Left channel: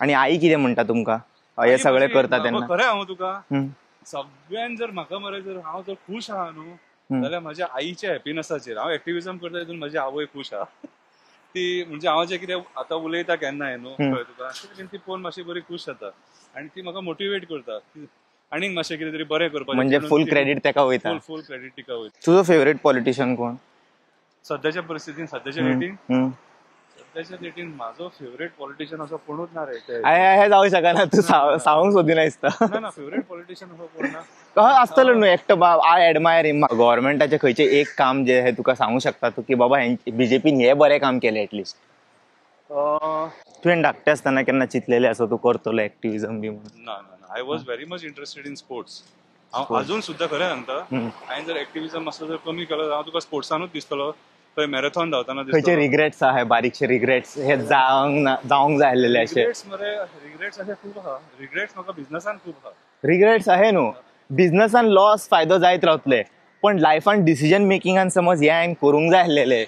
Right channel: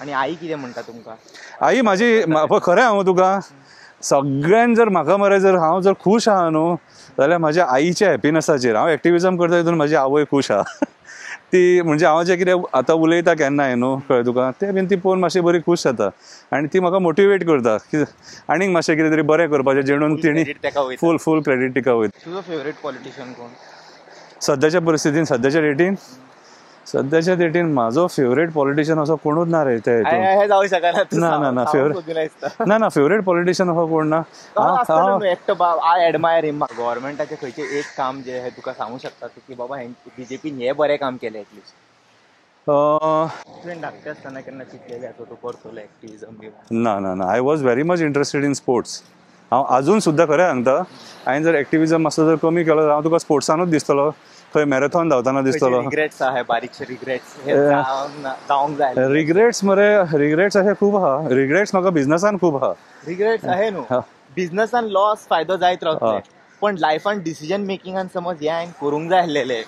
आणि आई कितें म्हणटा तुमकां? आई माझी खरें हांव तुका सगळ्यान जर म्हाका मरे जर हांव जर खुश आहा न्हू जाल्यार म्हाज्या आईच्या हॅपिनसाचेर. हांव एक्टिव्हिजम करता तितून म्हाजी आवय खुश आहा. ती म्हणजे हांव जें कितें आतां उलयता केन्नाय न्हू कळ्ळें तुका तें बीन ती पळोवन मातशी बरी खूश जाता आनी ती म्हाका मोटिवेट करता आनीक मातशें कितें तरी बरें करपाचें जेणून फूल क्रेडीट तिका वयता. तुजो फेवरेट पॉलिटिशियन कोण सद्याच्या परिस्थितीन सद्याच्या डेटीन म्हाजो फेवरेट पॉलिटिशियन असो कोणूच ना रे. ना फेवरेट पॉलिटिशियन असो कोण ना. गव्हर्नमेंटाचे खंयचे एक काम जे हे तुका सांगू शकता तू की बाबा बीजेपीन हे बरें काम केलें एटलिस्ट? तुवें धाकटें आसतना केन्ना चिंतलेलें आसा तू करतलो एक्टिव्हिजम बी? ना I was very much interested in sports. हांव अजून सुद्दां खरें सांगता हांवें जर एक्टिव्हिजम मातसो जर कमी केलो हांव तुका स्पोर्ट्सानूच दिसतलो खंय मॅरेथॉन धांवताना दिसतलो. रिग्रेट्स आहा बारीकशे रिग्रेट्स हे जावंक जाय? रिग्रेट्स मरे रिग्रेट्स अशे खूब आहा. रिग्रेट्स म्हाका बिझनसान खूब आहा. रिग्रेट्स आहे न्हू. बिझनसान लॉस फायदो जायत रावतले पण लायफान डिसिजन मेकिंगान समज हे हांवें करूंक जाय आसलेले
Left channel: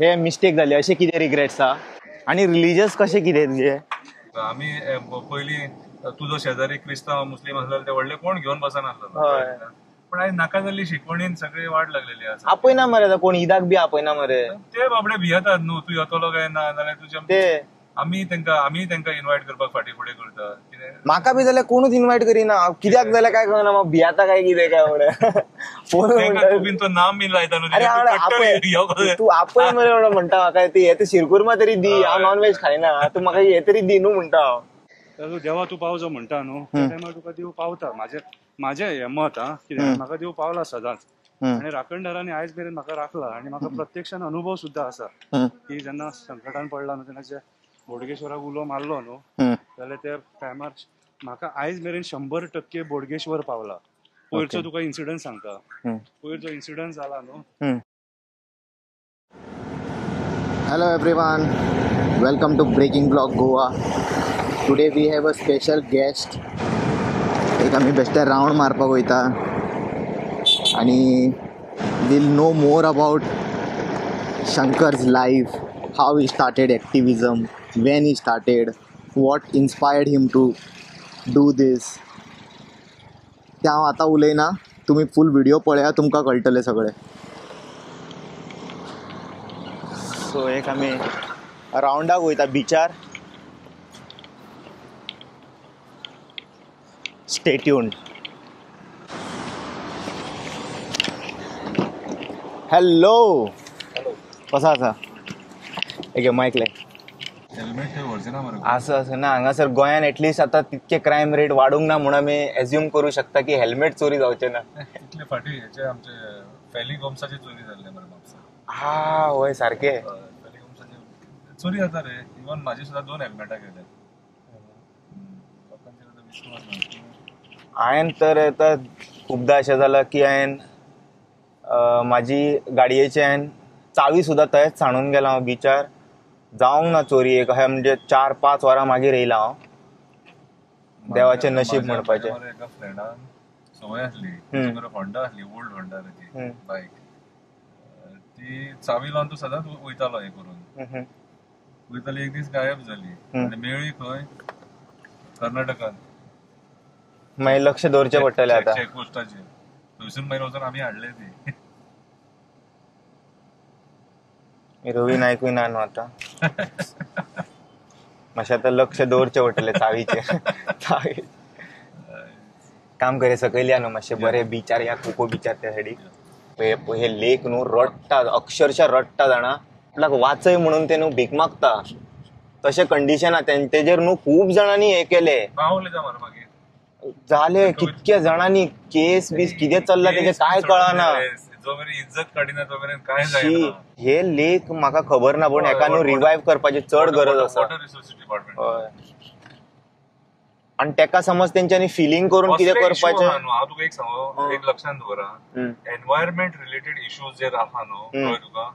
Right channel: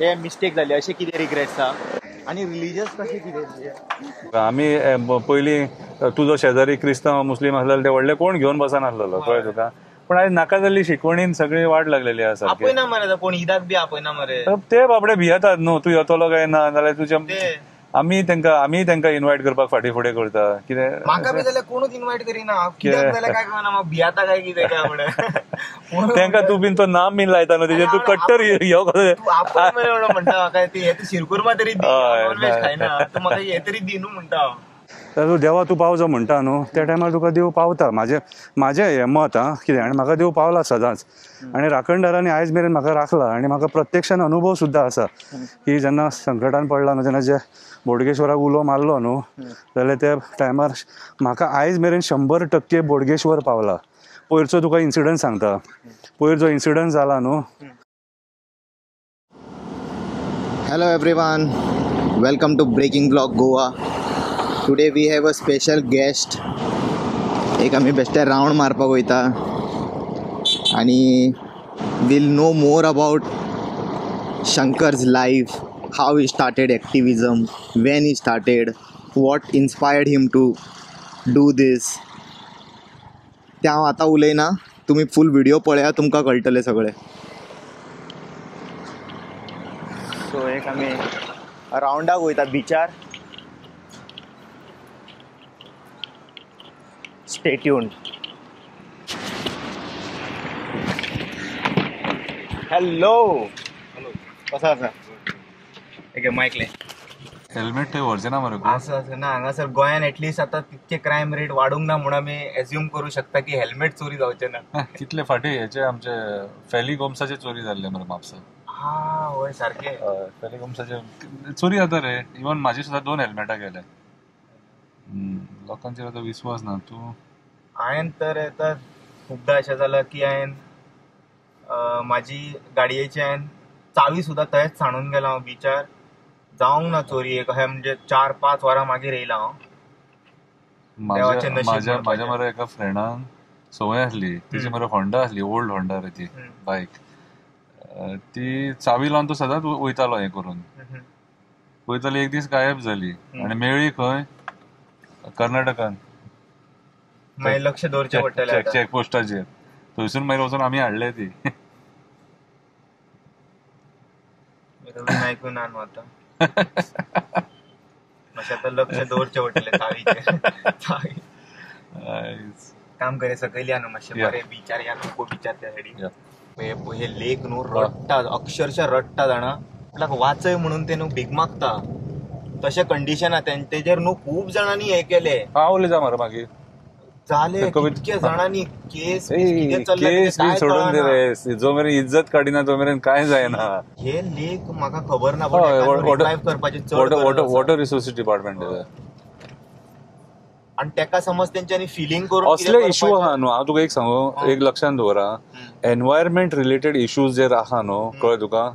हे मिस्टेक जाले अशें कितें रिग्रेट्स आहा? आणि रिलिजियस कशें कितें तुजे? आमी पयलीं तुजो शेजारी क्रिस्तांव मुस्लीम आसलेलो ते व्हडले कोण घेवन बसनासलेलो कळ्ळें तुका. पण आज नाका जाल्ली शिकवणीन सगळी वाट लागलेली आसा. आपयना मरे कोण ईदाक बी आपयना मरे. ते बाबडे भियेतात न्हू तूं येतलो काय ना जाल्यार तुजें आमी तांकां इन्वायट करपाक फाटीं फुडें करता. कितें म्हाका बी जाल्यार कोणूच इन्वायट करिना कित्याक जाल्यार काय कळना म्हाका भियाता काय कितें काय म्हणून तांकां तूं बीन तो नाम बीन लायता न्हू तू कट्टर तू आपय मरे म्हणटा म्हाका ती हे शिरकुर्मा तरी दी हांव नॉनव्हेज खायना तू म्हाका हे तरी दी न्हू म्हणटा हांव. देवा तूं पावचो म्हणटा न्हू त्या टायमार तुका देव पावता. म्हाजें हें मत हा कितें आनी म्हाका देव पावला सदांच आनी राखणदारांनी आयज मेरेन म्हाका राखला आनी म्हाका प्रत्यक्षान अनुभव सुद्दां आसा की जेन्ना संकटान पडला न्हू जेन्ना जे बोडगेश्वराक उलो मारलो न्हू जाल्यार त्या टायमार म्हाका आयज मेरेन 100% बोडगेश्वर पावला. पयरचो तुका इन्सिडंट सांगता. पयर जो इन्सिडंट जाला न्हू. Hello everyone, welcome to breaking blog Goa. Today we have a special guest. एक आमी बेश्टे रावंड मारपाक वयता आनी will know more about Shankar's life, how he started activism, when he started, what inspired him to do this. तें हांव आतां उलयना, तुमी फूल व्हिडिओ पळया तुमकां कळटलें सगळें. सो एक आमी रावंडाक वयता बिचार. Stay tuned. हॅलो कसो आसा? एक मायकले हेल्मेट थंय व्हरचेना मरे. असं ना हांगासर गोंयान एटलिस्ट आता तितके क्रायम रेट वाडूंक ना म्हणून आमी एज्युम करू शकता की हेल्मेट चोरी जावचे ना. कितले फाटी हेचे आमचे फॅली गोम्साचे चोरी जाल्ले मरे म्हापसा. हा होय सारखे फॅली गोम्साचे चोरी जाता रे. इवन म्हाजी सुद्दां 2 हेल्मेटां गेले. लोकांचेर आतां विश्वास ना. तूं हांवें तर आतां खूबदां अशें जालां की हांवें म्हाजी गाडयेची हांवें चावी सुद्दां थंयच सांडून गेला हांव बिचार. जावंक ना चोरी. एक अशें म्हणजे 4-5 वरां मागीर येयला हांव. देवाचें नशीब. म्हाज्या मरे एका फ्रेंडान संवय आसली तिची मरे होंडा आसली, ओल्ड होंडा रे ती बायक. ती चावी लावन तो सदांच वयतालो हें करून. वयताली एक दीस गायब जाली आनी मेळ्ळी खंय कर्नाटकान. मागीर लक्ष दवरचें पडटलें चॅकपोस्टाचेर. थंयसून मागीर वचून आमी हाडले ती. रवी नायकूय ना न्हू आतां. मातशें आतां लक्ष दवरचें पडटलें चावीचेर. काम करे सकयल या न्हू मातशें बरें बिचार या कोको बिचार त्या सायडीक. हे लेक न्हू रडटा अक्षरशः रडटा जाणा. आपल्याक वाचय म्हणून ते न्हू भीक मागता तशें कंडिशन आहा. तेजेर न्हू खूब जाणांनी हे केले. हांव उलयता मरे मागीर जाले कितक्या जाणांनी केस बीस कितें चल्ला काय कळना. जो मेरेन इज्जत काडिना तो मेरेन काय जायना. हे लेक म्हाका खबर ना पण एका रिवायव करपाची चड गरज आसा. Water resources department. आणि तेका समज तेंच्यांनी फिलिंग करून कितें करपाचें न्हू. हांव तुका एक सांगू एक लक्षान दवरा. एनवायरमेंट रिलेटेड इश्यूज जर आहा न्हू कळ्ळें तुका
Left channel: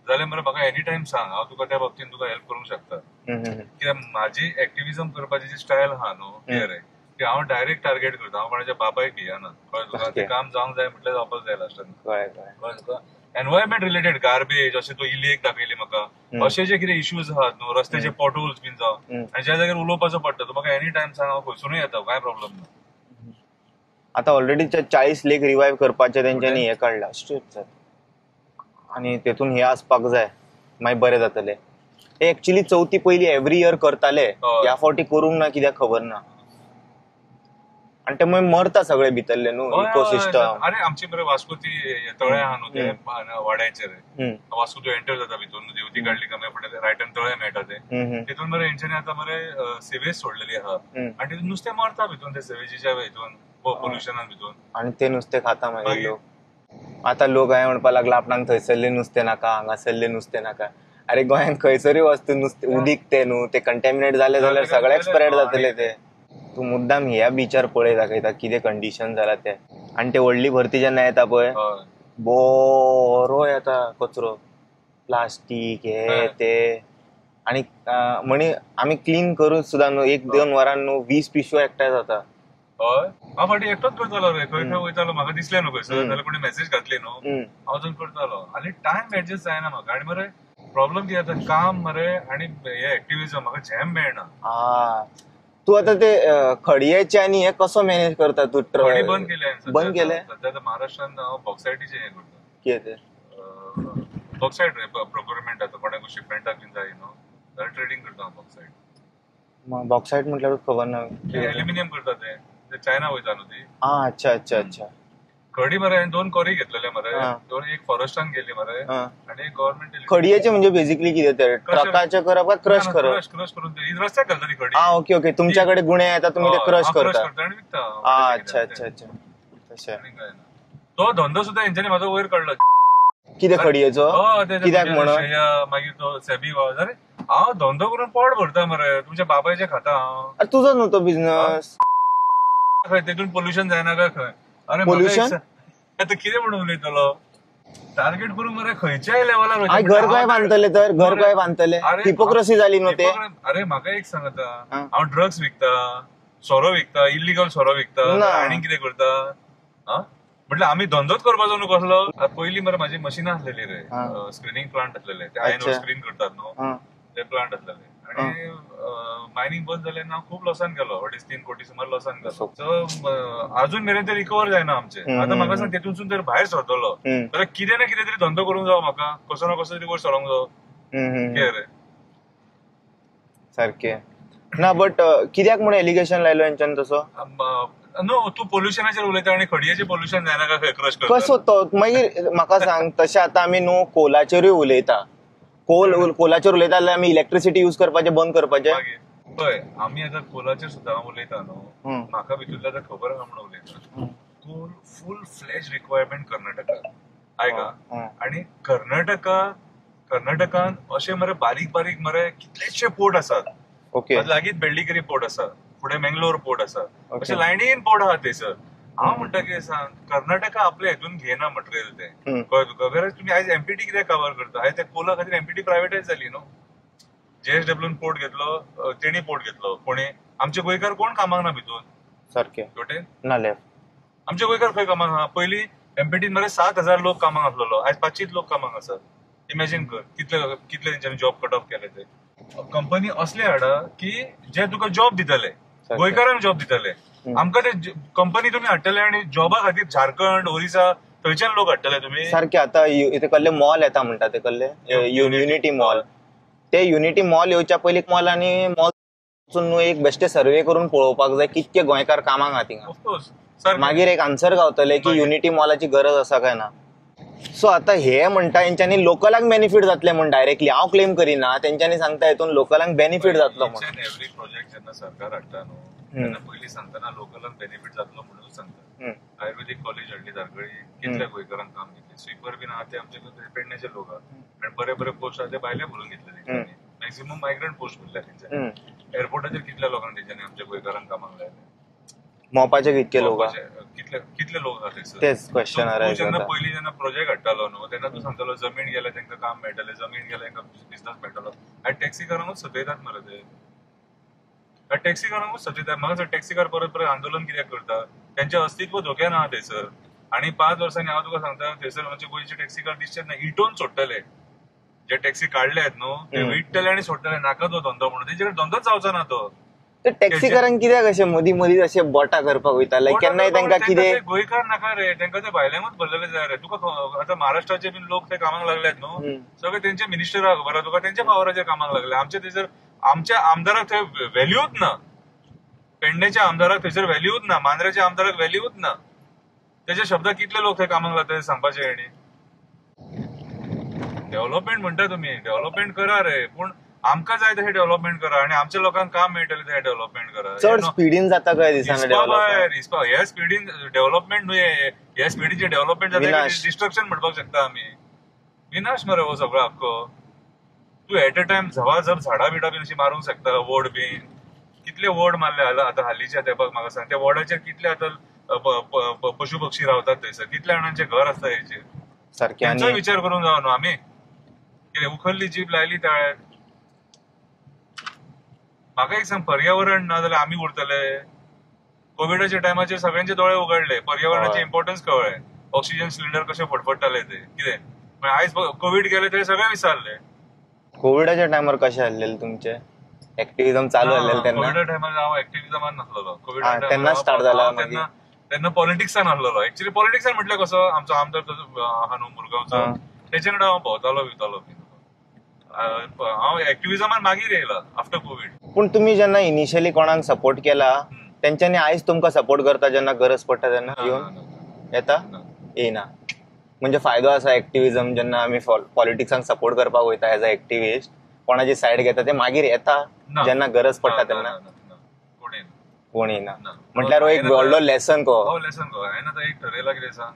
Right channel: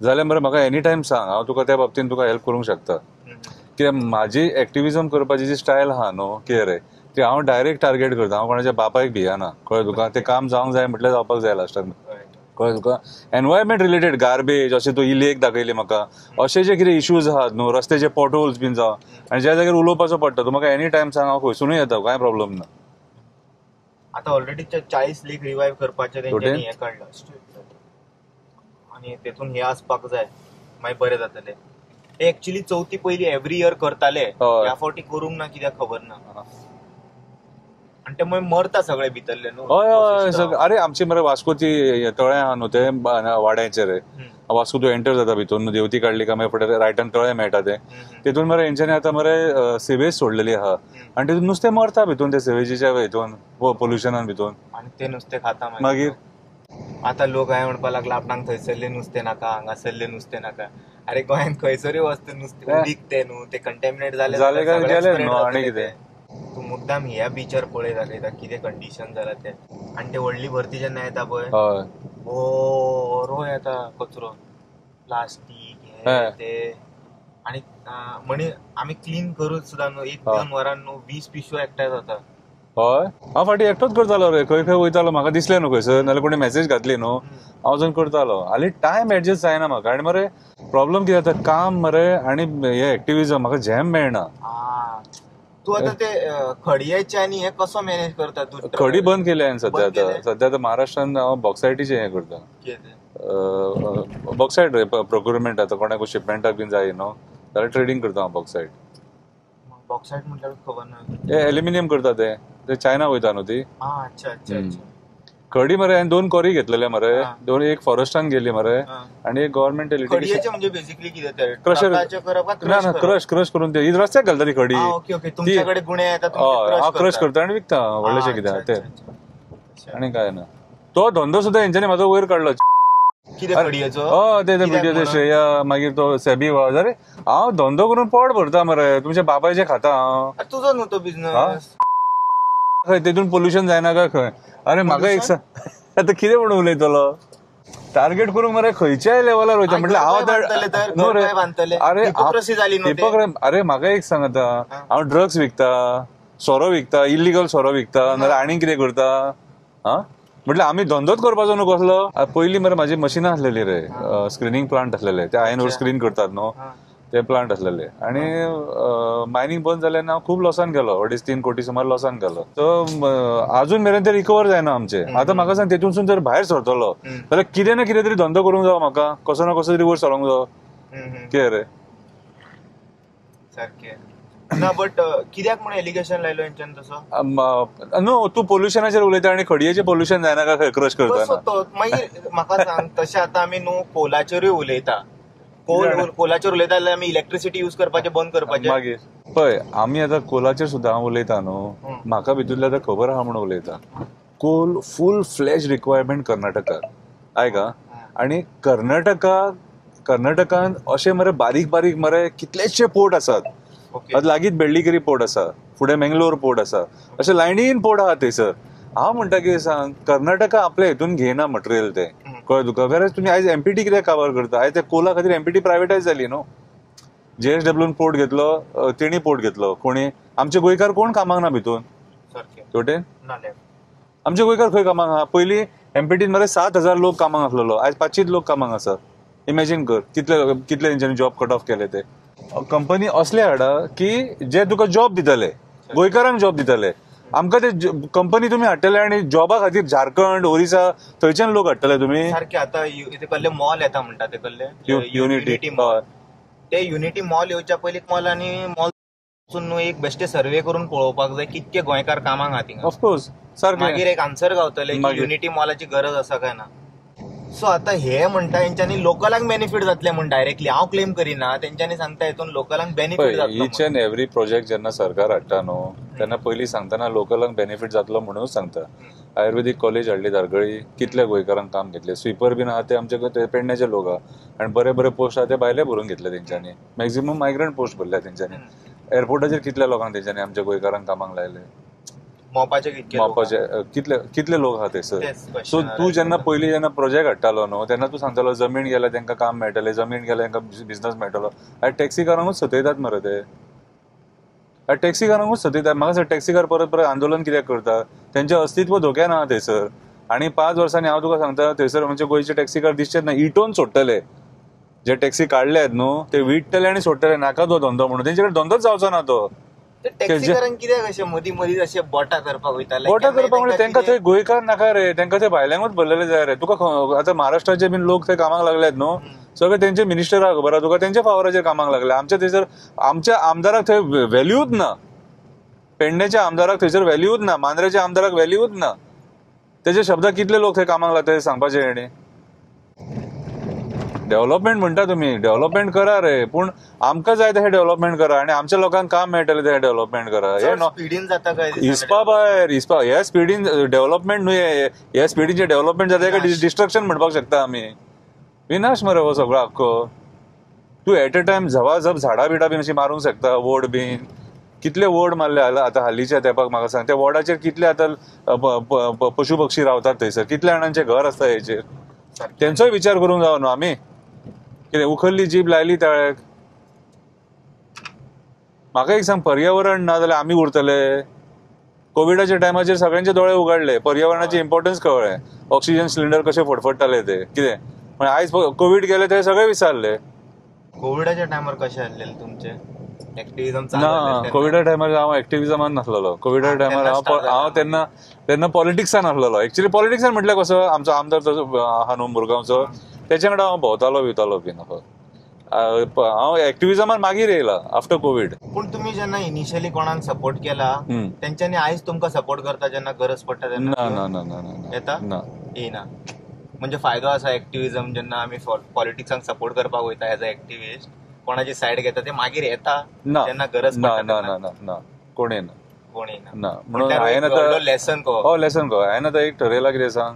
जाल्यार मरे म्हाका एनी टायम सांग. हांव तुका त्या बाबतीन तुका हेल्प करूंक शकता. ते म्हाजी एक्टिव्हिजम करपाची जी स्टायल आहा न्हू कितें रे ते हांव डायरेक्ट टार्गेट करता, हांव कोणाच्या बापायक भियाना, कळ्ळें तुका. ते काम जावंक जाय म्हटल्यार जावपाक जाय लास्टाक, कळ्ळें तुका. एनवायरमेंट रिलेटेड गार्बेज, अशें तू ही लेक दाखयली म्हाका, अशे जे कितें इश्यूज आहात न्हू, रस्त्याचे पॉटहोल्स बीन जावं, आनी ज्या जाग्यार उलोवपाचो पडटा तूं म्हाका एनी टायम सांग, हांव खंयसुनूय येता, कांय प्रॉब्लेम ना. आता ऑलरेडी 40 लेक रिवायव्ह करपाचे तेंच्यांनी हे काढला स्ट्रीट, आणि तेतून हे आसपाक जाय, मागीर बरें जातलें. एक्चुअली चवथी पयली एव्हरी इयर करताले, ह्या फावटी करूंक ना कित्याक खबर ना. आणि ते मागीर मरता सगळे भितरले न्हू इकोसिस्टम. अरे आमची मरे वास्कोची तळे आहा न्हू ते वाड्याचे रे, वास्को तूं एंटर जाता भितून, देवती काढली का मागीर फुडें रायटान तळे मेळटा ते, तितून मरे हेंच्यांनी आतां मरे सेवेज सोडलेली आहा, आनी तितून नुस्तें मरता भितून ते सेवेजीच्या हितून पोल्युशनान भितून, आणि ते नुस्तें खाता मागीर. आता लोक हांवें म्हणपाक लागला आपणाक थंयसरलें नुस्तें नाका, हांगासरलें नुस्तें नाका. अरे गोंयांत खंयसरूय वस्तू नुस्तें उदीक ते न्हू, ते कंटॅमिनेट जाले जाल्यार सगळ्याक स्प्रेड जातले ते. तू मुद्दाम ह्या बिचार पळय दाखयता कितें कंडिशन जाला ते. आणि ते व्हडली भरती जेन्ना येता पळय, बरो येता कचरो, प्लास्टीक हे ते. आणि म्हणे आमी क्लीन करूच सुद्दां न्हू, 1-2 वरान न्हू 20 पिशव्यो एकठांय जाता. हय, हांव फाटीं एकटोच करतालो रे, खंय खंय वयतालो, म्हाका दिसलें न्हू खंयसर, नाल्यार कोणी मेसेज घातली न्हू, हांव वचून करतालो. हालीं टायम एडजस्ट जायना म्हाका, आनी मरे प्रॉब्लेम कितें जाता, काम मरे आनी हे एक्टिव्हिजम, म्हाका झॅम मेळना. तू आता ते खडयाचे आणि हे कसो मॅनेज करता तू? खडी बंद केली हांवें सध्या तर महाराष्ट्रान हांव बॉक्सायटीचे हे करता. बॉक्सायट रे, प्रोक्युरमेंट आता कोणाक शिपमेंटाक बीन जाय न्हू जाल्यार ट्रेडिंग करता हांव बॉक्सायट. बॉक्सायट म्हटल्यार खबर ना. एल्युमिनियम करता ते चायना वयता न्हू ती. अच्छा अच्छा अच्छा. खडी मरे हांवें 2 कोरी घेतलेले मरे, 2 एक फॉरेस्टान गेली मरे, आणि एक गव्हर्नमेंट. खडयाचे म्हणजे बेसिकली कितें ते क्रश करून ते रस्त्याक घालता ती खडी. ओके ओके, तुमच्याकडे गुणे येता तुम्ही ते क्रश करता आणि विकता व्हडलेशे कितें, आणि काय ना. तो धंदो सुद्धा हेंच्यांनी म्हाजो वयर काडलो. कितें खडयाचो? ते श्रेया मागीर तो सेबी अरे हांव धंदो करून पोट भरता मरे, तुमच्या बाबायचे खाता हांव. तुजो न्हू तो बिझनेस, खंय तितून पोल्युशन जायना काय खंय? अरे म्हाका एक आता कितें म्हणून उलयतलो, टार्गेट करून मरे खंयच्याय लेवलार वयता. अरे म्हाका एक सांग, आता हांव ड्रग्स विकता, सोरो विकता, इलिगल सोरो विकता, नाल्यार आनी कितें करता? म्हटल्यार आमी धंदोच करपाचो न्हू कसलो. पयलीं मरे म्हाजी मशिनां आसलेली रे, स्क्रिनींग प्लांट आसलेले, ते आयनवर स्क्रीन करतात न्हू ते प्लांट आसलेले, आणि मायनिंग बंद जाल्यार हांव खूब लॉसान गेलो, 2.5-3 कोटी सुमार लॉसान गेलो. तर अजून मेरेन ते रिकवर जायना आमचे. आता म्हाका सांग, तेतूनसून जर भायर सरतलो जाल्यार कितें ना कितें तरी धंदो करूंक जावो म्हाका, कसो ना कसो तरी वयर सरोंक जावो. कितें रे सारकें ना, बट कित्याक म्हण एलिगेशन लायलो हेंच्यान तसो? नो, तू पोल्युशनाचेर उलयता आनी खडयेचें पोल्युशन जायना काय खंय क्रश करता? कसो तो मागीर म्हाका सांग. तशें आतां आमी न्हू कोलाचेरूय उलयता, कोलाचेर उलयता जाल्यार आमी इलेक्ट्रिसिटी यूज करपाचें बंद करपाचें. मागीर पळय, आमी आतां कोलाचेर सुद्दां उलयता न्हू, म्हाका भितूरल्या आतां खबर आहा म्हणून उलयता. Coal full flash requirement Karnataka, आयका. आनी कर्नाटकान अशे मरे बारीक बारीक मरे कितलेशे पोर्ट आसात. लागींच बेळ्ळिगिरी पोर्ट आसा, फुडें मंगलोर पोर्ट आसा, अशे लायनीन पोर्ट आहा थंयसर. हांव म्हणटा की सांग, कर्नाटका आपल्या हितून घेना मटेरियल ते, कळ्ळें तुका. वेरएज तुमी आयज एमपीटी कित्याक कावर करता? आयज त्या कोला खातीर एमपीटी प्रायवेटायज जाली न्हू. JSWन पोर्ट घेतलो, तेणी पोर्ट घेतलो, कोणी आमचे गोंयकार कोण कामाक ना भितून सारकें तोटेन नाल्यार आमचे गोंयकार खंय कामाक आहा? पयलीं एमपीटीन मरे 7,000 लोक कामाक आसलेलो, आयज 500 लोक कामाक आसा. इमॅजिन कर कितले तेंच्यांनी जॉब कट ऑफ केले ते. कंपनी असले हाडा की जे तुका जॉब दितले, गोंयकारांक जॉब दितले. आमकां ते कंपनी तुमी हाडटले आनी जॉबा खातीर झारखंड, ओरिसा थंयच्यान लोक हाडटले तुमी. सारकें. आतां ते कसले मॉल येता म्हणटा ते कसले युनिटी मॉल. ते युनिटी मॉल येवच्या पयलीं मॉलांनी मॉल एक बेश्टे सर्वे करून पळोवपाक जाय कितके गोंयकार कामाक आहा थिंगा. ऑफकोर्स मागीर एक आन्सर गावतले की युनिटी मॉलाची गरज आसा काय ना. सो आता हे म्हणटा हेंच्यांनी लोकलांक बेनिफीट जातले म्हण डायरेक्टली हांव क्लेम करिना, तेंच्यांनी सांगता हितून लोकलांक बेनिफीट जातलो. इच अँड एव्हरी प्रोजेक्ट जेन्ना सरकार हाडटा न्हू तेन्ना पयलीं सांगतना लोकलांक बेनिफीट जातलो म्हणूनच सांगता. आयुर्वेदीक कॉलेज हाडली धारगळी, कितल्या गोंयकारांक काम घेतले. स्विपर बीन आहा ते आमचे पेडण्याचे लोक आहा, आनी बरे बरे पोस्ट आहा ते भायले भरून घेतले तेंच्यांनी. मॅक्झिमम मायग्रंट पोस्ट भरल्या तेंच्यांनी. एअरपोर्टाचेर कितल्या लोकांक तेंच्यांनी आमच्या गोंयकारांक कामाक लायले. मोपाचे कितले लोक आहा थंयसर. तू जेन्ना पयलीं जेन्ना प्रोजेक्ट हाडटालो न्हू तेन्ना तूं सांगतालो जमीन गेल्यार तांकां काम मेळटलें, जमीन गेल्यार तांकां बिझनस मेळटलो. आयज टॅक्सी कारांकूच सतयतात मरे ते. टॅक्सीकारांकूच सतयतात. म्हाका दिसता टॅक्सीकार परत परत आंदोलन कित्याक करतात, त्यांचें अस्तित्व धोक्यान आहा थंयसर. आनी 5 वर्सांनी हांव तुका सांगता थंयसर म्हणजे गोंयचे टॅक्सीकार दिसचेच ना. इटोवन सोडटले जे टॅक्सी काडले आहेत न्हू ते विटतले आनी सोडटले. नाका तो धंदो म्हणून तेंचे कडेन धंदोच जावचो ना तो. टॅक्सीकारांक कित्याक अशें मदीं मदींच अशें बोटां करपाक वयताले? तांकां ते गोंयकार नाका रे, तांकां ते भायल्यांकूच भरलेले जाय रे. तुका आतां महाराष्ट्राचे बीन लोक थंय कामाक लागल्यात न्हू, सगळे तेंचे मिनिस्टर आहा खबर आहा तुका, तेंच्या पावराचेर कामाक लागले. आमच्या थंयसर आमच्या आमदाराक थंय व्हॅल्यूच ना. पेडणेच्या आमदाराक थंयसर व्हॅल्यूच ना, मांद्रेच्या आमदाराक व्हॅल्यूच ना. तेजे शब्दाक कितले लोक थंय कामाक लागतात ते सांगपाचे हेणे. डेव्हलपमेंट म्हणटा तुमी, डेव्हलपमेंट करा रे, पूण आमकां जाय तशें डेव्हलपमेंट करा आनी आमच्या लोकांक काम मेळटलें तशें डेव्हलपमेंट करा. स्पिडीन जाता काय हिस्पा भायर हिस्पा हे स्पिडीन डेव्हलपमेंट न्हू, हे स्पिडीचे डेव्हलपमेंट जाता डिस्ट्रक्शन म्हणपाक शकता आमी. विनाश मरे हो सगळो आख्खो. तूं एट अ टायम झवाझप झाडां बिडां बीन अशी मारूंक शकता. वोड बीन कितले वोड मारले आतां हालींच्या तेंपाक. म्हाका सांग त्या वोडाचेर कितले आतां पशु पक्षी रावतात थंयसर, कितल्या जाणांचे घर आसता हेचेर. तेंचोय विचार करूंक जाय न्हू आमी. कितें उखल्ली जीब लायली ताळ्याक. म्हाका एक सांग, पर्यावरण ना जाल्यार आमी उरतले? कोविडाच्या टायमाचेर सगळ्यांचे दोळे उगडले, पर्यावरणाची इम्पॉर्टन्स कळ्ळें. ऑक्सिजन सिलिंडर कशे फडफडटाले ते कितें. आयज कोविड गेले ते सगळे विसरले. कोविडाच्या टायमार कशे आसलेले तुमचे एक्टिव्हिजम चालू आसलेले? कोविडा टायमार हांव एक्टिव्हिजमान नासलेलो. कोविडा टायमार हांव तेन्ना पॉलिटिक्सान आसलेलो. एक्चुअली पॉलिटिक्सान म्हटल्यार कसो, आमचो आमदार तसो आहा न्हू मुरगांवचो, तेच्या कडेन हांव भोंवतालो बिवतालो बीन. हांव एक्टिव्हिजमान मागीर येयला आफ्टर कोविड. पूण तुमी जेन्ना इनिशियली कोणाक सपोर्ट केला तेंच्यांनी आयज तुमकां सपोर्ट करता जेन्ना गरज पडटा तेन्ना येता? येना. म्हणजे फायदो आसा एक्टिव्हिजम जेन्ना आमी पॉलिटिक्सांक सपोर्ट करपाक वयता एज अ एक्टिव्हिस्ट, कोणाची सायड घेता ते मागीर येता जेन्ना गरज पडटा तेन्ना? कोण येना. कोण येना. म्हणल्यार लेसन कहो. लेसन कहो. हांवें आतां एक ठरयलां कितें सांग,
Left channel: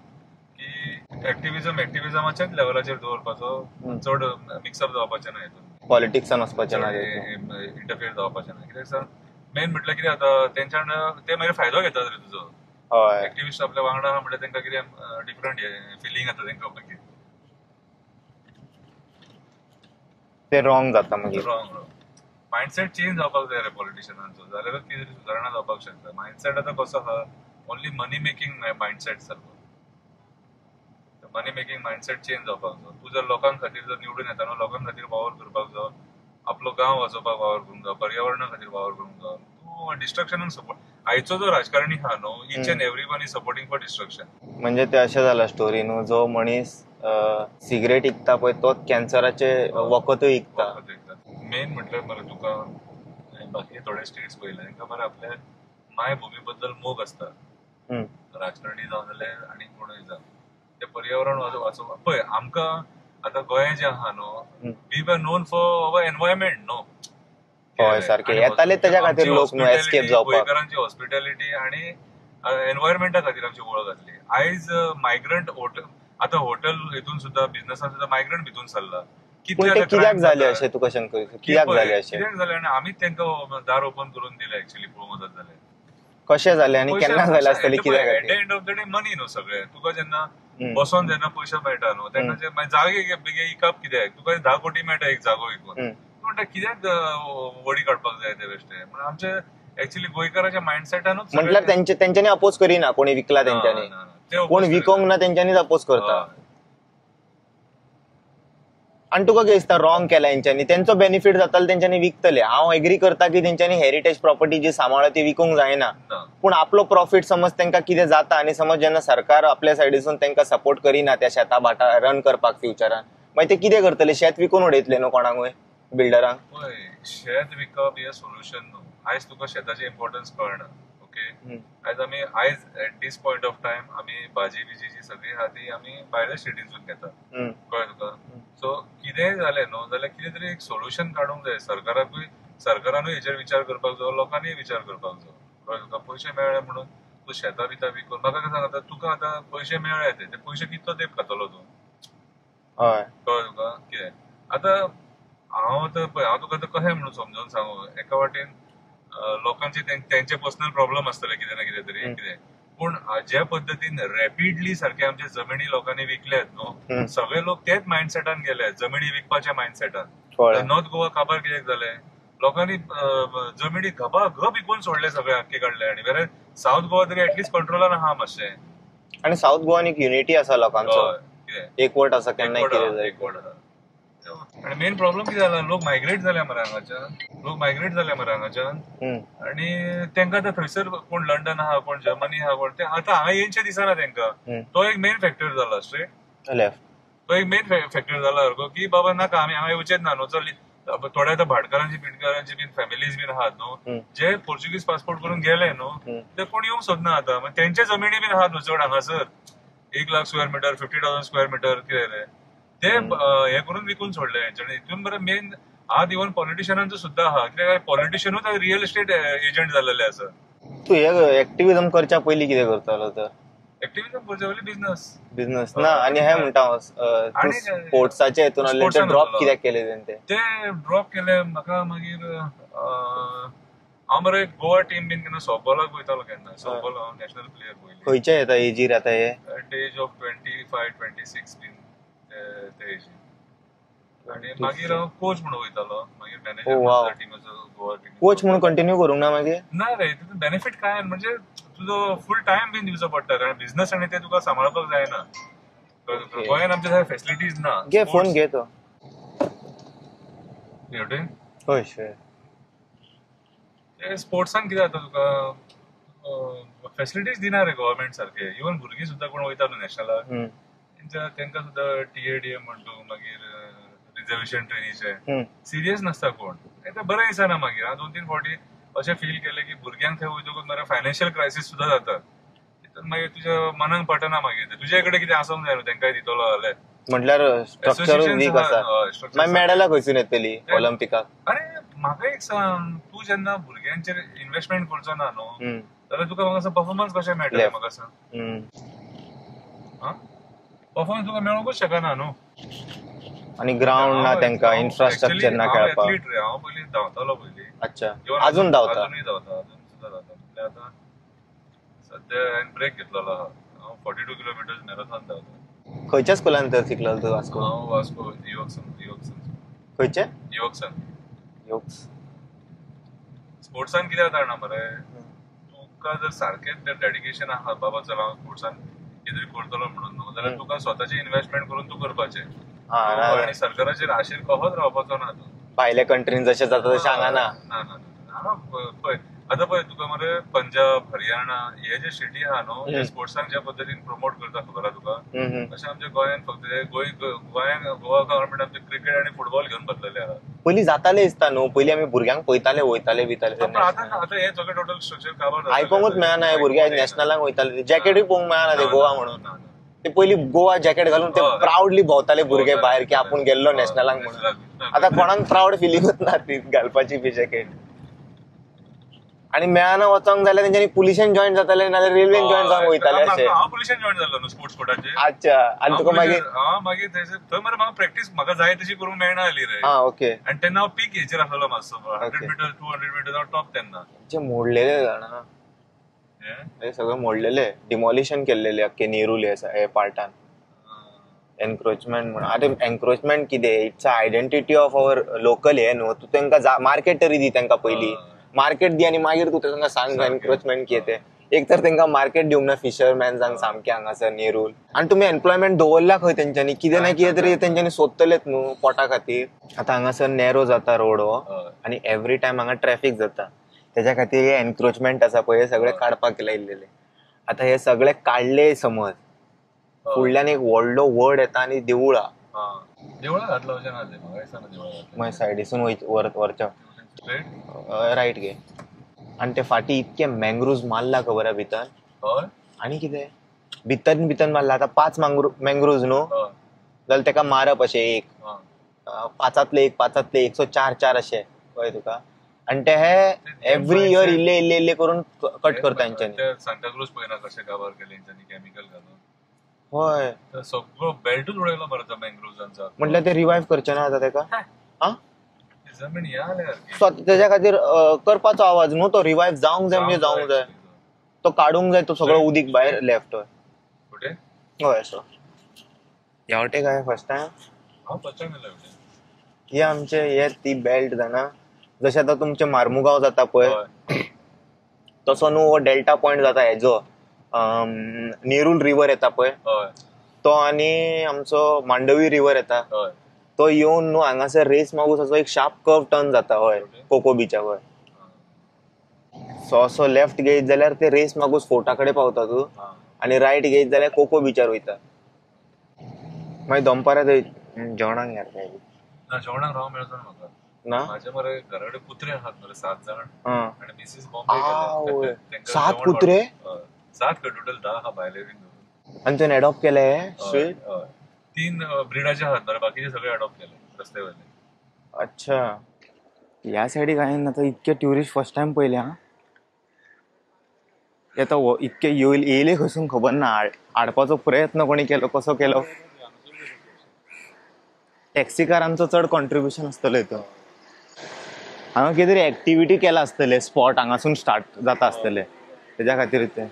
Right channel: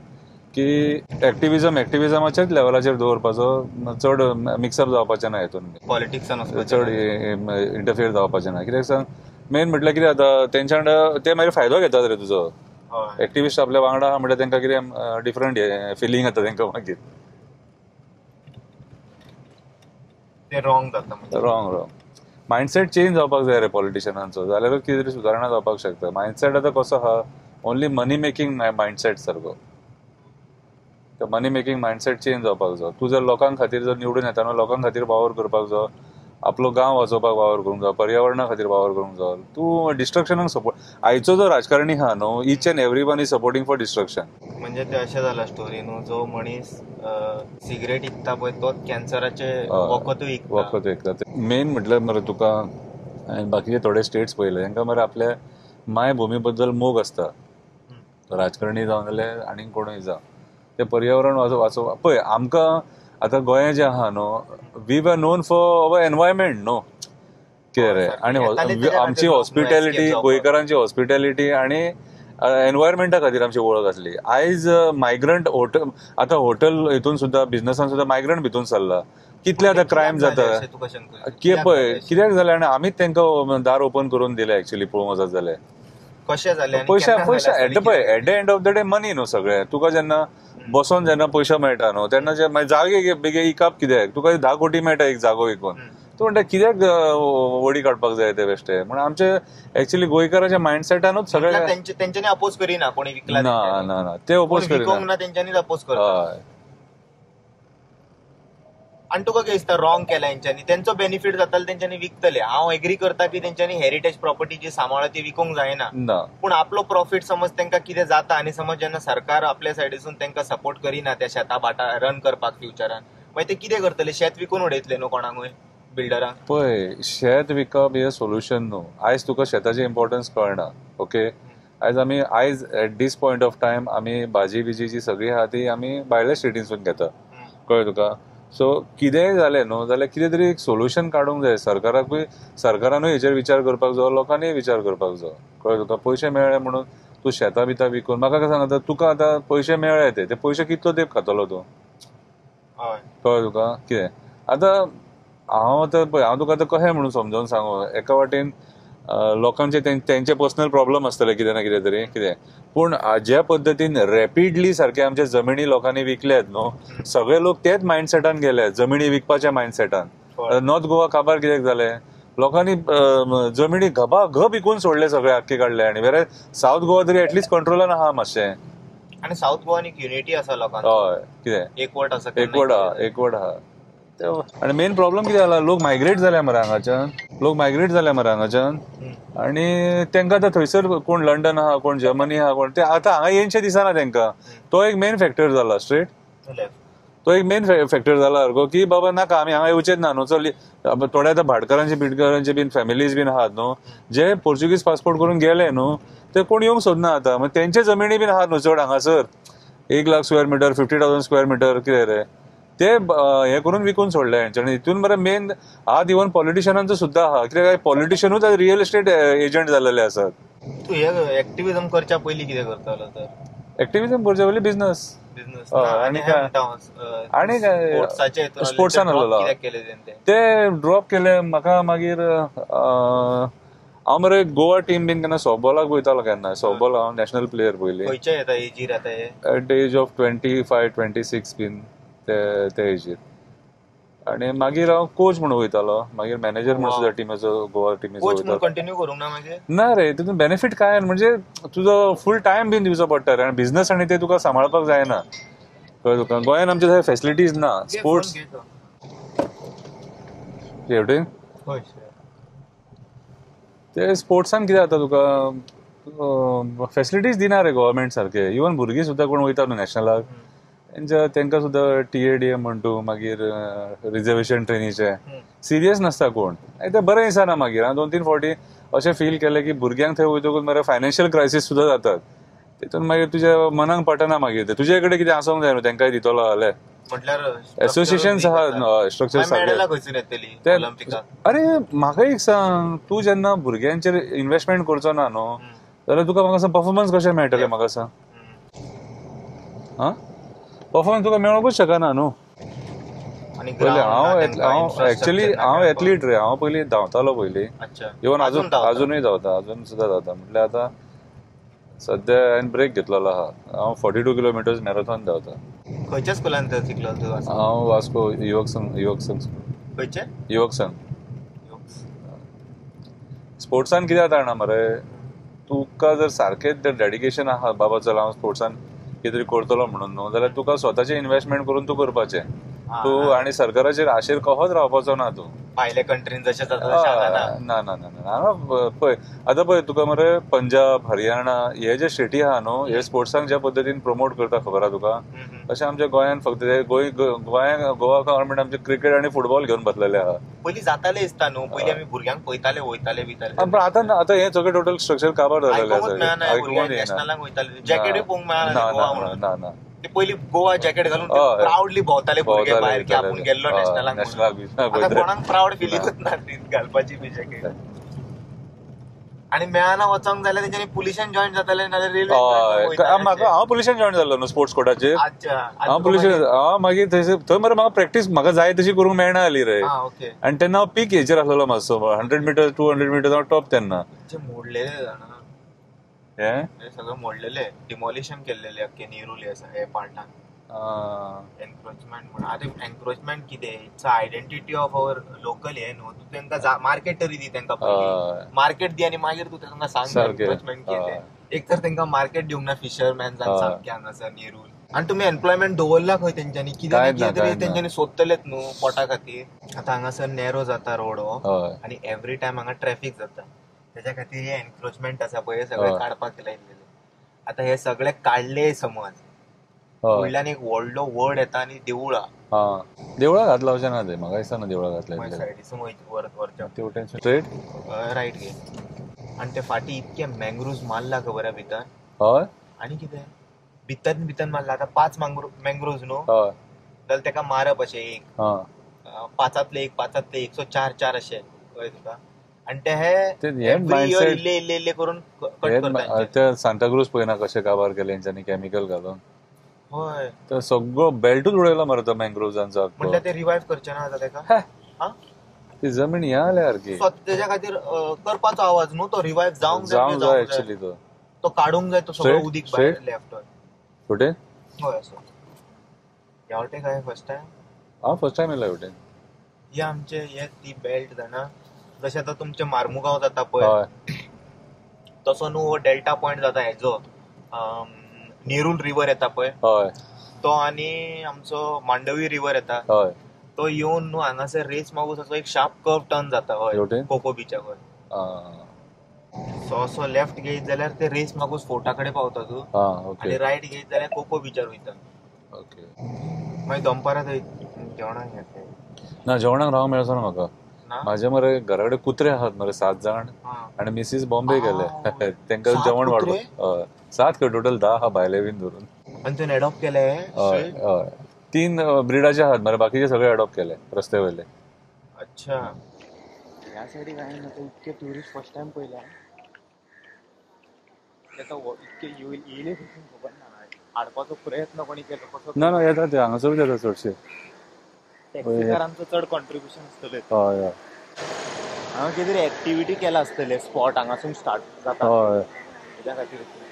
की एक्टिव्हिजमाच्याच लेवलाचेर दवरपाचो, चड मिक्सअप जावपाचें ना हितून. पॉलिटिक्सान चड इंटरफियर जावपाचें ना. कित्याक सांग, मेन म्हटल्यार कितें जाता तेंच्या ते मागीर फायदो घेतात रे तुजो. एक्टिव्हिस्ट आपल्या वांगडा आहा म्हणल्यार तेंकां कितें डिफरंट फिलिंग येता तेंकां मागीर. ते रॉंग जाता मागीर. रॉंग मायंडसेट चेंज जावपाक जाय रे पॉलिटिशियनांचो, जाल्यारूच कितें तरी सुदारणा जावपाक शकता. मायंडसेट आतां कसो आहा, ओन्ली मनी मेकिंग मायंडसेट सारको. मनी मेकिंग मायंडसेट चेंज जावपाक जाय. तूं जर लोकां खातीर जर निवडून येताना लोकां खातीर वावर करपाक जाय, आपलो गांव वाचोवपाक वावर करूंक जाय, पर्यावरणा खातीर वावर करूंक जाय. तूं डिस्ट्रक्शनाक सपोर्ट. आयचो जो राजकारणी आहा न्हू, each and every one is supporting for destruction. म्हणजे ते अशें जाला स्टोरी न्हू, जो मनीस सिगरेट विकता पळय तोच कॅन्सराचे वखदूय विकता. मेन म्हटल्यार मरे तुका बाकीचे थोडे स्टेट्स पळयले तांकां मरे आपल्या मायभुमी बद्दल मोग आसता. राजकारणी जावं जाल्यार आनी कोणूय जावं, ते पर्यावरण वाचोवपाक पळय. आमकां आतां गोंय जें आहा न्हू, we were known for our environment न्हू. आनी आमची हॉस्पिटॅलिटी, गोंयकारांची हॉस्पिटॅलिटी आनी एनवायरमेंटा खातीर आमची वळख आसली. आयज मायग्रंट आतां हॉटेल हितून सुद्दां बिझनसान सुद्दां मायग्रंट भितून सरला. कितले आतां क्रायम जाता पळय. कित्याक जालें आनी आमीच तांकां दार ओपन करून दिलें एक्चुअली पळोवंक वचत जाल्यार. कशें जालें? At the end of the day money न्हू सगळें. तुका जेन्ना बसोन जेन्ना पयशे मेळटा न्हू तेन्ना जागे बेगे इकप कित्याक? तुका 10 कोटी मेळटा एक जागो विकून. तूं म्हणटा कित्याक वडी काडपाक जाय ते बेश्टे. म्हण आमचे एक्चुअली गोंयकाराच्या मायंडसेटानूच तेंच्यांनी अपोज करिना. कोणी विकला ते विकूंक ना तेंच्यांनीच अपोज करता. आणि तुका कितें दिसता रॉंग केला हेंच्यांनी? तेंचो बेनिफीट जातालो तेंच्यांनी विकतले. हांव एग्री करता की तेंच्यांनी हेरिटेज प्रॉपर्टी जी सांबाळ्ळा ती विकूंक जायना, पूण आपलो प्रॉफिट समज तेंकां कितें जाता आनी समज जेन्ना सरकार आपल्या सायडीसून तेंकां सपोर्ट करिना त्या शेता भाटा रन करपाक फ्युचरान, मागीर ते कितें करतले? शेत विकून उडयतले न्हू कोणाकूय बिल्डरांक. पळय, शेत विकप हे सोल्युशन न्हू. आयज तुका शेताची इम्पॉर्टन्स कळना. ओके, आयज at this point of time आमी भाजी बिजी जी सगळी आहा ती आमी भायल्या स्टेटींसून घेता. कळ्ळें तुका? सो कितेंय जालें न्हू जाल्यार कितें तरी एक सोल्युशन काडूंक जाय. सरकारानूय हेचेर विचार करपाक जाय, लोकांनीय विचार करपाक जाय. कळ्ळें तुका? पयशे मेळ्ळे म्हणून तूं शेतां बितां विकून म्हाका काय सांगता, तुका आतां पयशे मेळ्ळे ते पयशे कितलो तेंप खातलो तूं? कळ्ळें तुका? कितें आतां हांव तुका आतां कशें म्हणून समजोवन सांगू, एका वाटेन लोकांचे तेंचे पर्सनल प्रॉब्लेम आसतले कितें ना कितें तरी कितें, पूण ज्या पद्दतीन रॅपिडली सारखे आमचे जमिनी लोकांनी विकल्यात न्हू, सगळे लोक तेच मायंडसेटान गेले, जमिनी विकपाच्या मायंडसेटान. नॉर्थ गोवा काबार कित्याक जालें? लोकांनी जमिनी घब विकून सोडले सगळे आख्खे काढले आणि वेरे साऊथ गोवा तरी ऍटलिस्ट कंट्रोलान आहा मातशें. आणि साऊथ गोवान एक युनिटी आसा लोकांचो, हय कितें एकवट आसा, एकवट आहा. आणि मेन प्रॉब्लेम कितें जाला, लोक मायग्रेट जाले मरे हांगाच्यान आणि तेंका आतां थंयसर कोण लंडन आहा, कोण जर्मनी आहा, कोण ते आतां हांगा येवचें दिसना तेंका. तो एक मेन फॅक्टर जाला स्ट्रेट. तो एक मेन फॅक्टर जाला की बाबा नाका आमी हांगा येवचेच ना न्हू. चल थोडे आतां भाटकारांचे बीन फॅमिलीज बीन आहात न्हू, जे पोर्चुगीज पासपोर्ट करून गेले न्हू, ते कोण येवंक सोदना आतां. मग तेंचे जमिनी बीन आहात न्हू चड हांगासर, 1,00,000 स्क्वेअर मिटर, 50,000 स्क्वेअर मिटर कितें रे ते हे करून विकून सोडले हेंच्यानी. हितून मरे मेन आत इवन पॉलिटिशियनांचो सुद्धा आहा, कित्याक पॉलिटिशियनूच रिअल एस्टेट एजंट जाल्ले आसात. तू हे एक्टिव्हिजम करच्या पयलीं कितें करतालो तर? एक्टिव्हिजम करच्या पयलीं बिझनस आणि हे म्हणटा आणि स्पोर्ट्साचे स्पोर्ट्सान कित्याक केले ते ड्रॉप केले. म्हाका मागीर हांव मरे गोवा टीम बीन केन्ना सॉफ्टबॉलाक वयतालो, केन्ना सॉफ्टबॉल हांव नॅशनल प्लेयर पयलीं. खंयच्या येता एजीर येता हे? एट द एज ऑफ 25-26 बीन ते एजीर. आणि मागीर हांव कोच म्हणून वयतालो, मागीर मॅनेजर म्हणून सुद्धा टीमीचो, गोवा टीमीचो. कोच म्हणून कंटिन्यू करूंक ना मागीर? ना रे, तितून बेनिफीट काय म्हणजे तुजो फूल टायम बीन दिवचो पडटा रे, आनी बिझनस आनी ते तुका सांबाळपाक जायना. कळ्ळें तुका? गोंयान आमचे फॅसिलिटीज ना. फोन घे तो शेवटी ते स्पोर्ट्सान कितें जाता तुका फॅसिलिटीज दिना रे गव्हर्मेंट सारखे. इवन भुरगीं सुद्धा कोण वयता न्हू नॅशनलाक, तेंका सुद्धा TADM म्हणटू, मागीर रिझर्वेशन ट्रेनीचे सिरियस नसता कोण. ते बरें दिसना. मागीर हांवें 2-3 फावटी अशें फील केलें की भुरग्यांक थंय वयतकूच मरे फायनान्शियल क्रायसीस सुद्धा जातात. तितून मागीर तुज्या मनाक पटना. मागीर तुजे कडेन कितें आसोंक जाय न्हू तेंकाय दितलो जाल्यार. म्हटल्यार एसोसिएशन स्ट्रक्चर मेडलां खंयसून येतली ऑलिंपिकाक? अरे म्हाका एक सांग, तूं जेन्ना भुरग्यांचेर इन्व्हेस्टमेंट करचो ना न्हू, जाल्यार तुका म्हाका सांग परफॉर्मन्स कशें मेळटलें? म्हाका सांग, परफॉर्मन्स तुका मेळोंकूच शकना न्हू. आणि एक्चुअली हांव एथलीट रे, हांव पयलीं धांवतालो पयलीं. इवन अजूनय धांवता, अजून सुद्धा धांवता. म्हटल्यार आतां सध्या हांवें ब्रेक घेतलेलो आहा. हांव 42 किलोमिटर्स मॅरेथॉन धांवता. खंयच्या स्कुलान शिकलो तूं? हांव वास्को युवकसन. खंयचे? युवकसन. स्पोर्ट्सान कितें जाता जाणा मरे, तुका जर सारकें डेडिकेशन आहा बाबा चल हांव स्पोर्ट्सान कितें तरी करतलो म्हणून न्हू, जाल्यार तुका स्वताचें इन्व्हेस्टमेंट करून तूं करपाचें. तूं आनी सरकाराचेर आशेर कहोच रावपाचो ना. तूं भायल्या कंट्रीन जशें जाता तशें हांगा ना. पळय आतां पळय तुका मरे पंजाब, हरियाणा हे जे स्टेटी आहा न्हू, हे स्पोर्ट्साक ज्या पद्दतीन प्रमोट करता खबर आहा तुका, तशें आमच्या गोंयान फक्त गोंयान गोवा गव्हर्मेंट आमचे क्रिकेट आनी फुटबॉल घेवन बसलेले आहा. पयलीं जाताले दिसता न्हू, पयलीं आमी भुरग्यांक पळयताले, वयताले बिताले. आतां हे सगळें टोटल स्ट्रक्चर काबार जालें. आयकोंकूच मेळना भुरग्यांक. नॅशनलाक वयताले, जॅकेटूय पळोवंक मेळना गोवा म्हणून. ते पयलीं गोवा जॅकेट घालून ते प्राऊडली भोंवताले भुरगे भायर की आपूण गेल्लो नॅशनलाक. आतां कोणाक प्राऊड फिलिंगूच ना ती घालपाची बी जॅकेट. आणि मेळना वचोंक जाल्यार तेंच्यांनी पुलिशेन जॉईन जाताले, नाजाल्यार रेल्वेन जॉईन जावंक वयताले. हांव पुलिशेन जॉईन जाल्लो न्हू स्पोर्ट्स कोटाचेर. मागीर थंय मरे म्हाका प्रॅक्टीस म्हाका जाय तशी करूंक मेळना जाली रे. आनी तेन्ना हांव पीक हेचेर आसलेलो मातसो, 100 मिटर 200 मिटर हांव टॉप. तेन्ना मोडलेले जाणा हे सगळं मोडलेले, डिमॉलिशन केलेले अख्खे नेरूल हे पार्टान. एन्क्रोचमेंट म्हणून. आतां एन्क्रोचमेंट कितें? It's identity of our local हे न्हू. तूं तेंका मार्केट तरी दी, तेंका पयलीं मार्केट दी, आनी मागीर तूं तेंका सांग एन्क्रोचमेंट कितें. एक तर तेंका मार्केट दिवंक ना फिशरमॅन्सांक सामके हांगासर नेरूल. आनी तुमी एम्प्लॉयमेंट दवरला खंय तेंच्यांनी? कितें ना कितें तरी तेंच्यांनी सोदतलेच न्हू पोटा खातीर. आतां हांगासर नॅरो जाता रोड हो, आनी एवरी टायम हांगा ट्रॅफिक जाता. तेच्या खातीर हे एन्क्रोचमेंट आसा पळय हे सगळे काडपाक लायिल्ले. आतां हे सगळे काडले समज, फुडल्यान एक व्हडलो वड येता आनी देवळां घातला अशें ना. ते म्हाका दिसना देवळां घातले. सायडीसून वरच्या स्ट्रेट रायट घे. आनी ते फाटी इतके मँग्रुव्ज मारला खबर आहा भितर. हय. आनी कितें भितर मारला. आतां 5 मँग्रुव्ज न्हू, जाल्यार तेका मारप अशें एक 5तले 1 सो 4 अशें कळ्ळें तुका. आनी ते एव्हरी इयर इल्ले करून कट करता. ते सांताक्रूज पळयना कशें काबार केले हेंच्यांनी केमिकल घालून. हय, तो सगळो बेल्टूच उडयलो मरे तो मँग्रुव्जांचो. म्हटल्यार ते रिवायव्ह करचे ना आतां तेका. ती जमीन हे जाल्या सारकी. तेच्या खातीर करपाचो आवाज न्हू, तो रिवायव्ह जावंक जाय. तो काडूंक जाय, तो सगळो उदीक भायर लेफ्ट. कुठे? हय असो. ह्या वाटेक काय फर्स्ट टायम? हांव फर्स्ट टायम येयला हेवटेन. हे आमचे हे ती बेल्ट जाणा जशें आतां तुमचे मार्मुगांव जाता पळय हय तसो न्हू हो डेल्टा पॉयंट जाता हेजो नेरूल रिवर येता पळय हय तो आनी आमचो मांडवी रिवर येता हय तो येवन न्हू हांगासर रेस मागूस एक शार्प कर्व टर्न जाता हय शेवटी? कोको बीचा वयर आं, सो असो लेफ्ट घेयत जाल्यार ते रेस मागूस फोर्टा कडेन पावता तूं आं, ओके आनी रायट घेयत जाल्यार कोको बीचार वयता ओके मागीर दनपारां थंय जेवणाक घेता ना जेवणाक राव मेळचो ना म्हाका ना माझे मरे घरा कडेन कुत्रे आहात मरे 7 जण हां आणि मिसीस बॉम्बे गेले तांकां 7 जेवण कुत्रे? हय 7 खंय टोटल 10 आहा भायले बीन धरून आनी तुवें एडॉप्ट केले हय हय 3 ब्रिडाचे आहात मरे बाकीचे सगळे अडॉप्ट केले रस्ते वयले अच्छा ह्या सायडीक हांवें आतां इतके ट्युरिस्ट फर्स्ट टायम पयले हां येता इतके येयले खंयसून खबर ना हाडपाचो प्रयत्न कोणी केलो कसो केलो ना येता ते हांगासरूच येता चडशे टॅक्सीकारांचो चड कॉन्ट्रिब्युशन आसतलें हय हय हांगा कितें तरी एक्टिविटी केला आसतले स्पॉट हांगासून स्टार्ट जाता हय. आसतले तेज्या खातीर ते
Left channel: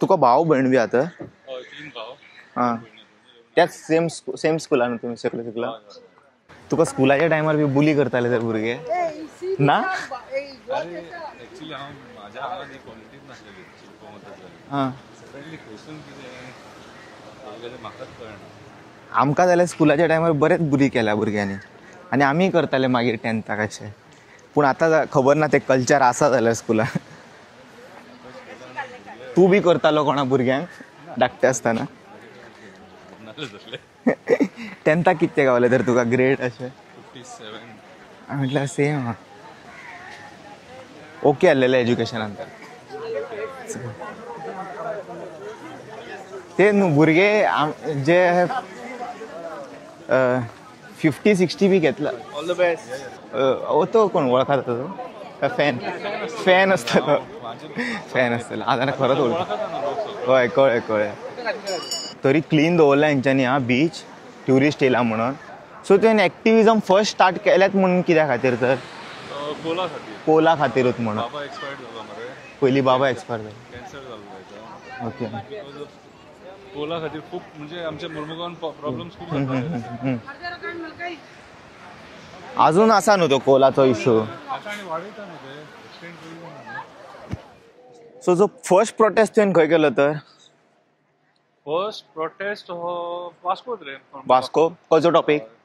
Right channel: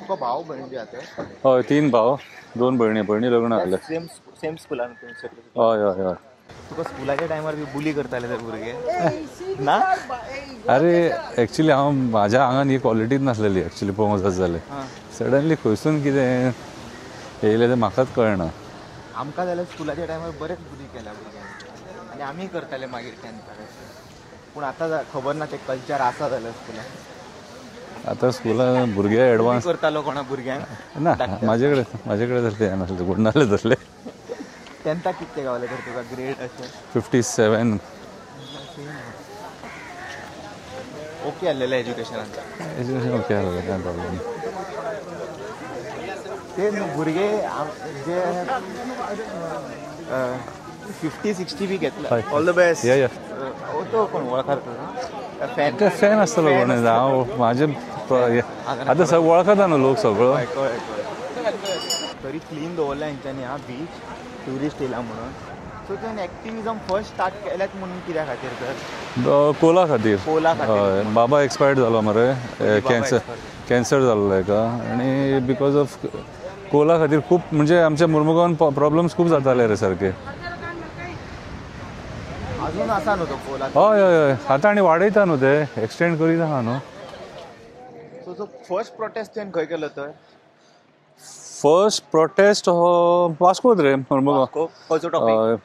तुका भाव भयण बी आतां हय 3 भाव 2 भयणी लग्न त्याच जातले सेम स्कुलान तुमी शिकले हय हय हय तुका स्कुलाच्या टायमार बी बुली करताले ते भुरगे ना अरे एक्चुअली हांव म्हाज्या आंगान ही क्वॉलिटीच नासलेली एक्चुअली पळोवंक जाय जाल्यार हां सडनली खंयसून कितें येयलें तें म्हाकाच कळना आमकां जाल्यार स्कुलाच्या टायमार बरेच बुली केल्या भुरग्यांनी आनी आमी करताले मागीर 10थाक अशें पूण आतां खबर ना ते कल्चर आसा जाल्यार स्कुलान आतां स्कुलान भुरगे तूं बी एडवान्स करतालो कोणा भुरग्यांक ना धाकटे म्हाजे आसतना. कडेन तर ते नासले कोण नासले तसले 10थाक कितले गावले तर तुका ग्रेड अशें 57 म्हटल्यार सेम ओके आसलेलें एज्युकेशनान ओके कांय प्रॉब्लेम ना. ते न्हू भुरगे जे 50-60 बी घेतला ऑल द बेस्ट या या तो कोण वळखता तुजो फॅन फॅन आसतलो फॅन कोण आसतलो. हांव म्हाजे फॅन आसतलो. आतां सगळं वळखता न्हू लोक सगळो कळ्ळें कळ्ळें तरी क्लीन दवरला हेंच्यांनी हा बीच ट्युरिस्ट येयला म्हणून सो तुवें एक्टिविजम फर्स्ट स्टार्ट केल्यात म्हणून कित्या खातीर तर कोला खातीर कोला खातीर हय, बाबा एक्सपायर्ड जालो मरे पयलीं बाबा expired जालो. कॅन्सर जाल्लो हेका आनी बिकॉज ऑफ कोला खातीर खूब म्हणजे आमच्या मुर्मुगांवान प्रॉब्लेम्स खूब जाताले रे सारके अजून आसा न्हू तो कोलाचो हय, इश्यू हय. आतां आनी वाडयता न्हू ते एक्सटेंड करीत आहा न्हू सो जो फर्स्ट प्रोटेस्ट तुवें खंय केलो तर फर्स्ट प्रोटेस्ट हो वास्कोत रे मुर्मुगांव. वास्को खंयचो टॉपिक हय,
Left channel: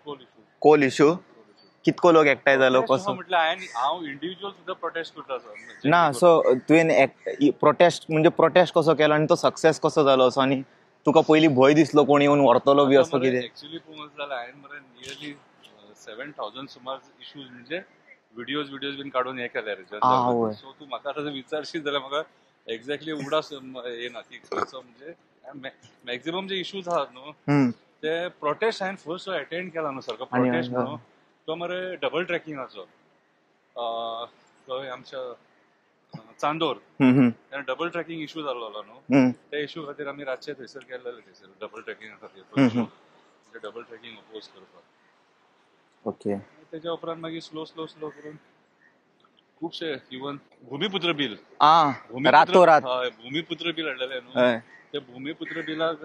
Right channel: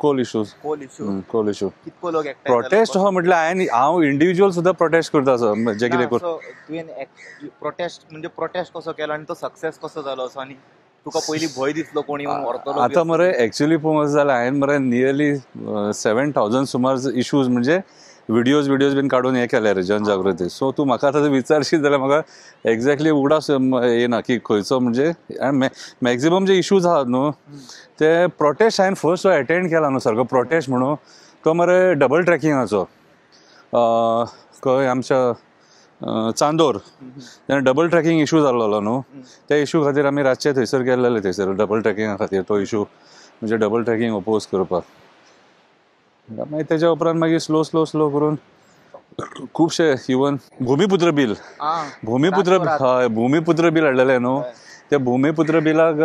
coal issues coal issue coal issue कितको लोक एकठांय जालो प्रोटेस्ट हो म्हटल्यार हांव इंडिव्हिज्युअल सुद्धा प्रोटेस्ट करता असो जे ना कितें सो तुवें प्रोटेस्ट म्हणजे प्रोटेस्ट कसो केलो आनी तो सक्सेस कसो जालो असो आनी तुका पयलीं भंय दिसलो कोण येवन व्हरतलो बी आता असो मरे कितें? ऍक्च्युअली पळोवंक जाल्यार हांवें मरे नियरली 7,000 सुमार इश्यूज म्हणजे व्हिडिओज बीन काडून हे केले रे जनजागृती सो तूं म्हाका आतां विचारशीत जाल्यार म्हाका एक्झॅक्टली उगडास येना की खंयचो म्हणजे मॅक्झिमम जे इश्यूज आहात न्हू ते प्रोटेस्ट हांवें फर्स्ट अटेंड केला न्हू सारको प्रोटेस्ट म्हणून तो मरे डबल ट्रॅकिंगाचो खंय आमच्या चांदोर तेन्ना डबल ट्रॅकिंग इश्यू जाल्लो न्हू त्या इश्यू खातीर आमी रातचे थंयसर गेल्ले थंयसर डबल ट्रॅकिंगा खातीर तो इश्यू म्हणजे डबल ट्रॅकिंग अपोज करपाक ओके मागीर तेच्या उपरांत मागीर स्लो करून खुबशे इवन भूमिपुत्र बील भूमिपुत्र बील हाडलेले न्हू ते भूमिपुत्र बिलाक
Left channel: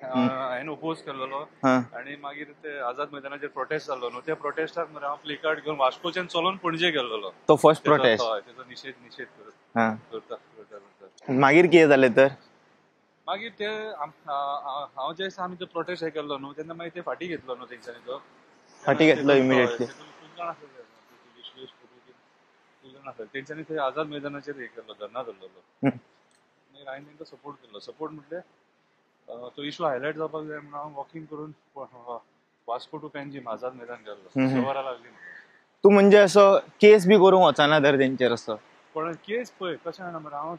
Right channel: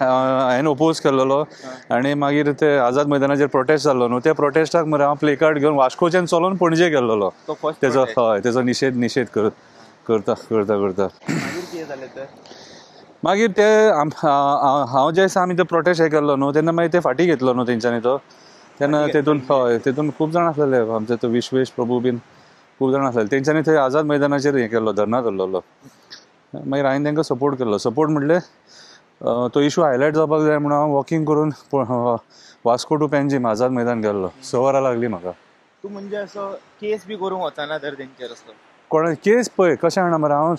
हांवें ओपोज केल्लो आनी मागीर ते आझाद मैदानाचेर प्रोटेस्ट जाल्लो न्हू त्या प्रोटेस्टाक मरे हांव प्ले कार्ड घेवन वास्कोच्यान चलोन पणजे गेल्लो तो फर्स्ट हय तेजो निशेध करता मागीर कितें जालें तर मागीर ते हांव जे दिसा आमी तो प्रोटेस्ट हे केल्लो न्हू तेन्ना मागीर ते फाटी घेतलो न्हू तेंच्यांनी तो तेन्ना तेतून खूब जाण आसलेले आमचे तो विश्वेश प्रभू बीन खूब जाण आसलेले तेंच्यांनी थंय आझाद मैदानाचेर हे केल्लो धर्ना धरलेलो मागीर हांवें तांकां सपोर्ट केल्लो सपोर्ट म्हणले तो इश्यू हायलायट जावपाक जाय म्हणून हांव वॉकिंग करून वास्को टू पेंजीम आझाद मैदान गेल्लो 6 वरां लागली म्हाका तूं म्हणजे असो केस बी करूंक वचना तर तेंचेर असो कोणा केस पळय कशें जाणा मरे हांव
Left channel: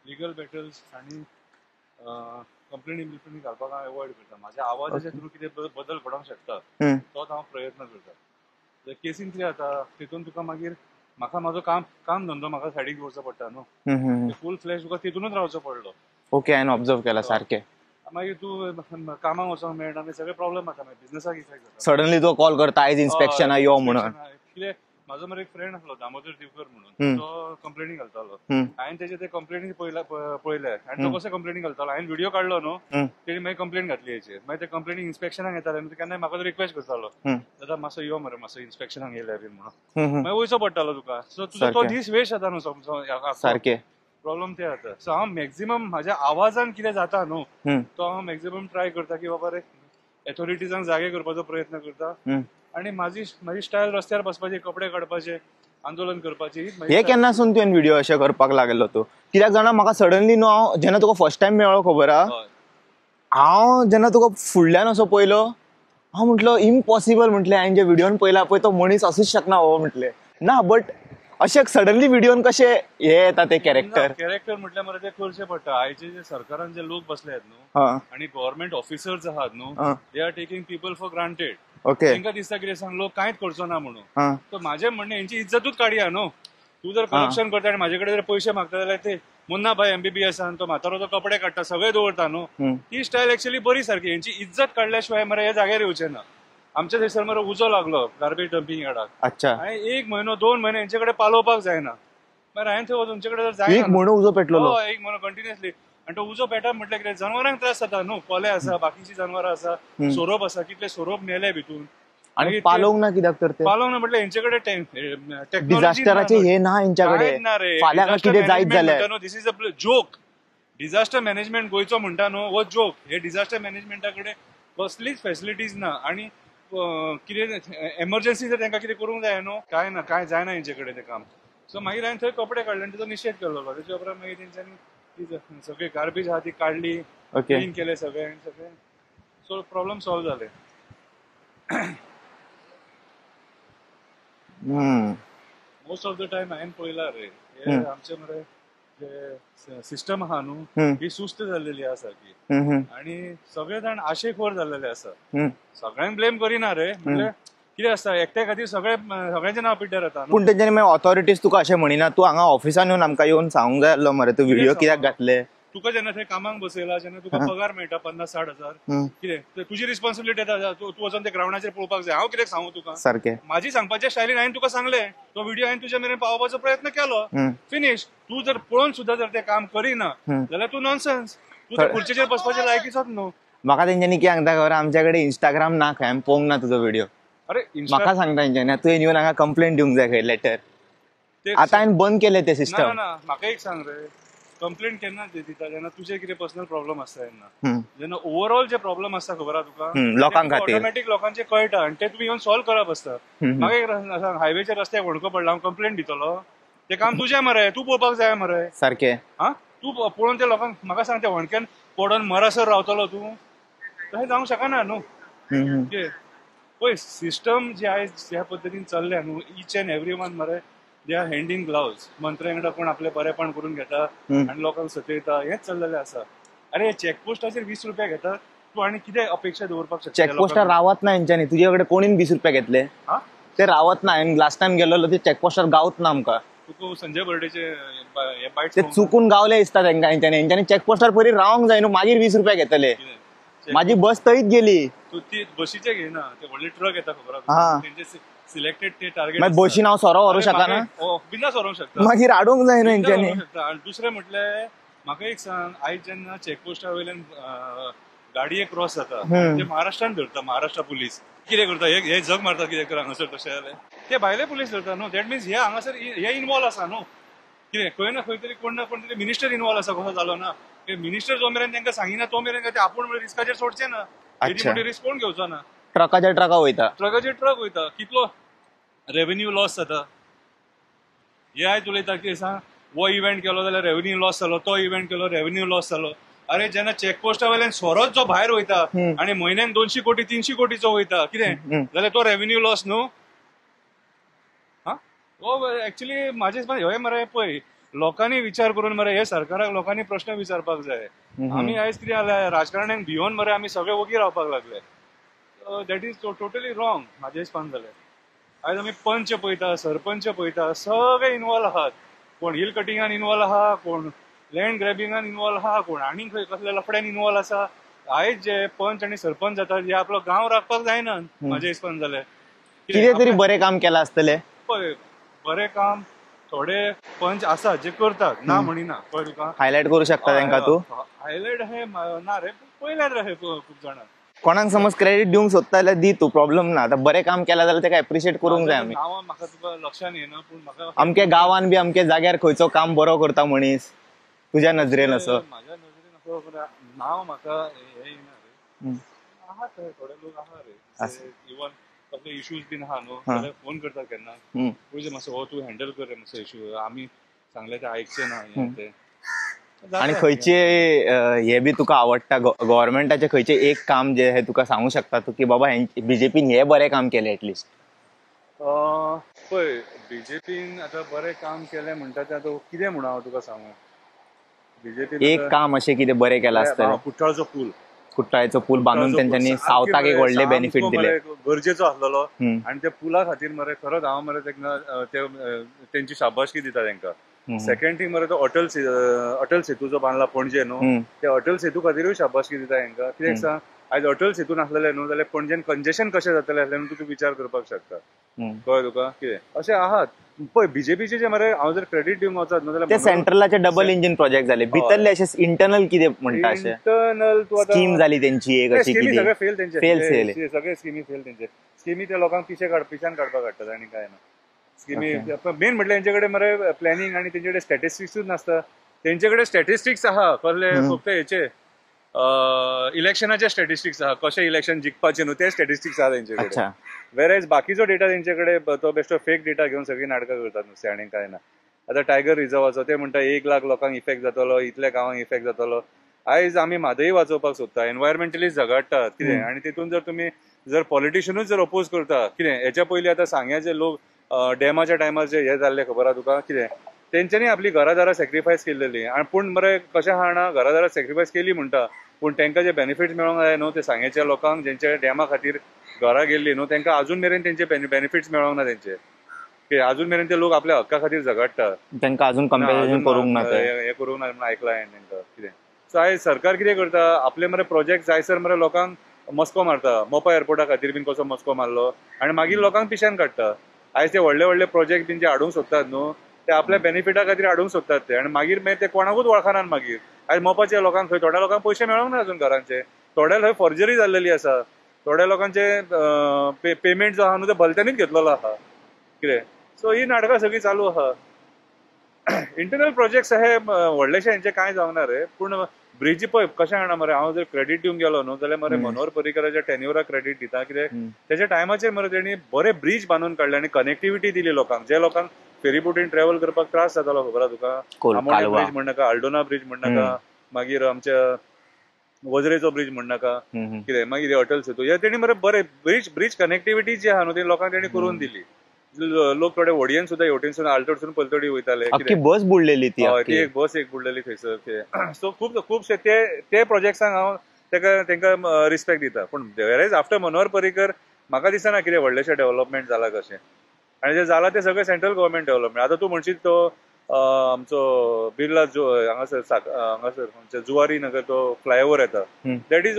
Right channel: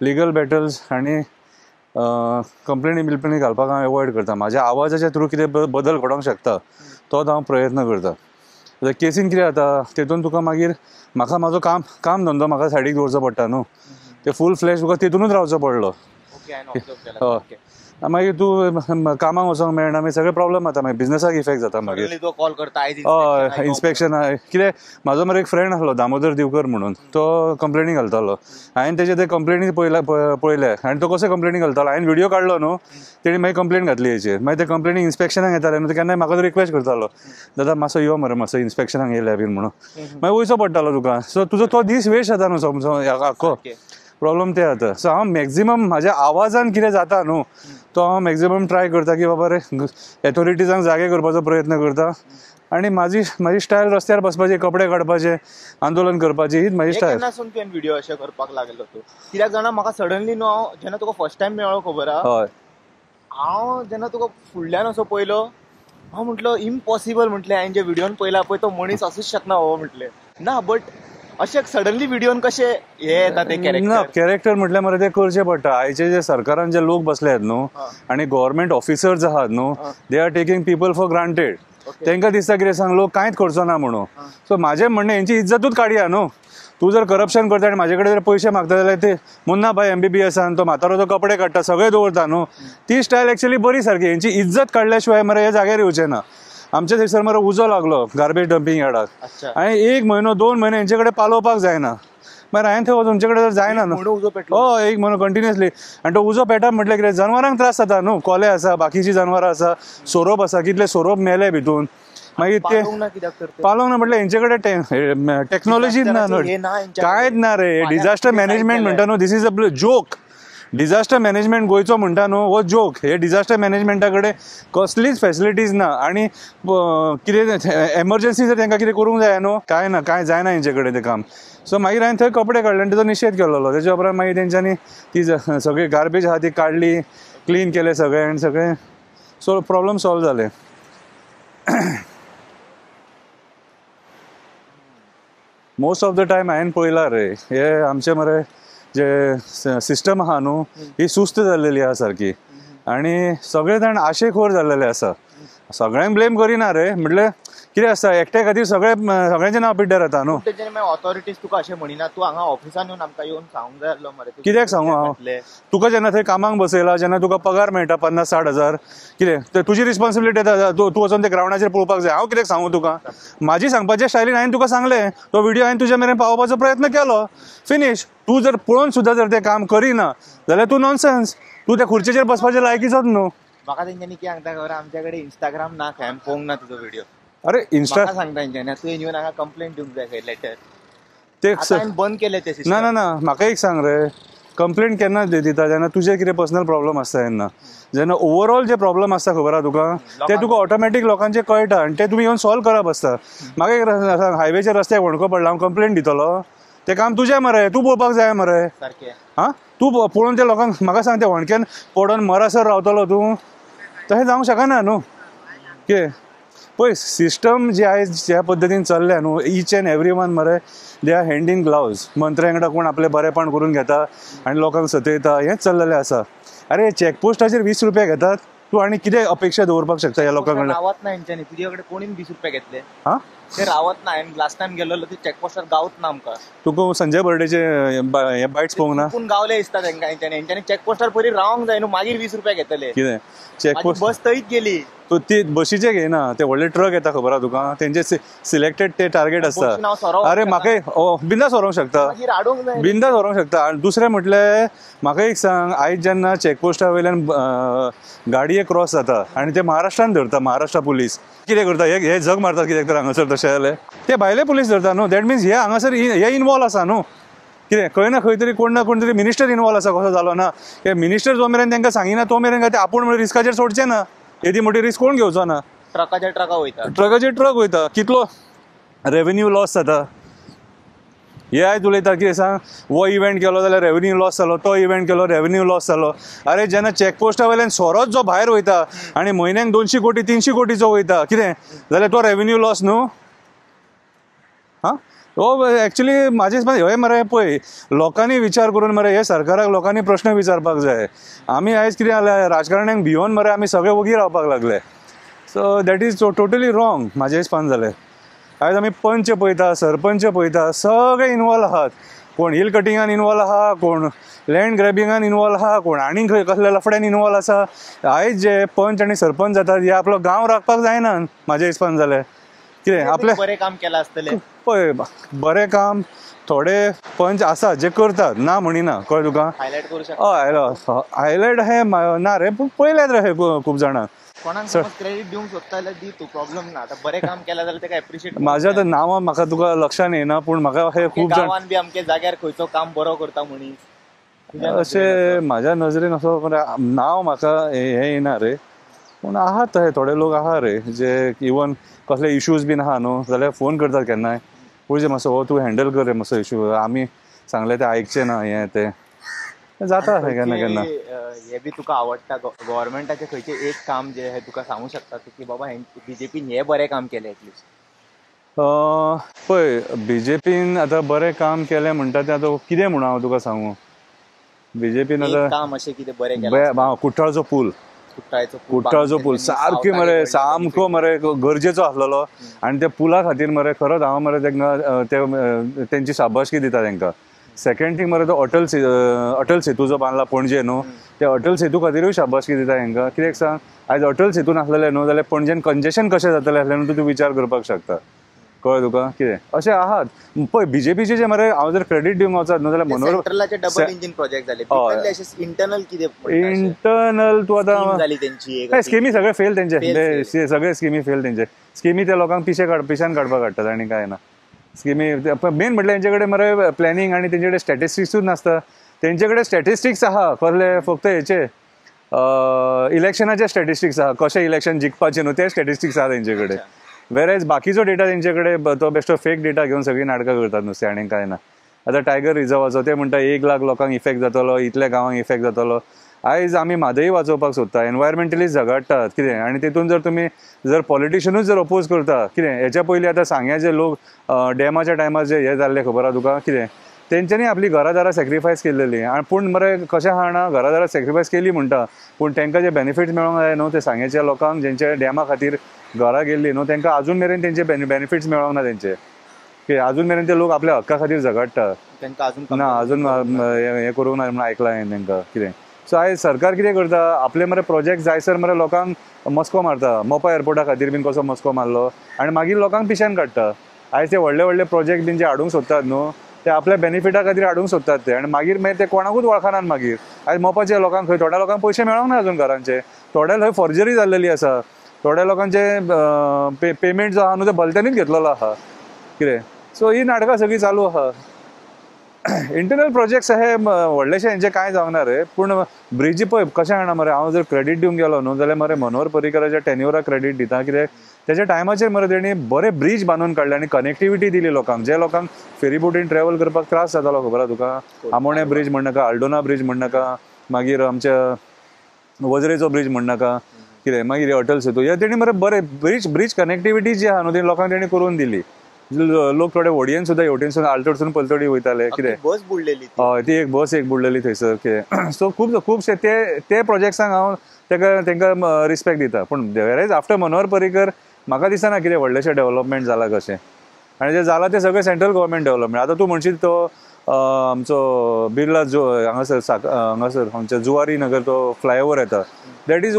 लिगल बॅटल्स आनी कंप्लेनी घालपाक हांव एवॉयड करता म्हाज्या आवाजाच्या थ्रू कितें बदल घडोवंक शकता तोच हांव प्रयत्न करता केसीन कितें जाता तेतून तुका मागीर म्हाका म्हाजो काम धंदो म्हाका सायडीक दवरचो पडटा न्हू ते फूल फ्लॅश तुका तेतूनच रावचो पडलो ओके हांवें ऑब्जर्व केला सारकें. मागीर तूं कामाक वचोंक मेळना, मागीर सगळे प्रॉब्लम जाता, मागीर बिझनसाक इफेक्ट जाता. सडनली तो कॉल करता आयज इन्स्पेक्शन कितें म्हाजो मरे एक फ्रेंड आसलो दामोदर दिवकर म्हणून, तो कंप्लेनी घालतालो. हांवें तेजे ते कंप्लेनी पळयले आनी तो कसो कंप्लेनी घालतालो. हांवें व्हिडिओ काडलो न्हू, तेणी मागीर कंप्लेन घातली हेचेर. मागीर ते कंप्लेनी इन्स्पेक्शनाक येताले न्हू, केन्नाय म्हाका तो रिक्वेस्ट करतालो, दादा मातसो यो मरे मातसो इन्स्पेक्शनाक येयल्या बीन म्हणून. मागीर वयचो पडटालो तुका. सो तुजो तो दीस वेस्ट जाता न्हू समजो. प्रॉब्लेम ते जाता. सो हांव मॅक्झिमम म्हाज्या आवाजान कितें जाता न्हू, तो हांव मॅक्झिमम ट्राय करता की बाबा रे एथॉरिटीजांक जागे करपाचो प्रयत्न करता. आनी म्हाजी स्टायल रस्त्यार बसपाचे, कपडे काडपाचे, आंदोलन करपाची, हीच म्हाजी स्टायल. केन्नासून तुवें व्हिडिओ अशें करपाक लागलो तूं? कित्याक जाणा म्हाका सडनली न्हू, हांव जेन्ना तुका फर्स्ट टायम मेळ्ळो खबर आहा, हांव जेन्ना तुका फुडल्यान असो पयलो, हांव म्हटलो इम्पॉसिबल म्हटलें. हांवें जे व्हिडिओन पयला पळय तो मनीस असूच शकना बाबा म्हटलें. ना बट अशें सडनली व्हिडिओन कशें हे येता ते कॅरेक्टर म्हटल्यार मरे ते करचें पडटा. आयचे जे सरकारान जे लोक बसले आहेत न्हू आनी गव्हर्नमेंट ऑफिसर्स आहात न्हू, they are taking people for granted. तांकां दिसता कितें सांग लोक कांयच करचो ना म्हणून. सो म्हाजें म्हणणें हेंची इज्जतूच काडया न्हू. तूं जर करप्शन करता आनी म्हाजे कडेन जर पयशे मागता जाल्यार ते मुन्ना भाई MBBSन तो म्हातारो तो कपडे काडटा, सगळे दवरता न्हू, ती स्टायल एक्चुअली बरी सारकी. हेंची इज्जत काडल्या मरे हे जाग्यार येवचे ना. आमच्या थंयसर मरे उजो लागलो गार्बेज डंपिंग यार्डाक. हांवें 1 म्हयनो 2 म्हयने हेंचे कडेन पालोवपाक जायना. मागीर हांवें थंय तुमचे कडेन जर जायना उजो पेटलो. 1 म्हयनो कंटिन्युअसली. आनी तो उजो पेटप म्हटल्यार कितें जनावरांक त्रास जाता न्हू. कोले आसा, बाकीची जनावरां आसा, सोरोप आसा, कितले सोरोप मेले भितून. मागीर पालोवंक ना म्हटल्यार हेंचे कडेन टेक्नॉलॉजी कांयच ना रे. डिझास्टर मॅनेजमेंट म्हणटा न्हू, this is a joke. Disaster management गोंयचो म्हणटा न्हू हो जोक. हे डिझास्टर मॅनेजमेंटा कडेन कसलीच फॅसिलिटीज ना. आनी कितें एमर्जन्सी जर तांकां कितें करूंक जाय न्हू, कांय ना, कांय जायना हेंचे कडेन तें काम. सो मागीर हांवें थंय कपडे काडले आनी तेजो निशेध केल्लो. तेच्या उपरांत मागीर तेंच्यांनी ती सगळी गार्बेज आहा ती काडली, क्लीन केले सगळे आनी सगळे. सो प्रॉब्लेम सॉल्व जाले. मोस्ट ऑफ द टायम हांवें पळयला रे, हे आमचे मरे जे सिस्टम आहा न्हू ही सुस्त जाल्लेली आहा सारकी. आनी सगळे जाण आशेखोर जाल्लेले आसा. सगळ्यांक ब्लेम करिना रे, म्हटल्यार कितें आसता एकट्या खातीर सगळ्यांचें नांव पिड्ड्यार जाता न्हू. पूण तेंच्यांनी मागीर ऑथॉरिटीज तुका अशें म्हणिना, तूं हांगा ऑफिसान येवन आमकां येवन सांगूंक जाय आसलो मरे, तुका जेन्ना थंय कामाक बसयला, जेन्ना तुका पगार मेळटा 50-60 हजार, कितें तुजी रिस्पॉन्सिबिलिटी येता, तूं वचून ते ग्रावंडाचेर पळोवपाक जाय. हांव कितें सांगू तुका सारकें. म्हाजी सांगपाच्या स्टायलीन हांवें तुका सांगलें, तो व्हिडिओ हांवें तुज्या मेरेन पावोवपाचो प्रयत्न केलो, फिनिश. तूं जर पळोवन सुद्दां जर तें काम करिना जाल्यार तूं नॉनसेन्स. तूं त्या खुर्चेचेर बसपाचें लायकीचोच न्हू. म्हाका तेंच्यांनी कितें सांगता खबर, आमच्या कडेन इंस्टाग्राम ना, हांवें पळोवंक ना तुजो व्हिडिओ. अरे म्हाका सांगता तेंच्यांनी तुवें येवन हांगा कंप्लेंट दिवंक जाय खंय लेटर. ते हांवें बंद केले ते सिस्टम. ना म्हाका एक सांग रे, कंप्लेंट केन्ना दिता जेन्ना तुजे कितें पर्सनल प्रॉब्लम आसता तेन्ना. जेन्ना ओवरऑल जे प्रॉब्लम आसता खबर आहा तुका, ते तुका ऑटोमॅटीक लोकांचे कळटा आनी ते तुमी येवन सॉल्व करप आसता. म्हाका एक हायवेच्या रस्त्याक वणको पडला, हांव कंप्लेंट दितलो, ते काम तुजें मरे, तूं पळोवपाक जाय मरे. सारकें. हा तूं पळोवन त्या लोकांक म्हाका सांग, ते वणक्यान पडोन मरासर रावतलो तूं, तशें जावंक शकना न्हू. कितें पळय सिस्टम जे आयज ज्या पद्दतीन चल्ल्या न्हू, ईच अँड एवरी वन मरे they are hand in gloves. मंत्र्यांकडे कोण आपले बरेपण करून घेता आनी लोकांक सतयता, हेंच चल्लेलें आसा. अरे चॅकपोस्टाचेर 20 रुपया घेतात, तूं आनी कितें अपेक्षा दवरपाक शकता ह्या लोकांक? रावत ना हेंच्यांनी, तुजे कडेन कोणीन 20 रुपया घेतले. हा ते रावत ना. लास्ट टाइम गेलो ते चॅकपोस्टार गावत ना आमकां. तुका संजय बर्डेचे बायट्स पळोवंक ना? चुकून गावले दिसता तांकां. हेंच्यांनी चॅकपोस्टार पयलीं रावंक जाय न्हू, मागीर 20 रुपया घेतले. कितें माझी बस थंयच गेली. तू ती बशीचे घेना, ते व्हडले ट्रक येता खबर आहा तुका, तेंचे सिलेक्टेड ते टार्गेट आसता. बशीन हांव सोरो बिंदास व्हरूंक शकता, मागीर हाडूंक जाय, बिंदास व्हरूंक शकता. आनी दुसरें म्हटल्यार म्हाका एक सांग, आयज जेन्ना चॅकपोस्टा वयल्यान गाडये क्रॉस जाता आनी ते महाराष्ट्रान धरता, महाराष्ट्र पुलीस कितें करता, हे जग मारता कित्याक तर हांगासर तशें जालें. ते भायले पुलीस धरता न्हू, दॅट मिन्स हे हांगासर हे इनवॉल्व आसा न्हू. कितें खंय ना खंय तरी कोण ना कोण तरी मिनिस्टर इनवॉल्व आसा, कसो जालो ना. मिनिस्टर जो मेरेन तांकां सांगिना तो मेरेन ते आपूण रिस्काचेर सोडचे ना. येदी मोठी रिस्क कोण घेवचो ना. ट्रकाचेर ट्रक वयता, कितलो रेव्हेन्यू लॉस जाता. हे आयज उलयता कितें सांग, हो इव्हेंट केलो जाल्यार रेव्हेन्यू लॉस जालो, तो इव्हेंट केलो रेव्हेन्यू लॉस जालो. अरे जेन्ना चॅकपोस्टा वयल्यान सोरोच जो भायर वयता आनी म्हयन्याक 200 कोटी 300 कोटीचो वयता, कितें जाल्यार तो रेव्हेन्यू लॉस न्हू. हा हो एक्चुअली म्हाजे हे मरे पळय, लोकांनी विचार करून मरे हे सरकाराक लोकांनी प्रश्न विचारपाक जाय. आमी आयज कितें जालें, राजकारण्यांक भियोन मरे आमी सगळे वगी रावपाक लागले. So that is totally wrong म्हाजे हिसपान जालें. आयज आमी पंच पळयता, सरपंच पळयता, सगळे इनवॉल्व आहात. कोण हिल कटिंगान इन्वॉल्व आहा, कोण लँड ग्रॅबिंगान इन्वॉल्व आहा, कोण आनी खंय कसल्या लफड्यान इन्वॉल्व आसा. आयज जे पंच आनी सरपंच जातात हे आपलो गांव राखपाक जायना म्हाज्या हिसपान जालें. कितें आपलें बरें काम केलां आसतलें. पळय बरें काम थोडे पंच आसा जे करतात, ना म्हणिना. कळ्ळें तुका? हायलायट करूं शकता. हायलायट हे ना रे, पूण पळयल्यात रे हे खूब जाणां. कोणाक समज क्रेडिट दिवंक सोदता जाल्यार दी तूं, प्रॉब्लेम ना. आतां बरें काम केलां जाल्यार तेका एप्रिशिएट करूंक माझ्या तर नांव म्हाका तुका लक्षान येना, पूण म्हाका अमके गांवान बी अमके जाग्यार खंयचो काम बरो करता मनीस तुज्या नजरेन म्हाज्या नजरेन असो नांव म्हाका हे येना रे. पूण आहात थोडे लोक आहा रे जे इवन कसले इश्यूज बीन आहा न्हू जाल्यार फोन करतात केन्नाय, पळय मातसो हो तूं हँडल कर रे मातसो इश्यू, आमी सांगले ते आयकचे ना हे ते जाता. खंयचे हे बी तुका आवडटा गव्हर्नमेंटाचे खंयचे एक काम जे हे तुका सांगू शकता तूं की बाबा बीजेपीन हे बरें काम केलें एटलिस्ट? पळय बीजेपीन आतां बरें काम केलें म्हणटा तें आतां कितें म्हणून हांव तुका सांगू. बीजेपीन एक काम अशें कितें बरें केलां? कुट्टाळचो पूल, कुट्टाळचो पूल सामको मरे गरजेचो आसलेलो. आनी त्या पुला खातीर मरे खरोच हांव मरे तेंची शाबासकी दिता तेंका. सेकंड थिंग मरे तो अटल सेतू जो बांदला पणजे न्हू, त्या अटल सेतू खातीरूय शाबासकी दिता हेंका. कित्याक सांग, आयज अटल सेतू नासलेले न्हू जाल्यार पणजेन कंजेशन कशें जातलें हें तूं विचार करपाक शकता. कळ्ळें तुका? कितें अशें आहात पळय बीजेपीचे जे मरे हांव जर क्रेडीट दिवंक वचत न्हू जाल्यार सेंट्रलाचे डबल इंजिन प्रोजेक्ट जाले, भितरले अशें इंटरनल कितें म्हणटा इंटरनल तू आतां स्कीम जाली तेंची स्किमी सगळे फेल तेंचे, सगळे स्किमी फेल तेंचे. स्किमी त्या लोकांक पिशान काडपाक काडटात आनी काय ना. स्किमी मेन म्हटल्यार तेंचे कडेन मरे प्लॅनिंग आनी तेंचे कडेन स्टॅटिस्टिक्सूच नासता. तेंचे कडेन स्टॅटिस्टिक्स आहा कसले फक्त हेचे इलेक्शनाचे स्टॅटिस्टिक्स आहा, कशें इलेक्शन जिखपाचें न्हू ते स्टॅटिस्टिक्स आहा तेंचे कडेन. वेरेज बाकीचो डेटा तेंचे कडेन तो बेश्टो फेक डेटा घेवन सगळीं नाटकां करतात नुस्तें आनी काय ना. आतां टायगर रिझर्वाचो ते म्हणटा 1 लाख लोकांक इफेक्ट जातलो, इतल्या गांवांक इफेक्ट जातलो. आयज आमी म्हादई वाचोवपाक सोदता, एनवायरमेंटलिस्ट झगडटात कितें, आनी तितून जर तुमी पॉलिटिशियनूच जर अपोज करता कितें. हेच्या पयलीं आतां सांग्या जे लोक डॅमाच्या टायमार जे हे जाल्ले खबर आहा तुका कितें, तेंच्यांनी आपली घरादारां सॅक्रिफायस केल्लेली. आनी पूण मरे कशें आहा ना, घरादारां सॅक्रिफायस केली म्हणटा पूण तांकां जे बेनिफिट्स मेळोंक जाय न्हू ते सांग्याच्या लोकांक जेंच्या डॅमा खातीर घरां गेल्ली न्हू तांकां अजून मेरेन तेंचे बेनिफिट्स मेळोंक ना तेंचे. की अजून मेरेन ते लोक आपल्या हक्का खातीर झगडटा, तांकां अजून हे करूंक ना म्हणून आयकलां हांवें तांकां कितें. सो आयज सरकार कितें करता, आपले मरे प्रोजेक्ट जायसर मरे लोकांक मस्को मारता. मोपा एअरपोर्टा खातीर बीन कसो मस्को मारलो आनी मागीर लोकांक पिशान काडटा. आयज ते व्हडले प्रोजेक्ट बीन जे हाडूंक सोदतात न्हू ते आपल्या बेनिफिटा खातीर हाडूंक सोदतात ते, आनी मागीर ते कोणाकूच वळखनात. मागीर आयज मोपाच्या लोकांक खंय थोड्या लोकांक पयशे मेळोंक ना अजून घरांचे, थोड्या थंय फॉर्जरी जाल्लेली आसा, थोड्या लोकांचे पेमेंट जो आहा न्हू ते भलत्यांनीच घेतलेलो आहा कितें. सो ही नाटकां सगळीं चालू आहा. इंटरनल प्रोजेक्ट्स हे व्हडलेशे हेंचे कांय जावना रे, पूण ब्रिजी पळय कशें आहा मरे, हांव जर क्रेडीट दिवंक गेलो न्हू जाल्यार मरे मनोहर पर्रीकराच्या टेन्युराक क्रेडीट दिता. कित्याक तेच्या टायमाचेर मरे तेणी बरे ब्रिज बांदून काडले आनी कनेक्टिविटी दिली लोकांक. जे लोकांक फेरी बोटीन ट्रॅव्हल करपाक त्रास जातालो खबर आहा तुका, आमोणे ब्रिज म्हणनाका, आल्डोना ब्रिज म्हणनाका, मागीर आमच्या वजरेचो ब्रिज म्हणनाका कितें, मागीर अटल सेतू, हे तेणी मरे बरे ब्रिज कनेक्टिविटी जी आहा न्हू ती लोकांक तेणी करून दिली. लोक थोडे व्हडयेन सुद्धा हेवटेनसून आल्टोडसून पलतडी वयताले. बस बुडलेली ती एक बस बुडलेली थंयसर कितें. सो खुबशे ते प्रोजेक्ट्सांक हांव तेंका रिस्पेक्ट दिता. पूण वेरेज आफ्टर मनोहर पर्रीकर म्हाका दिसना कितें व्हडलेशें डेव्हलपमेंट जाला कशें. आनी जें जाला तें सगळें सेंट्रल गव्हर्मेंट डेव्हलपमेंट. आतां तूं म्हणशीत तो आमचो बिर्ला हांगासर आमच्या जुवारी नगर तो फ्लायओव्हर येता, that is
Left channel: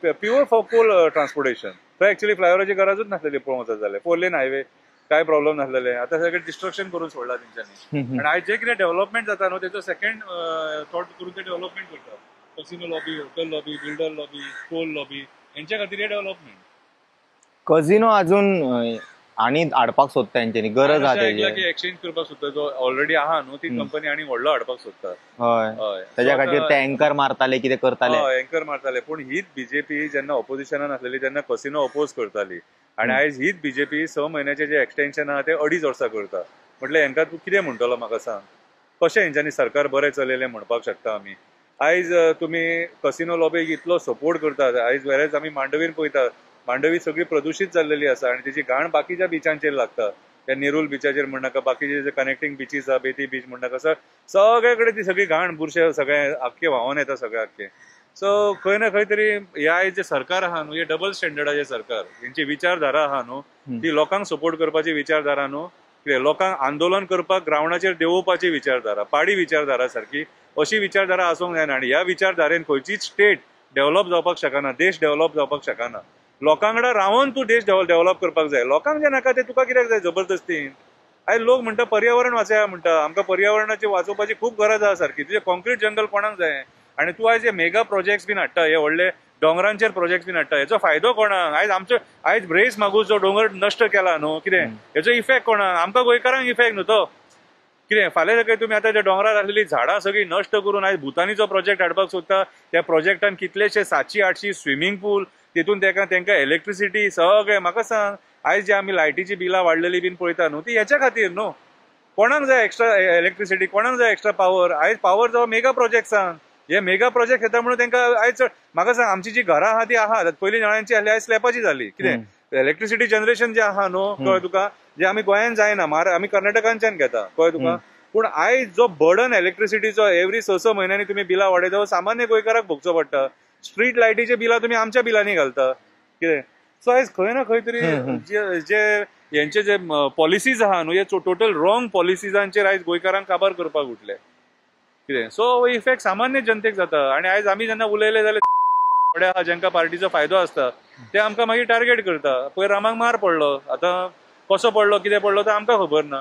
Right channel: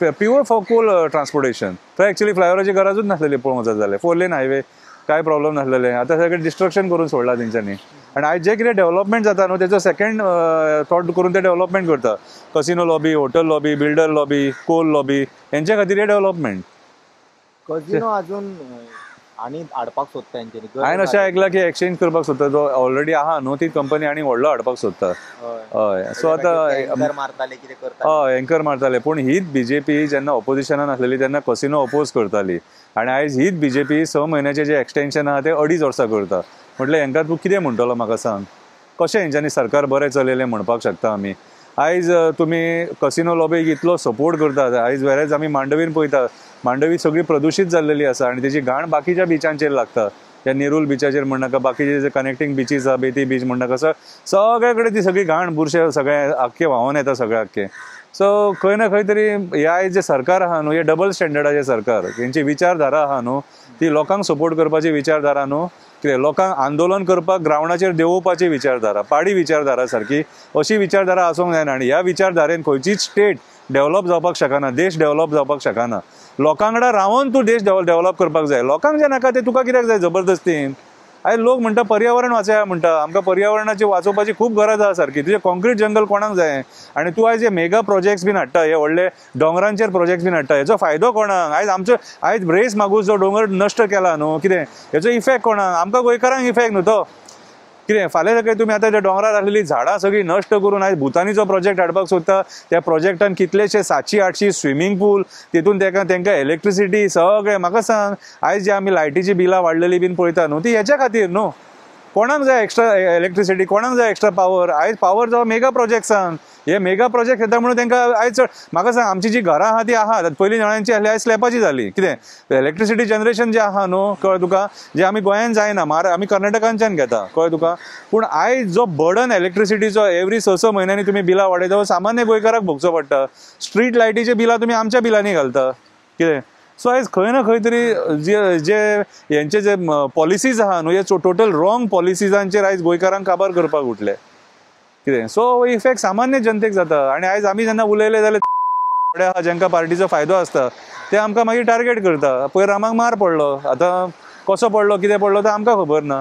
pure for coal transportation. थंय एक्चुअली फ्लायओव्हराची गरजूच नासलेली पळोवंक वचत जाल्यार, 4 लेन हायवे काय प्रॉब्लेम नासलेले. आता सगळें डिस्ट्रक्शन करून सोडला तेंच्यांनी. आनी आयज जे कितें डेव्हलपमेंट जाता न्हू तेचो सेकंड थॉट करून ते डेव्हलपमेंट करता. Casino lobby, hotel lobby, builder lobby, coal lobby, हेंच्या खातीर हे डेव्हलपमेंट. कसिनो अजून आनी हाडपाक सोदता तेंच्यांनी. हांवें अशें आयकलां की एक्सचेंज करपाक सोदता, जो ऑलरेडी आहा न्हू ती कंपनी आनी व्हडलो हाडपाक सोदता. हय, एंकर मारताले कितें करताले. हय, एंकर मारताले. पूण हीच बीजेपी जेन्ना ऑपोजिशनान आसलेली तेन्ना कसिनो अपोज करताली. आनी आयज हीच बीजेपी 6 म्हयन्याचे जे एक्सटेन्शन आहा ते 2.5 वर्सां करता. म्हटल्यार हेंका तूं कितें म्हणटलो म्हाका सांग. कशें हेंच्यांनी सरकार बरें चलयलें म्हणपाक शकता आमी. आयज तुमी कसिनो लॉबीक इतलो सपोर्ट करतात. आयज वेरेज आमी मांडवीन पळयतात, मांडवी सगळी प्रदूशीत जाल्लेली आसा आनी तेची घाण बाकीच्या बिचांचेर लागता. त्या नेरूल बिचाचेर म्हणनाका, बाकीचे जे कनेक्टिंग बिचीस आहा, बेती बीच म्हणनाका, सगळे कडेन ती सगळी घाण बुरशे सगळे आख्खे व्हांवून येता सगळे आख्खे. सो खंय ना खंय तरी हे आयज जे सरकार आहा न्हू, हे डबल स्टँडर्डाचे सरकार, हेंची विचारधारा आहा न्हू ती लोकांक सपोर्ट करपाची विचारधारा न्हू कितें लोकांक आंदोलन करपाक ग्रावंडाचेर देंवोवपाची विचारधारा, पाडी विचारधारा सारकी अशी विचारधारा आसूंक जायना. आनी ह्या विचारधारेन खंयचीच स्टेट डेव्हलप जावपाक शकना, देश डेव्हलप जावपाक शकना. लोकांकडेन रावन तूं देश डेव्हलप करपाक जाय. लोकांक जे नाका ते तुका कित्याक जाय जबरदस्तीन. आयज लोक म्हणटा पर्यावरण वाचया म्हणटा, आमकां पर्यावरणाची वाचोवपाची खूब गरज आसा सारकी. तुजें कॉन्क्रीट जंगल कोणाक जाय? आनी तूं आयज हे मेगा प्रोजेक्ट्स बीन हाडटा, हे व्हडले दोंगरांचेर प्रोजेक्ट्स बीन हाडटा, हेचो फायदो कोणाक? आयज रेस मागूस जो डोंगर नश्ट केला न्हू, कितें हेचो इफेक्ट कोणाक? आमकां गोंयकारांक इफेक्ट न्हू तो. कितें फाल्यां सकाळी तुमी आतां त्या डोंगरार आसलेली झाडां सगळी नश्ट करून आयज भुतानीचो प्रोजेक्ट हाडपाक सोदता. त्या प्रोजेक्टान कितलेशे 700-800 स्विमींग पूल, तितून तांकां इलेक्ट्रिसिटी सगळें. म्हाका सांग, आयज जे आमी लायटीची बिलां वाडलेली बीन पळयता न्हू, ती हेच्या खातीर न्हू. कोणाक जाय एक्स्ट्रा इलेक्ट्रिसिटी, कोणाक जाय एक्स्ट्रा पावर? आयज पावर जावं मेगा प्रोजेक्ट्सान. हे मेगा प्रोजेक्ट येता म्हणून तांकां आयज म्हाका सांग, आमची जी घरां आहा ती आहा पयलीं नळ्यांची आहली, आयज स्लॅबाची जाली. कितें इलेक्ट्रिसिटी जनरेशन जे आहा न्हू, कळ्ळें तुका, जे आमी गोंयान जायना, आमी कर्नाटकांच्यान घेता, कळ्ळें तुका. पूण आयज जो बर्डन इलेक्ट्रिसिटीचो एवरी 6 म्हयन्यांनी तुमी बिलां वाडयता, सामान्य गोंयकाराक भोगचो पडटा. स्ट्रीट लायटीचे बिलां तुमी आमच्या बिलांनी घालता. कितें सो आयज खंय ना खंय तरी जे हेंचे जे पॉलिसीज आहा न्हू, हे टोटल रॉंग पॉलिसीजांचेर आयज गोंयकारांक काबार करपाक उठले. कितें सो इफेक्ट सामान्य जनतेक जाता. आनी आयज आमी जेन्ना उलयले जाल्यार जेंका पार्टीचो फायदो आसता ते आमकां मागीर टार्गेट करता. पयर रामाक मार पडलो, आतां कसो पडलो, कितें पडलो तो आमकां खबर ना.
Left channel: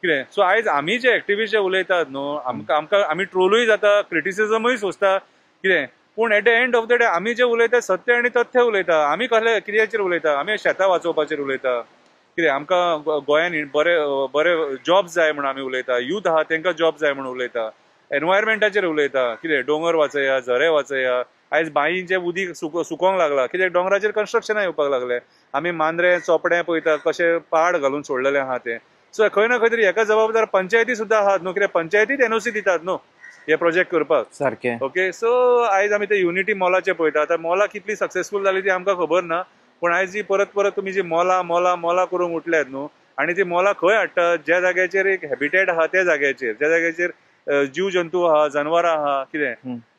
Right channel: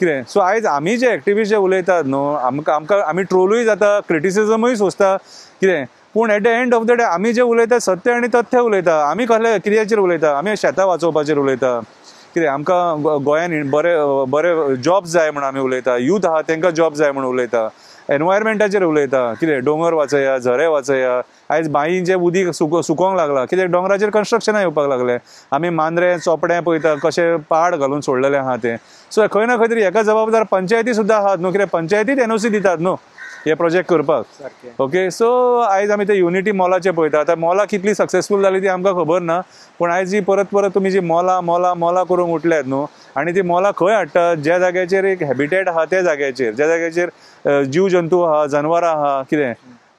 कितें सो आयज आमी जे एक्टिविस्ट जे उलयतात न्हू, आमकां आमी ट्रोलूय जाता, क्रिटिसिजमूय सोंसता. कितें पूण eight the end of the day आमी जे उलयता सत्य आनी तथ्य उलयता. आमी कसले कित्याचेर उलयता? आमी शेतां वाचोवपाचेर उलयता. कितें आमकां गोंयान बरे जॉब्स जाय म्हणून आमी उलयता. यूथ आहा तांकां जॉब जाय म्हणून उलयता. एनवायरमेंटाचेर उलयता. कितें डोंगर वाचया, झरे वाचया. आयज बांयीचें उदीक सुकोवंक लागला, कित्याक डोंगराचेर कन्स्ट्रक्शनां येवपाक लागले. आमी मांद्रे चोपडे पळयता कशे पहाड घालून सोडलेले आहा ते. सो खंय ना खंय तरी हेका जबाबदार पंचायती सुद्दां आहात न्हू, कित्याक पंचायतीत एनओसी दितात न्हू हे प्रोजेक्ट करपाक सारखे. ओके सो आयज आमी ते युनिटी मॉलाचे पळयता. आतां मॉलां कितली सक्सेसफूल जाली ती आमकां खबर ना, पूण आयज जी परत तुमी जी मॉलां करूंक उठल्यात न्हू, आनी ती मॉलां खंय हाडटात? ज्या जाग्याचेर एक हॅबिटेट आहा त्या जाग्याचेर, ज्या जाग्याचेर जीव जंतू आहा, जनवरां आहा, कितें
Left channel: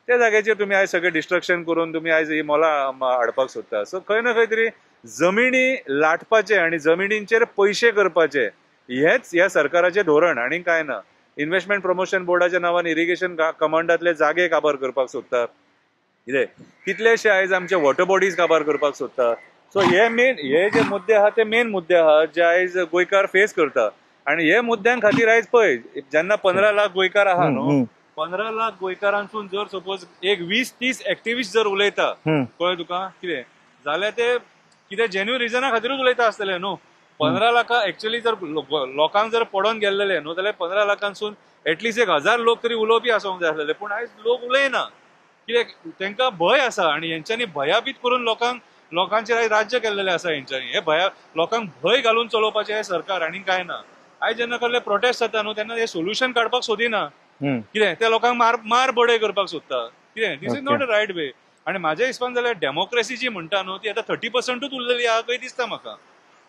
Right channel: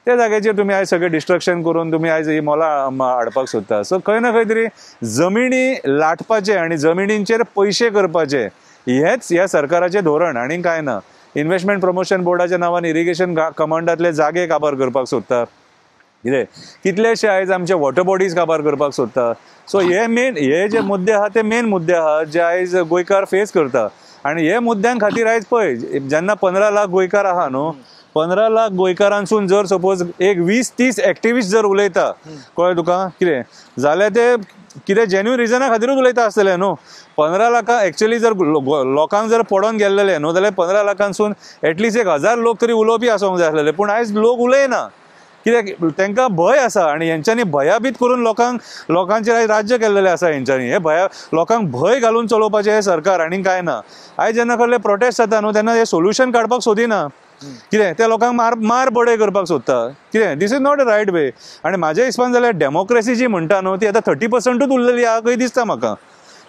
त्या जाग्याचेर तुमी आयज सगळें डिस्ट्रक्शन करून तुमी आयज ही मॉलां हाडपाक सोदता. सो खंय ना खंय तरी जमिनी लाटपाचे आनी जमिनींचेर पयशे करपाचे हेच ह्या सरकाराचें धोरण, आनी कांय ना. इन्व्हेस्टमेंट प्रमोशन बोर्डाच्या नांवान इरिगेशन कमांडातले जागे काबार करपाक सोदता. कितें कितलेशे आयज आमचे वॉटर बॉडीज काबार करपाक सोदता. सो हे जे मुद्दे आहा ते मेन मुद्दे आहा जे आयज गोंयकार फेस करता. आनी हे मुद्द्यां खातीर आयज पळय जेन्ना 15 लाख गोंयकार आहा न्हू, 15 लाख गोंयकारांसून जर सपोज एक 20-30 एक्टिविस्ट जर उलयता, कळ्ळें तुका, कितें जाल्यार ते कितें जेन्युइन रिजना खातीरूच उलयता आसतले न्हू. 15 लाखां एक्चुअली जर लोकांक जर पडोन गेल्लेले न्हू जाल्यार 15 लाखांसून एटलिस्ट 1000 लोक तरी उलोवपी आसोंक जाय आसलेले. पूण आयज लोक उलयना, कित्याक तांकां भंय आसा. आनी हेंच्यांनी भयाबीत करून लोकांचेर आयज राज्य केल्लेलें आसा हेंच्यांनी. हे लोकांक भंय घालून चलोवपाचें हे सरकार, आनी कांय ना. आयज जेन्ना कसले प्रोटेस्ट जाता न्हू तेन्ना हे सोल्युशन काडपाक सोदिना. कितें त्या लोकांक मार बडय करपाक सोदता. कितें दिस इज नॉट अ रायट वे. आनी म्हाज्या हिसपान जाल्यार डेमोक्रेसी जी म्हणटा न्हू ती आतां 30%च उरलेली आहा खंय दिसता म्हाका.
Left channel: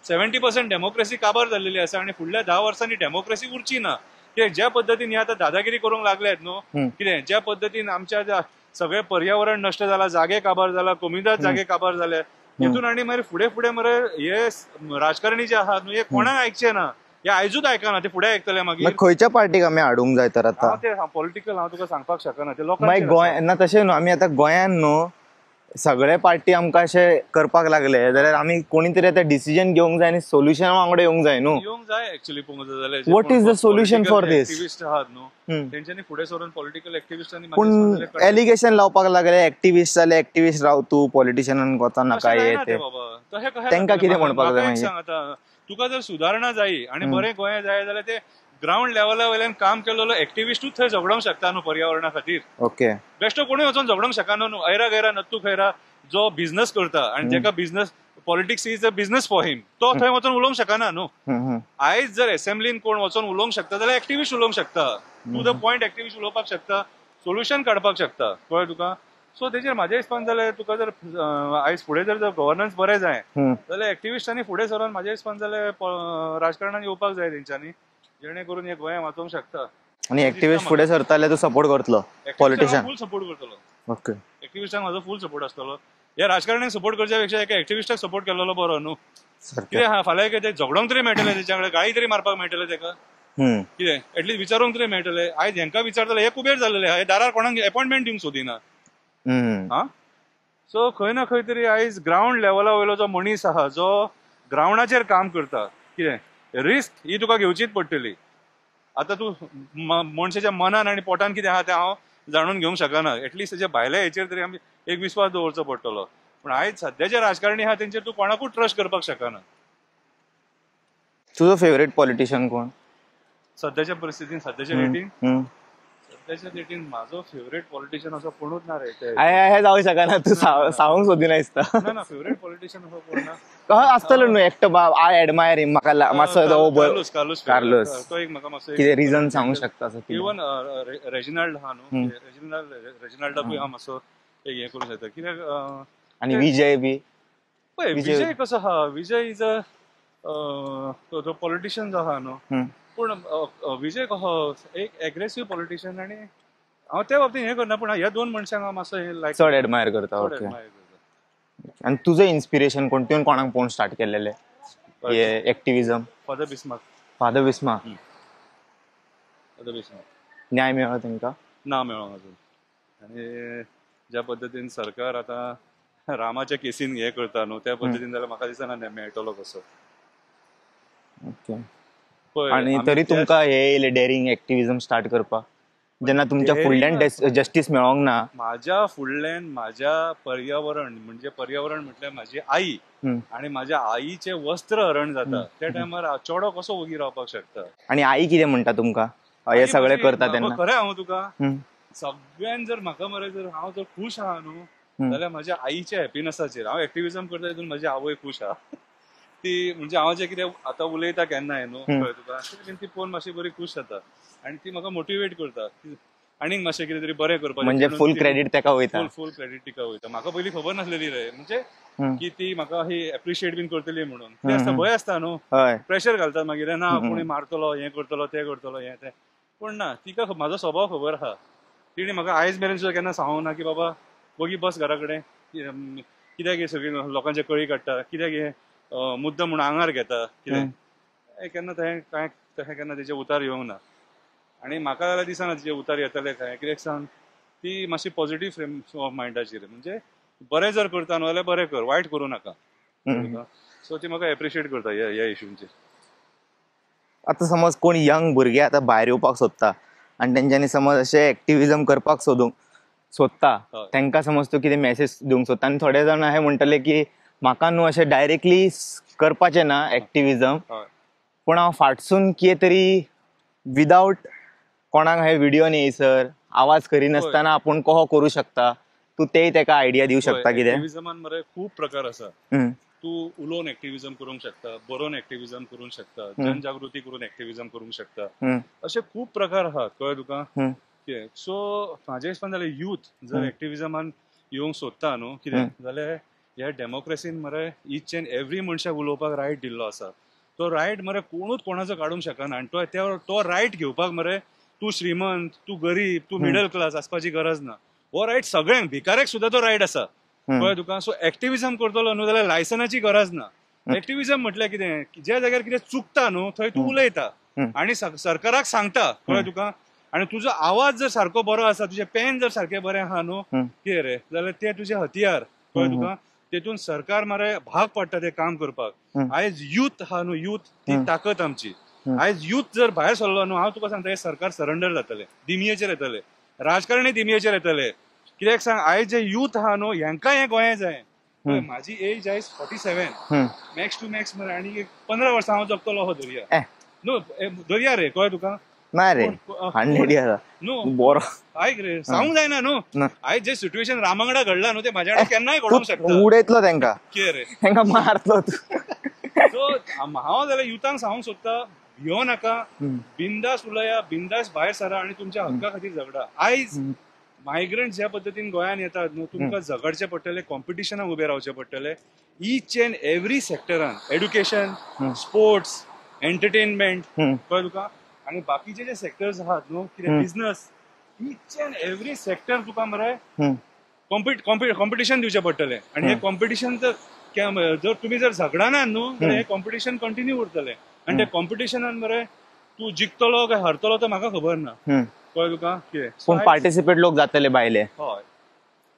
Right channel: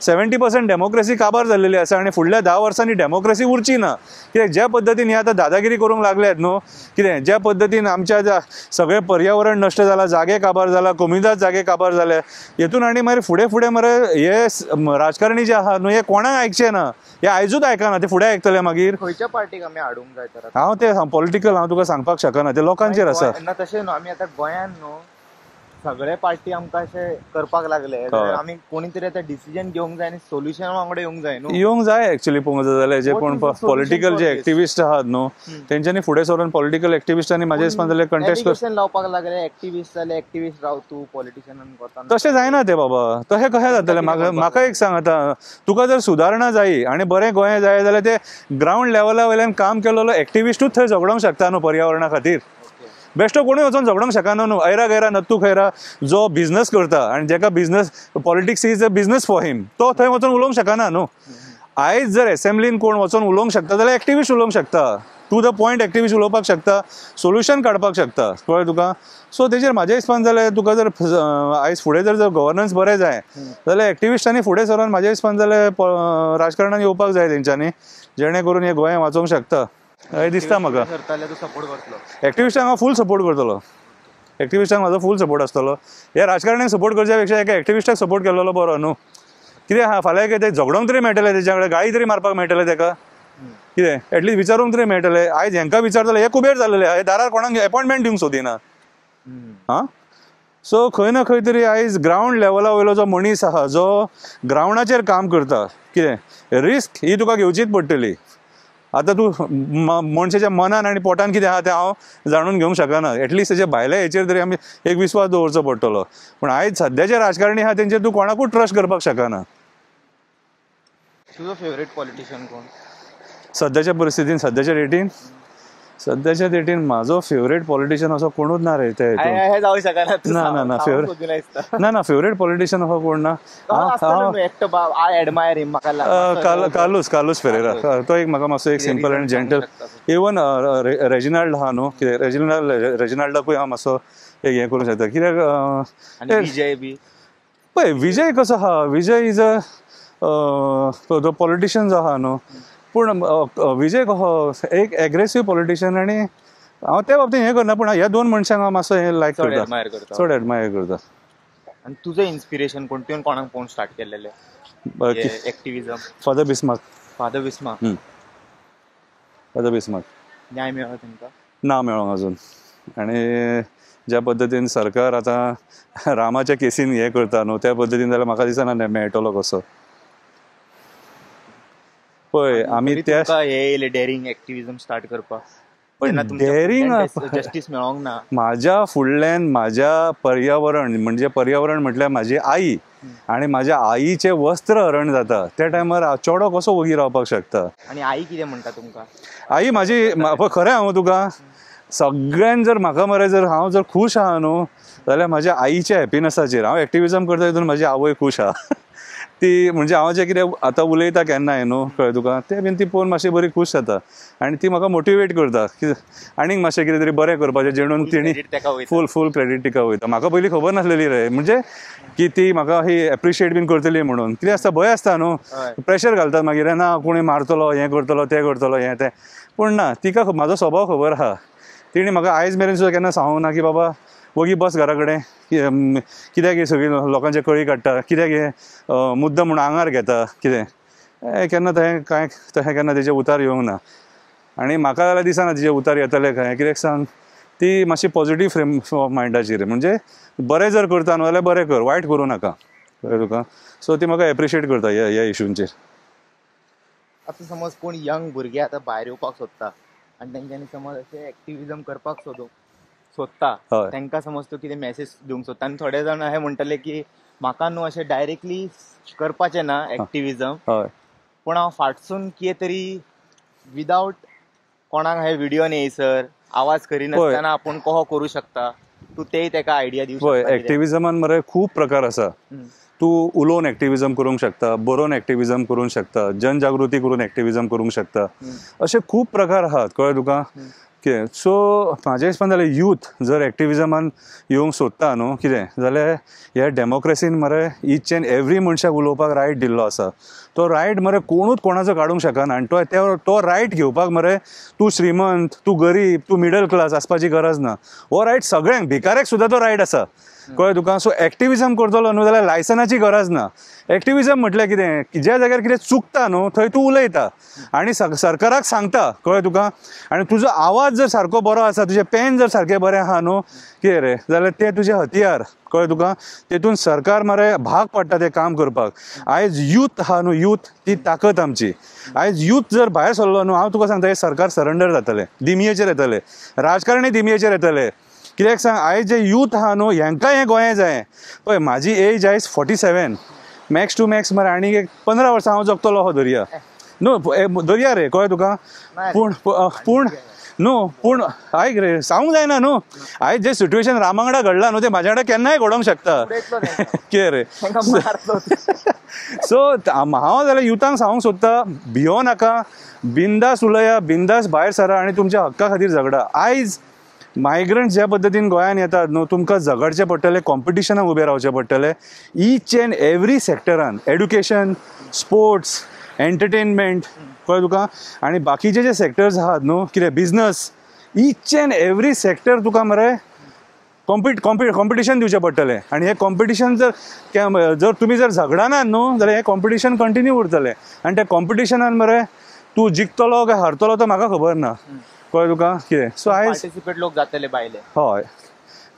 70% डेमोक्रेसी काबार जाल्लेली आसा आनी फुडल्या 10 वर्सांनी डेमोक्रेसी उरची ना. कित्याक ज्या पद्दतीन हे आतां दादागिरी करूंक लागल्यात न्हू, कितें ज्या पद्दतीन आमच्या सगळें पर्यावरण नश्ट जाला, जागे काबार जाला, कमीदाद जागे काबार जाले, हेतून आनी मागीर फुडें मरे हे राजकारणी जे आहा न्हू हे कोणाक आयकचे ना. हे आयजूच आयकना, ते फुडें आयकतले मागीर. खंयच्या पार्टीक आमी हाडूंक जाय तर? हांव ते पॉलिटिकल हांव तुका सांगपाक शकना, ते लोकांचेर आसा. तशें न्हू, आमी आतां गोंयान न्हू सगळे पार्टी आमकां अशें करपाक लागले जाल्यार आमी कोणी तरी आतां डिसिजन घेवंक जाय आनी सोल्युशना वांगडा येवंक जाय न्हू. येवंक जाय एक्चुअली पळोवंक जाय जाल्यार जे पॉलिटिकल जे एक्टिविस्ट आहात न्हू तेंच्यांनी फुडें सरून पॉलिटिकल एक्टिविस्टांनी म्हाज्या हिसपान जाल्यार एलिगेशन लावपाक लागले. एक्टिविस्ट जाले, एक्टिविस्ट राव तूं पॉलिटिशियनान वचना. तशें जायना ते बाबा. तशें कशें जातलें? म्हाका एक सांग, आतां तुका जर सुदारणा जायी आनी बरें गोंय जाय जाल्यार ते ग्राउंड लेवला वयल्यान काम केलेलो एक्टिविस्टूच थंय झगडोंक शकता न्हू पर्यावरणा खातीर. ओके बेश्टो कोणूय वचून झगडोंक शकना न्हू. ऐरा गैरा नत्तू खैरा जो बिझनेस करता आनी जेका business politics is a business for him, तो थंय वचून उलोवंक शकना न्हू. आयज जर असेंब्लीन कोण वचून उलोवंक शकता जाल्यार एक्टिविस्ट उलोवंक शकता. टू द पॉयंट एक्टिविस्ट उलोवपाक शकता, सोल्युशन काडपाक शकता, कळ्ळें तुका. सो तेजेर म्हाज्या हिसपान जाल्यार तुका जर आयज फुडें जर गव्हर्नन्स बरें जाय जाल्यार एक्टिविस्टांनी फुडें सरून म्हाज्या हिसपान जाल्यार राजकारणान येवपाक जाय तेंच्यांनी, जेणे करून हे गोंय वाचोवंक शकता. फुडें सरताले तो सपोर्ट करतलो. एक्टिविस्टांक फूल सपोर्ट करतलो. ओके एक्टिविस्टांक म्हाजो फूल सपोर्ट आसतलो. हे राजकारण्यांक सपोर्ट करच्या पेक्षा एका एक्टिविस्टाक सपोर्ट केलेलो बरो न्हू. कितें हा फाल्यां कितें झगडोंक तरी मेळटलें तेच्या कडेन गाळी तरी मारपाक मेळटलें तेका कितें एटलीस्ट विचारूंक तरी मेळटलें आयज हेंका विचारतले हे कुबेर जालेले हे दारार कोणाक अपॉइंटमेंट दिवंक सोदिना हा सो खंय ना खंय तरी आयज ग्राउंड लेवला वयलो जो मनीस आहा जो ग्राउंडाचेर काम करता कितें रिस्क ही तुका घेवचीच पडटली आतां तूं मनशाच्या मनान आनी पोटान कितें आहा तें हांव जाणून घेवंक शकना एटलीस्ट तेच्या भायल्या हेचेर तरी आमी एक विस्वास दवरचो पडटलो पूण आयज सद्याचे राजकारणी आहा तेंचेर तूं कोणाकूच ट्रस्ट करपाक शकना. तुजो फेवरेट पॉलिटिशियन कोण सद्याच्या परिस्थितीन सद्याच्या डेटीन म्हाजो फेवरेट पॉलिटिशियन असो कोणूच ना रे ते जावं शकना ना फेवरेट पॉलिटिशियन असो कोण ना कालूस फेरेरा तो एक म्हाका मातसो एक simple end gentle even Reginald आहा न्हू रेजिनाल्डाकूय हांव मातसो एक हें करूंक शकता कित्याक विजय बी पळय विजय कसो आहा विजय इज अ पॉलिटिशियन आहा न्हू पूण विजय कसो एक एग्रेसिव्ह पॉलिटिशियन आनी हांव त्या बाबतींत हें करना पूण ह्या दोन मनशांक हांव मातसो हें लायक चड एडमायर करता. आनी तुजो इन्स्पिरेशन कोण तुवें कोणाक पळोवन स्टार्ट केलेले एक्टिव्हिजम? फादर बिस्मार्क न्याय मेळ्ळो तेंकां? ना मेळोंक अजून आनी ज्या पद्दतीन सरकार आतां रामाच्या केसीन हें करता न्हू त्या पद्दतीन जाल्यार म्हाका दिसना मेळटलो कसो. डेरिंग एक्टिव्हिजम स्टार्ट करपाक जस्टीस मेळोंक ना म्हाज्या फुडल्यान म्हाज्या पर्यावरण म्हटल्यार म्हाजी आई आनी म्हाज्या आईचे वस्त्र हरण जाता त्या टायमार हांव चेडो कसो वगी रावपाक शकता. आनी आई कितें म्हणटा तुमकां? आई म्हाजी खरें हांव तुका सगळ्यान जर म्हाका मरे जर हांव जर खूश आहा न्हू जाल्यार म्हाज्या आईच्या हॅपिनसाचेर हांव एक्टिव्हिजम करता तितून म्हाजी आवय खूश आहा ती म्हणजे हांव जें कितें आतां उलयता केन्नाय न्हू कळ्ळें तुका तें बीन ती पळोवन मातशी बरी खूश जाता आनी ती म्हाका मोटिवेट करता आनीक मातशें कितें तरी बरें करपाचें जेणून फूल क्रेडीट तिका वयता. म्हाका पयलीं खबर नासलेली रे म्हणजे की ती म्हाका ही एप्रिशिएट बीन करतली म्हणून कितें आसता भंय आसता न्हू प्रेशर घालतात मागीर ना कोणी मारतलो हें करतलो तें करतलो हें तें पूण ना तिका म्हाजो स्वभाव खबर आहा. तिणी म्हाका आयज मेरेन सुद्दां केन्ना सांगूंक ना की बाबा वगी बस घरा कडेन कित्याक सगळी लोकांचे कळी काडटा कित्याक मुद्दम म्हणून आंगार घेता कितें केन्ना तशें केन्ना तेजे उतार येवंक ना आनी म्हाका जाल्यार दिसना तिचे उतार येतले खंय कित्याक सांग ती मातशी पॉझिटीव फ्रेम ऑफ मायंडाची रे म्हणजे बरें जर करता न्हू जाल्यार बरें कर वायट करूं नाका तुका सो ती म्हाका एप्रिशिएट करता ह्या इश्यूंचेर. आतां समज कोण यंग भुरगे आतां भायर येवपाक सोदता आनी तेंच्यांनी समज अशें एक्टिव्हिजम करपाक सोदता तांकां समज तूं कितें मॅसेज दिवंक सोदता आनी थोडे जाण अशें म्हणटले की म्हाका न्हू अशें डायरेक्टली करपाचें ना एक्टिव्हिजम पूण हांव फाटसून कितें तरी विदाउट कोणाक हांवें व्हिडिओन येयसर आवाज करिनासतना आपूण कहो करूं शकता तूं तेय ताका आयडिया दिवंक शकता. एक्टिव्हिजमान मरे खूब प्रकार आसा. तूं उलोवन एक्टिव्हिजम करूंक शकता बरोवन एक्टिव्हिजम करूंक शकता जनजागृती करून एक्टिव्हिजम करूंक शकता अशे खूब प्रकार आहात कळ्ळें तुका. सो म्हाज्या हिसपान जाल्यार यूथ जर एक्टिव्हिजमान येवंक सोदता न्हू कितें जाल्यार ह्या डेमोक्रेसीन मरे ईच एंड एवरी मनशाक उलोवपाक रायट दिल्लो आसा. तो रायट मरे कोणूच कोणाचो काडूंक शकना आनी तो रायट घेवपाक मरे तूं श्रीमंत तूं गरीब तूं मिडल क्लास आसपाची गरज ना. हो रायट सगळ्यांक भिकाऱ्याक सुद्दां तो रायट आसा कळ्ळें तुका. सो एक्टिव्हिजम करतलो न्हू जाल्यार लायसनाची गरज ना. एक्टिव्हिजम म्हटल्यार कितें ज्या जाग्यार कितें चुकता न्हू थंय तूं उलयता आनी सरकाराक सांगता कळ्ळें तुका आनी तुजो आवाज जर सारको बरो आसा तुजें पेन जर सारकें बरें आहा न्हू कितें रे जाल्यार तें तुजें हतियार कळ्ळें तुका. तेतून सरकार मरे भाग पडटा तें काम करपाक. आयज यूथ आहा न्हू यूथ ती ताकद आमची. आयज यूथ जर भायर सरलो न्हू हांव तुका सांगता हे सरकार सरेंडर जातलें दिमयेचेर येतलें राजकारणी दिमयेचेर येतले कित्याक सांग आयज जे यूथ आहा न्हू हेंकाय हें गोंया जाय पळय. म्हाजी एज आयज 47 मॅक्स टू मॅक्स मरे आनी एक 15 वर्सां हांव जगतलो हो दर्या न्हू दर्या रे कळ्ळें तुका. पूण आयक रे सांगूंक जायना न्हू आयज जे सिट्युएशन रामा वांगडा घडला न्हू ते म्हाज्या वांगडा केन्नाय घडोवंक शकता उडयतलो तेंकां कितें रे. सो हांव जाल्यार युथांक सांगूंक सोदता भियो नाका बिंदास उलया बिंदास भायर सरा आनी तुमच्या हक्का खातीर झगडा. आयज मायग्रंट ज्या पद्दतीन गोंयांत येतात न्हू तुमकां झगडचें पडटलें कॉम्पिटिशनाक उबें रावचें पडटलें ईच एंड एवरी सेक्टरान एड्युकेशन स्पोर्ट्स एंटरटेनमेंट कळ्ळें तुका आनी बाकीचे जे सेक्टर्स आहात न्हू कितें business each and every sector तुका मरे कॉम्पिटिशन दिवचे पडटले आणि हे कॉम्पिटिशन जर तुम्ही जर झगडाना न्हू जाल्यार हे कॉम्पिटिशन कंटिन्यू उरतले आणि त्या कॉम्पिटिशनान मरे तू जिखतलो काय हरतलो तो म्हाका खबर ना कळ्ळें तुका कितें सो पार्टिसिपेट लोक जातले भायले हय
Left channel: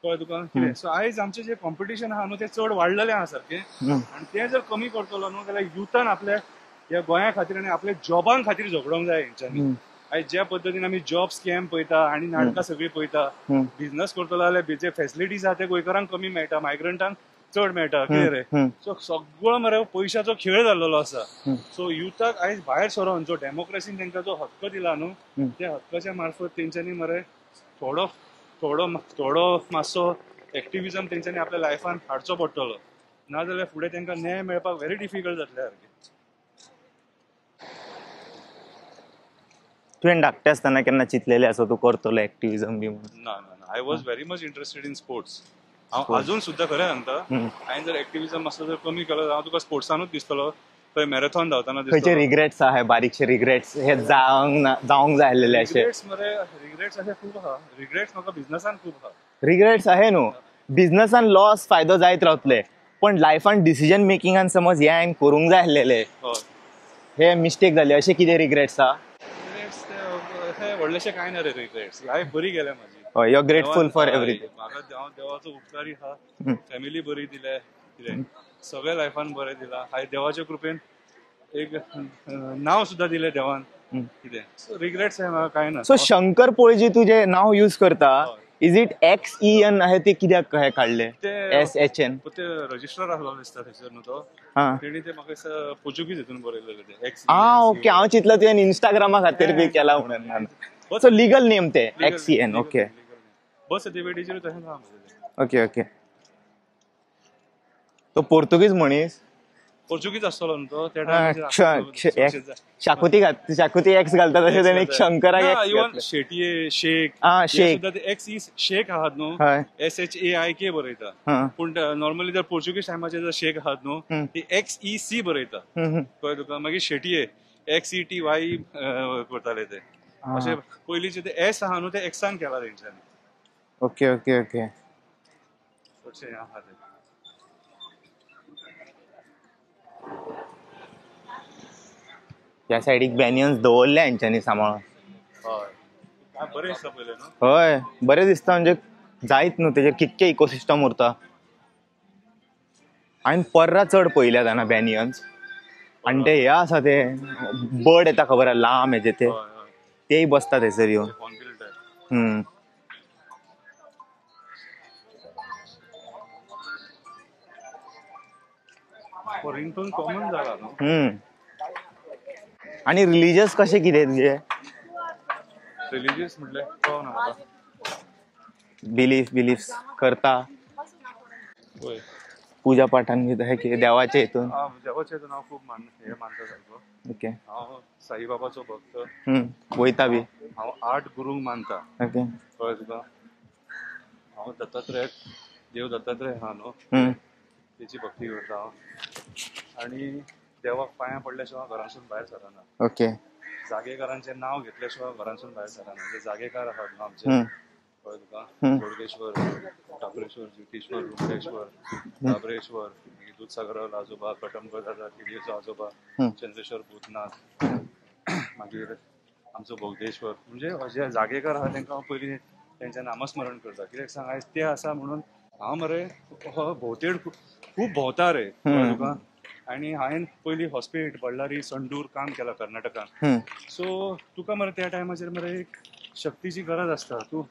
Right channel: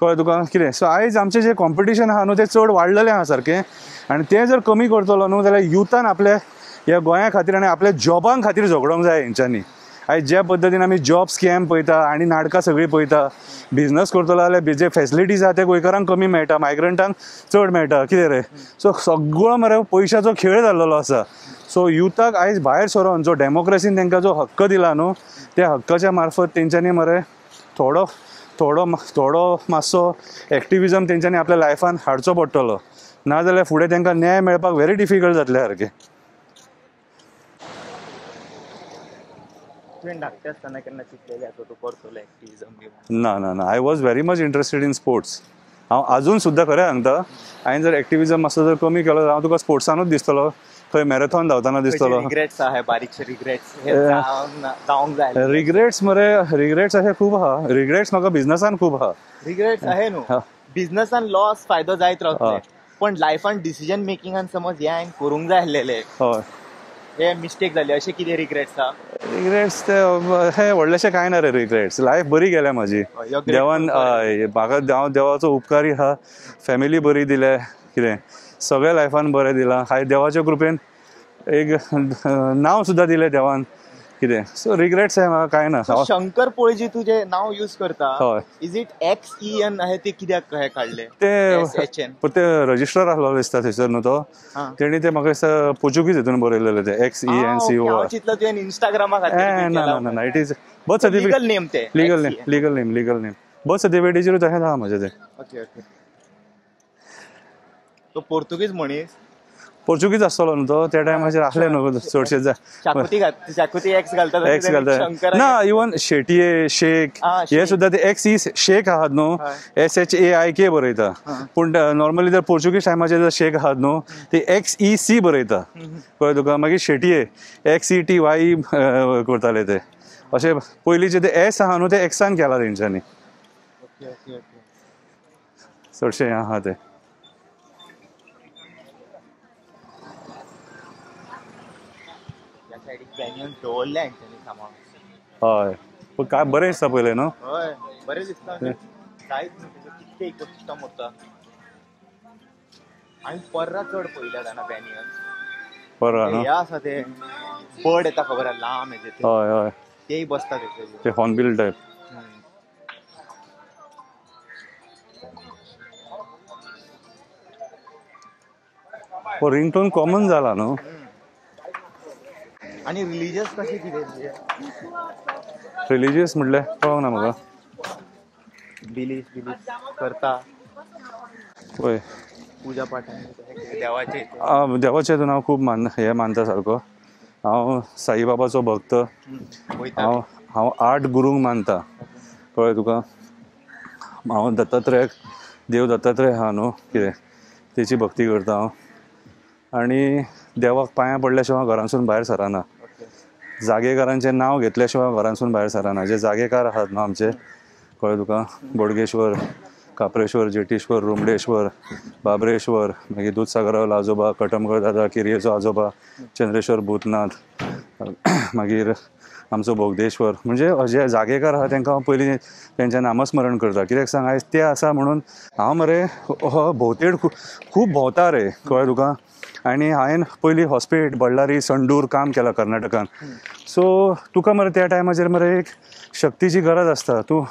कळ्ळें तुका कितें सो आयज आमचें जे कॉम्पिटिशन आहा न्हू ते चड वाडलेलें आहा सारकें आनी ते जर कमी करतलो न्हू जाल्यार युथान आपल्या ह्या गोंया खातीर आनी आपल्या जॉबां खातीर झगडोंक जाय हेंच्यांनी आयज ज्या पद्दतीन आमी जॉब स्कॅम पळयता आनी नाटकां सगळीं पळयता बिझनस करतलो जाल्यार जे फेसिलिटीज आहा ते गोंयकारांक कमी मेळटा मायग्रंटांक चड मेळटा कितें रे सो सगळो मरे पयशाचो खेळ जाल्लो आसा सो युथाक आयज भायर सरोन जो डेमोक्रेसीन तांकां जो हक्क दिला न्हू त्या हक्काच्या मार्फत तेंच्यांनी मरे थोडो मातसो एक्टिविजम तेंच्यांनी आपल्या लायफान हाडचो पडटलो नाजाल्यार फुडें तांकां न्याय मेळपाक व्हेरी डिफिकल्ट जातले सारकें तुवें धाकटें आसतना केन्ना चिंतलेलें आसा तूं करतलो एक्टिविजम बी ना ना ना I was very much interested in sports हांव अजून सुद्दां खरें सांगता हांवें जर एक्टिविजम मातसो जर कमी केलो हांव तुका स्पोर्ट्सानूच दिसतलो खंय मॅरेथॉन धांवताना दिसतलो रिग्रेट्स आहा बारीकशे रिग्रेट्स हे जावंक जाय रिग्रेट्स मरे रिग्रेट्स अशे खूब आहा रिग्रेट्स म्हाका बिझनसान खूब आहा रिग्रेट्स आहे न्हू बिझनसान लॉस फायदो जायत रावतले पण लायफान डिसिजन मेकिंगान समज हे हांवें करूंक जाय आसलेले हय हे मिस्टेक जाले अशे कितें रिग्रेट्स आहा रिग्रेट्स ते हे व्हडलेशे कांय ना रे रिग्रेट्स लायफ बरी गेल्या म्हाजी म्हाका देवाचो उपकारी आहा फॅमिली बरी दिले कितें सगळे लायफान बरें दिलां हाय देवाच्या कृपेन एक नांव सुद्दां दिलें देवान कितें सो रिग्रेट्स हे म्हाका कांय ना सो शंकर पळजी तुजें नांव यूज करता इज इट XEN आहे ते कित्याक हे काडले ते रजिस्टर आसलो दिसता थंयसर न्हू तो तेणी ते म्हाका दिसता पोर्चुगीज हितून बरयलेले ते XENCO हांव चिंतलं तुवें इंस्टाग्रामा खातीर बी केला इट इज लीगल नेम ते लीगल नेम बर्थ सर्टिफिकेटीचेर तशेंच आहा म्हजें ते ओके ओके तो पोर्तुगीज मनीस पोर्चुगीज आसतलो न्हू तो त्या टायमाचेर शाकुती एक्स घालता शंकर ना इवन शेटये शेख हे सुद्दां ते XE शेख आहात न्हू SHAIK बरयता पूण नॉर्मली जर पोर्चुगीज टायमाचेर जर शेख आहात न्हू ते XEC बरयता कळ्ळें तुका मागीर शेटये XETY करताले ते अशे पयलींचे ते S आहा न्हू ते एक्सान केला तेंच्यांनी ओके ओके ओके चडशे आहा ते त्या सायडीक बॅनियन्स दवरले हेंच्यांनी सांबाळून हय पूण काय बरें दिसता पयलें न्हू हय बरें दिसता म्हणजे जायत न्हू तेजेर कितके इकोसिस्टम उरता हांवें पर्रा चड पयल्या जाणा बॅनियन्स आनी ते हे आसा ते बर्ड येता खबर आहा लांब हेजे ते हय हय तेय बसता थंयसर येवन हॉर्नबिल टायप रिंगटोन कॉमन जाला न्हू आणि रिलिजियस कशें कितें तुजे रिलिजियस म्हटल्यार कळना म्हाका बिलीफ करता पळय पुजा पाठान कितें देवाचे हितून देवाचे हितून हांव खूब हे मानता सारको ओके हांव साईबाबाचो भक्त वयता हांव 8 गुरूंक मानता ओके कळ्ळें तुका हांव देव दत्तात्रय आहा न्हू तेची भक्ती करता हांव आनी देवाक पांयां पडल्या शिवाय घरांसून भायर सराना ओके जागेकारांचें नांव घेतल्या शिवाय घरांसून भायर सराना जे जागेकार आहात न्हू आमचे कळ्ळें तुका बोडगेश्वर काप्रेश्वर जेटेश्वर रुमडेश्वर बाबरेश्वर मागीर दूधसागरावलो आजोबा कटमगड दादा किरयेचो आजोबा चंद्रेश्वर भूतनाथ मागीर आमचो बोगदेश्वर म्हणजे जे जागेकार आहा तांकां हांव पयलीं तेंचें नामस्मरण करता कित्याक सांग आयज ते आसा म्हणून हांव मरे भोवतेड खूब भोंवता रे कळ्ळें तुका आनी हांवें पयलीं हॉस्पिटल बಳ್ಳारी संडूर काम केलां कर्नाटकान सो तुका मरे त्या टायमाचेर मरे एक शक्तीची गरज आसता तूं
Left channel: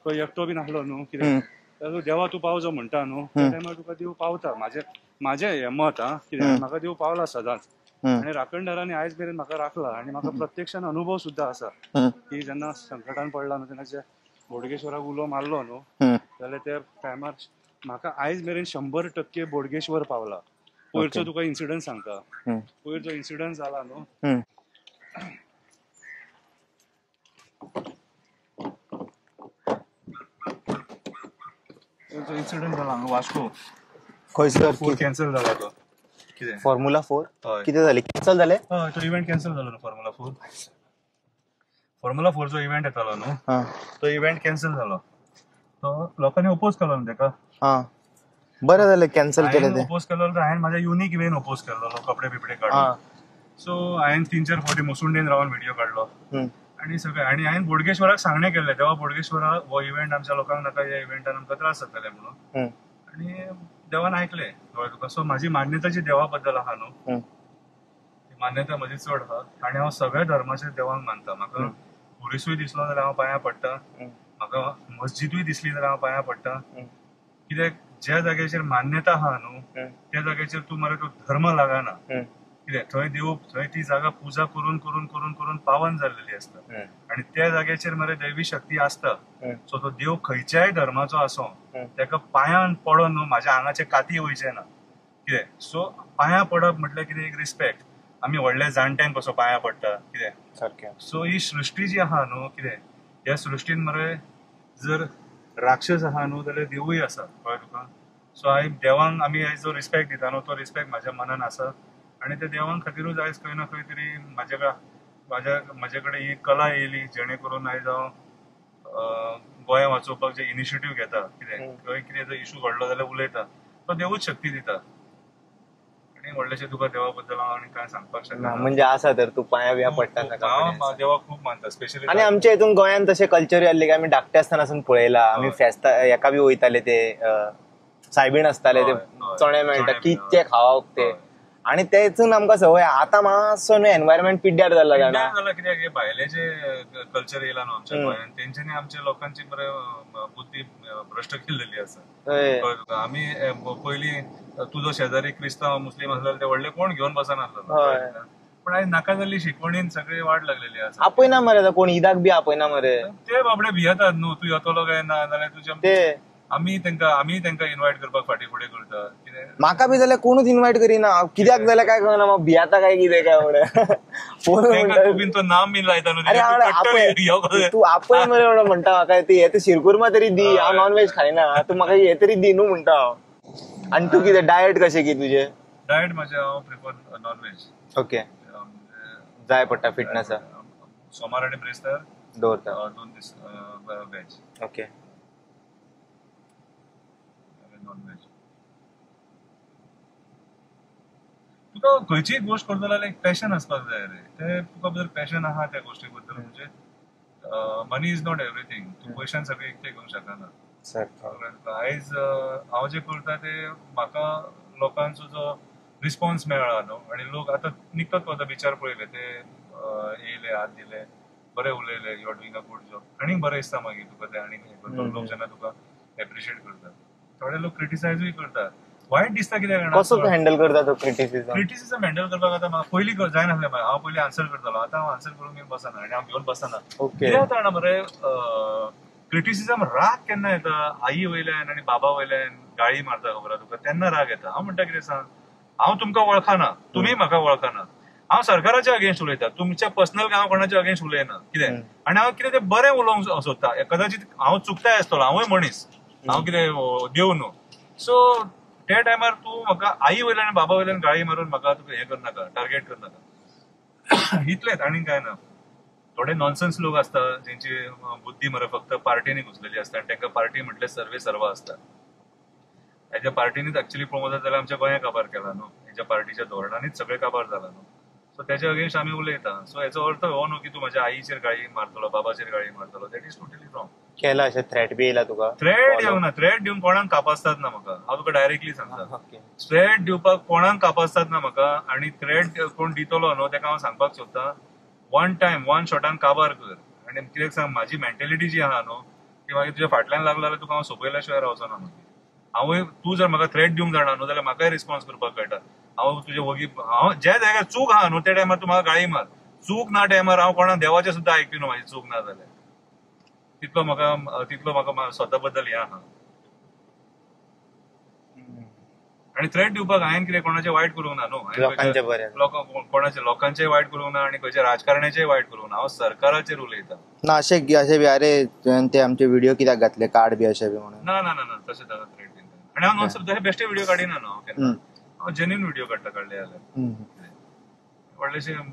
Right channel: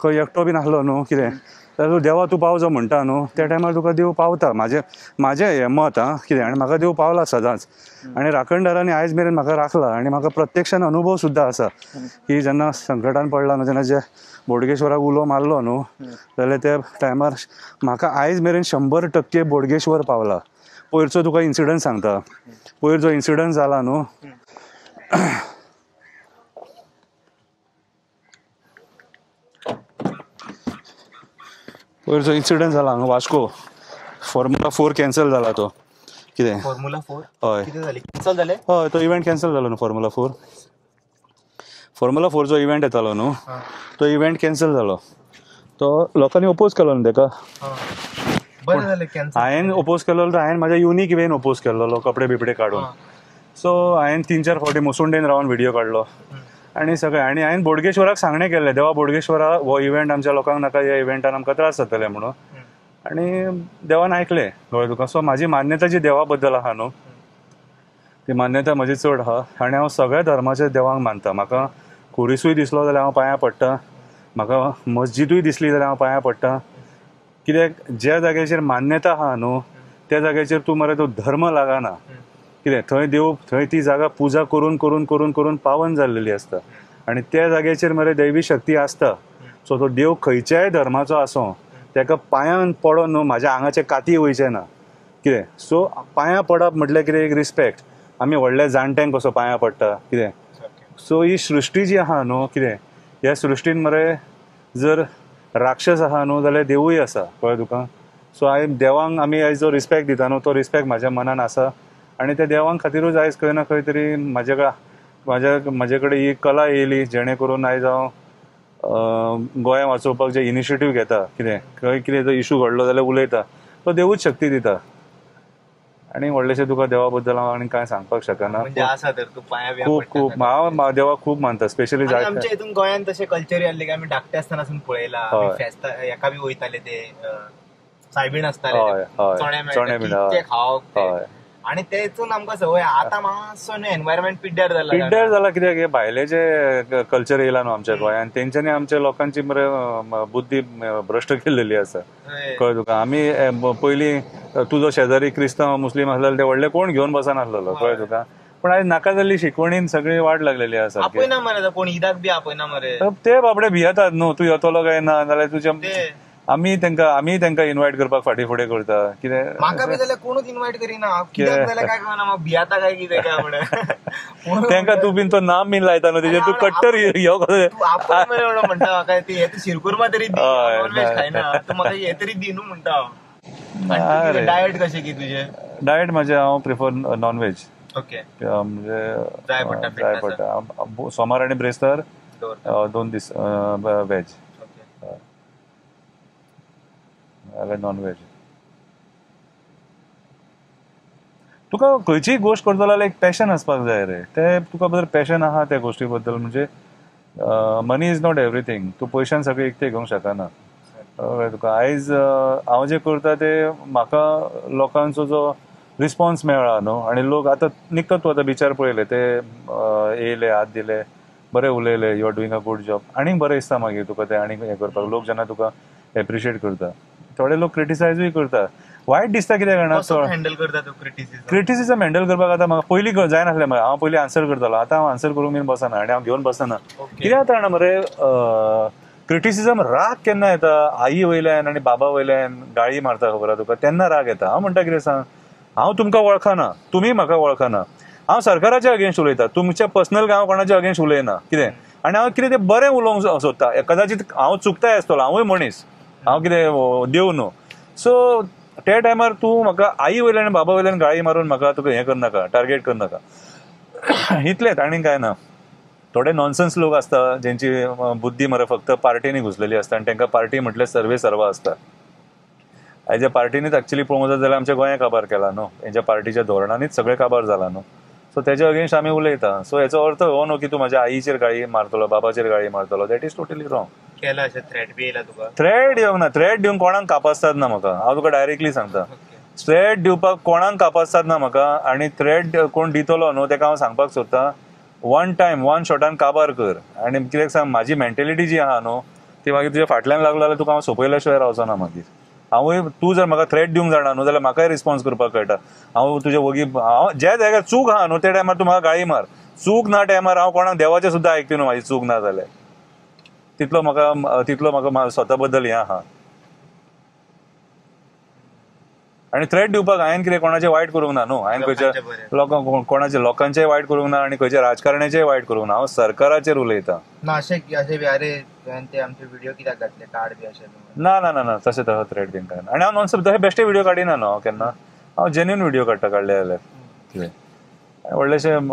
खंय एकटो बीन आसलो न्हू कितें जाल्यार देवा तूं पावचो म्हणटा न्हू त्या टायमार तुका देव पावता म्हाजें हें मत आं कितें आनी म्हाका देव पावला सदांच आनी राखणदारांनी आयज मेरेन म्हाका राखला आनी म्हाका प्रत्यक्षान अनुभव सुद्दां आसा की जेन्ना संकटान पडला न्हू तेन्ना जे बोडगेश्वराक उलो मारलो न्हू जाल्यार त्या टायमार म्हाका आयज मेरेन 100% बोडगेश्वर पावला पयरचो तुका इन्सिडंट सांगता पयर जो इन्सिडंट जाला न्हू पयरचो इन्सिडंट जाला हांगा वास्को फॉर्म्युला 4 कॅन्सल जाला तो कितें फॉर्म्युला 4 हय कितें जालें कॅन्सल जालें हय तो इव्हेंट कॅन्सल जालो न्हू फॉर्म्युला 4 जो इव्हेंट येतालो न्हू तो इव्हेंट कॅन्सल जालो तो लोकांनी ओपोज केलो न्ही तेका. बरें जालें कॅन्सल हांवें ओपोज केलो तर हांवें म्हाज्या युनीक वेन ओपोज केल्लो कपडे बिपडे काडून. सो हांवें 3-4 फावटी मुसुंडेन रावन व्हिडिओ काडलो आनी सगळें. आनी हांवें बोडगेश्वराक सांगणें केल्लें देवा बोडगेश्वरा हो इव्हेंट आमच्या लोकांक नाका, ह्या इव्हेंटान आमकां त्रास जातले म्हणून. आनी देवान आयकलें कळ्ळें तुका. सो म्हाजी मान्यता जी देवा बद्दल आहा न्हू ती मान्यता म्हजी चड आहा आनी हांव सगळ्या धर्माच्या देवांक मानता. म्हाका खुरिसूय दिसलो जाल्यार हांव पांयां पडटा, म्हाका मस्जिदूय दिसली जाल्यार हांव पांयां पडटा. कित्याक ज्या जाग्याचेर मान्यता आहा न्हू त्या जाग्याचेर तूं मरे तो धर्म लागना. कितें थंय देव, थंय ती जागा पुजा करून करून करून करून पावन जाल्लेली आसता आनी त्या जाग्याचेर मरे दैवी शक्ती आसता. सो तो देव खंयच्याय धर्माचो आसूं तेका पांयान पडोन न्हू म्हाज्या आंगाचे काती वयचे ना. कितें सो पांयां पडप म्हटल्यार कितें एक रिस्पेक्ट. आमी व्हडल्या जाणट्यांक कसो पांयां पडटा कितें. सो ही सृश्टी जी आहा न्हू कितें ह्या सृश्टीन मरे जर राक्षस आहा न्हू जाल्यार देवूय आसा कळ्ळें तुका. सो हांवें देवांक आमी आयज जो रिस्पेक्ट दिता न्हू तो रिस्पेक्ट म्हाज्या मनान आसा आनी त्या देवांक खातीरूच आयज खंय ना खंय तरी म्हाजे कडेन ही कला येयली जेणे करून आयज हांव गोंया वाचोवपाक जे इनिशिएटीव घेता. कितें खंय कितें जर इशू घडलो जाल्यार उलयता, तो देवूच शक्ती दिता. आनी व्हडलेशें तुका देवा बद्दल हांव आनी कांय सांगपाक शकना. म्हणजे आसा तर तूं पांयां खूब हांव देवाक खूब मानता. स्पेशली आमच्या हितून गोंयान तशें कल्चर जाल्ले की आमी धाकटे आसतनासून पळयला. आमी फेस्ता हेका बी वयताले ते सायबीण आसताले ते चणे मेळटा ते खावप ते आनी तेतून आमकां संवय. आतां मातसो एनवायरमेंट पिड्ड्यार जाला कित्याक भायले जे कल्चर येयला न्हू आमच्या गोंयान तेंच्यांनी आमच्या लोकांची मरे बुद्धी भ्रश्ट केल्लेली आसा कळ्ळें तुका. आमी पयलीं तुजो शेजारी क्रिस्तांव मुस्लीम आसलेलो ते व्हडले कोण घेवन बसनासलेलो कळ्ळें तुका. पण आयज नाका जाल्ली शिकवणीन सगळी वाट लागलेली आसा. आपयना मरे कोण ईदाक बी आपयना मरे. ते बाबडे भियेतात न्हू तूं येतलो काय ना जाल्यार तुजें आमी तेंका इन्वायट करपाक फाटी फुडें करता. कितें म्हाका बी जाल्यार कोणूच इन्वायट करिना. कित्याक जाल्यार काय कळना म्हाका भियाता काय कितें काय म्हणून. तेंका तू बीन तो नाम बीन लायता न्हू तू कट्टर तू आपय मरे एवढं म्हणटा म्हाका ते शिरकुर्मा तरी दी, हांव नॉनव्हेज खायना, तू म्हाका हे तरी दी न्हू म्हणटा हांव. आनी तू कितें डायट कशें की तुजें? डायट म्हाजें हांव प्रिफर नॉनव्हेज. ओके म्हणजे जाय पडटा फिटनेस. सोमार आनी ब्रेस्तार 2 दीस वेज. Okay non veg. तुका खंयचीय गोश्ट करतलो जाल्यार एक पॅशन आसपाक जाय रे. ते तुका भितर पॅशन आहा त्या गोश्टी बद्दल. म्हणजे मनी इज नॉट एवरीथिंग. तूं पयशान सगळें एकटे घेवंक शकना तुका. आयज हांव जे करता ते म्हाका लोकांचो जो रिस्पॉन्स मेळ्ळा न्हू आनी लोक आतां निकत वता बिचार पळयले ते येयले हात दिले बरें उलयले you are doing a good job आनी बरें दिसता मागीर तुका ते आनी हें करपाक. लोक जेन्ना तुका एप्रिशिएट करता. थोडे लोक क्रिटिसायजूय करता. वायट दिसता कित्याक जाणा हँडल करता तो क्रिटिसिझम हँडल करपाक. आतां म्हाका पयलीं जायनासलें हांव पयलीं आन्सर करतालो. आतां हांव आन्सर करूंक बीन बसना आनी हांव घेवन बसना. कित्याक जाता जाणा मरे क्रिटिसिझम राग केन्ना येता आई वयल्यान आनी बाबा वयल्यान गाळी मारता खबर आहा तुका तेन्ना राग येता. हांव म्हणटा कितें सांग हांव तुमकां वळखना तुमी म्हाका वळखना. हांव सरकाराच्या अगेन्स्ट उलयता. तुमच्या पर्सनल हांव कोणाच्या अगेन्स्ट उलयना. कितें आनी हांव कितें तें बरें उलोवंक सोदता. कदाचित हांव चुकताय आसतलो हांवूय मनीस हांव कितें देव न्हू. सो त्या टायमार तूं म्हाका आई वयल्यान बाबा वयल्यान गाळी मारून म्हाका तुका हें करनाका टार्गेट करनाका इतलेंच आनी काय ना. थोडे नॉनसेन्स लोक आसता जेंची बुद्धी मरे फक्त पार्टीनी घुसलेली आसता आनी तांकां पार्टी म्हटल्यार सर्वे सर्वा आसता. हेज्या पार्टीनीच एक्चुअली पळोवंक जाय जाल्यार आमच्या गोंया काबार केला न्हू. हेज्या पार्टीच्या धोरणांनीच सगळें काबार जाला न्हू. सो तेज्या अगेन्स्ट आमी उलयता. सो हेचो अर्थ हो न्हू की तूं म्हाज्या आईचेर गाळी मारतलो बाबाचेर गाळी मारतलो. That is totally wrong. केला अशें थ्रेट बी येयला तुका? थ्रेट येवंक ना. थ्रेट दिवंक कोणाक कापासतात ना म्हाका. हांव तुका डायरेक्टली सांगता. थ्रेट दिवपाक कोणाक कापासतात ना म्हाका. आनी थ्रेट कोण दितलो न्हू तेका हांव सांगपाक सोदता वन टायम वन शॉटान काबार कर. आनी कित्याक सांग म्हाजी मेंटेलिटी जी आहा न्हू ती मागीर तुज्या फाटल्यान लागलो जाल्यार तुका हांव सोंपयल्या शिवाय रावचो ना मागीर. हांवूय तूं जर म्हाका थ्रेट दिवंक जाणा न्हू जाल्यार म्हाकाय रिस्पॉन्स करपाक कळटा. हांव तुजे वगी हांव ज्या जाग्यार चूक आहा न्हू त्या टायमार तूं म्हाका गाळी मार. चूक ना टायमार हांव कोणाक देवाचें सुद्दां आयकता न्हू म्हाजी चूक ना जाल्यार. तितलो म्हाका स्वता बद्दल हें आहा. आनी थ्रेट दिवपाक हांवें कितें कोणाचें वायट करूंक ना न्हू. हांवें खंयच्या कोणाचें लोकांचेंय वायट करूंक ना आनी खंयच्या राजकारण्याचेंय वायट करूंक ना. हांव सरकाराचेर उलयतां. ना अशें बी अरे तुवें ते आमचे व्हिडिओ कित्याक घातले कार्ड बी अशें बी म्हणून? ना ना ना तशें थ्रेट बीन काय. आनी हांव नॉनसेन्स तशें बेश्टे व्हिडिओ काडिना न्हू हांव केन्ना. हांव जेन्युइन व्हिडिओ काडटा काडले जाल्यार. कितें व्हडलेशें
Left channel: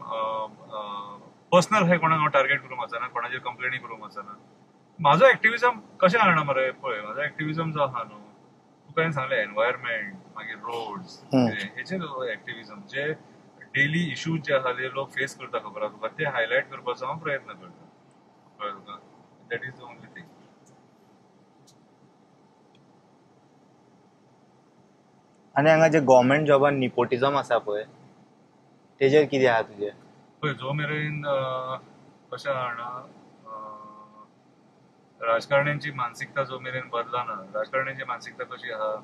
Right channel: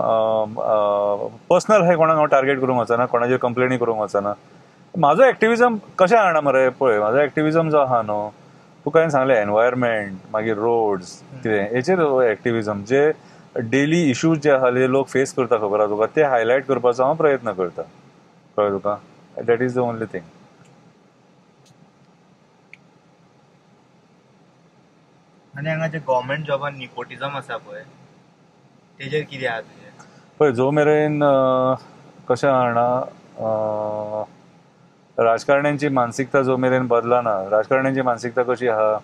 पर्सनल हे कोणाक हांव टार्गेट करूंक वचना. कोणाचेर कंप्लेनी करूंक वचना. माझो एक्टिव्हिजम कशें आहा मरे पळय, म्हाजो एक्टिव्हिजम जो आहा न्हू, तुका हांवें सांगलें एनवायरमेंट मागीर रोड्स कितें हेचेर एक्टिव्हिजम, जे डेली इश्यूज जे आहा जे लोक फेस करता खबर आहा तुका, ते हायलायट करपाचो हांव प्रयत्न करता, कळ्ळें तुका. That is the only thing. आनी हांगा जे गव्हर्मेंट जॉबान निपोटिझम आसा पळय, तेजेर कितें आहा तुजें? पळय, जो मेरेन कशें आहा राजकारण्यांची मानसिकता जो मेरेन बदलना, राजकारण्यांची मानसिकता कशी आहा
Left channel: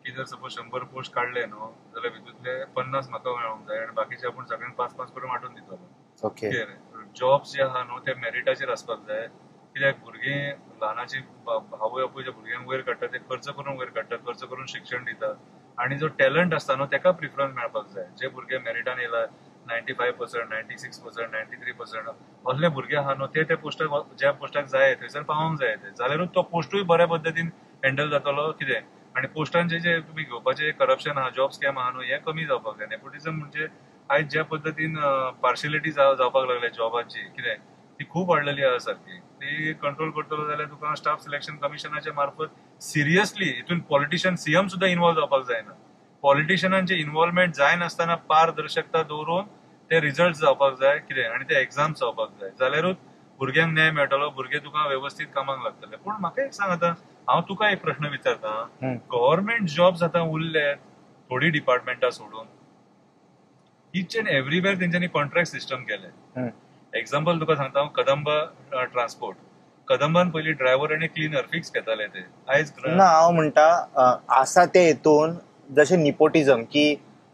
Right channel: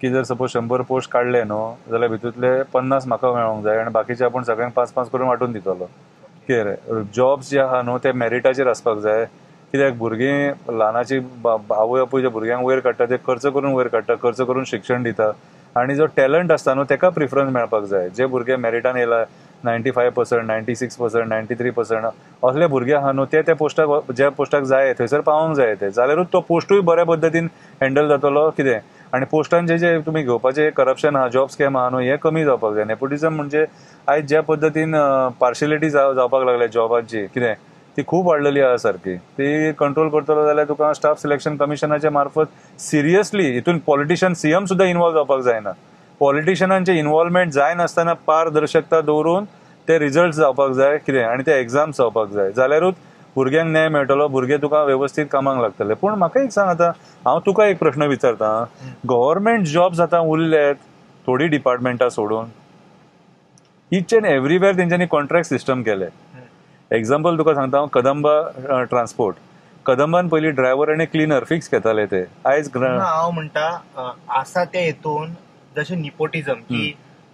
की जर सपोज 100 पोस्ट काडले न्हू जाल्यार भितूंतले 50 म्हाका मेळोंक जाय आनी बाकीचे आपूण सगळ्यांक 5-5 करून वांटून दितलो. जॉब्स जे आहा न्हू ते मेरिटाचेर आसपाक जाय, कित्याक भुरगीं ल्हानाची आवय आपूय जे भुरग्यांक वयर काडटा ते खर्च करून वयर काडटा, खर्च करून शिक्षण दिता, आनी जो टॅलंट आसता न्हू तेका प्रिफरन्स मेळपाक जाय. जे भुरगे मेरिटान येयला 95%, 96%, 93% असले भुरगे आहा न्हू ते पोस्टाक, ज्या पोस्टाक जाय थंयसर पावोंक जाय ते, जाल्यारूच तो पोस्टूय बऱ्या पद्दतीन हँडल जातलो. कितें आनी पोस्टांचे जे तुमी घेवपाचे करप्शन आहा, जॉब स्कॅम आहा न्हू, हे कमी जावपाक जाय. नेपोटिझम म्हणजे आयज ज्या पद्दतीन पार्शियलिटी जावपाक लागल्या जॉबांची, कितें ती खूप वाडलेली आहा सारकी. ती कंट्रोल करतलो जाल्यार तुका स्टाफ सिलेक्शन कमिशनाच्या मार्फत सिरियसली हितून पॉलिटिशियन सीएम सुद्धा इन्वॉल्व जावपाक जायना. पॉलिटिशियनांचे इन्वॉल्वमेंट जाय नासतना पारदर्शकता दवरून ते रिझल्ट जावपाक जाय, कितें आनी ते एग्जाम्स जावपाक जाय, जाल्यारूच भुरग्यांक न्याय मेळटलो, भुरगे तुका व्यवस्थीत कामाक लागतले. पूण म्हाका एक सांग, आतां हांव तुका एक प्रश्न विचारता, गव्हर्मेंट जॉब्स आतां उरल्यात थोडी डिपार्टमेंटां सोडून, इच एंड एव्हरीवेअर तेंच्यांनी कॉन्ट्रॅक्ट सिस्टम केले. एक्झाम्पल तुका सांगता हांव, कदंबा ट्रान्सपोर्ट, कदंबान पयलीं ड्रायव्हर आनी क्लिनर फिक्स घेताले ते. आयज हांव म्हणटा आसा ते हितून जशें निपोटिझम की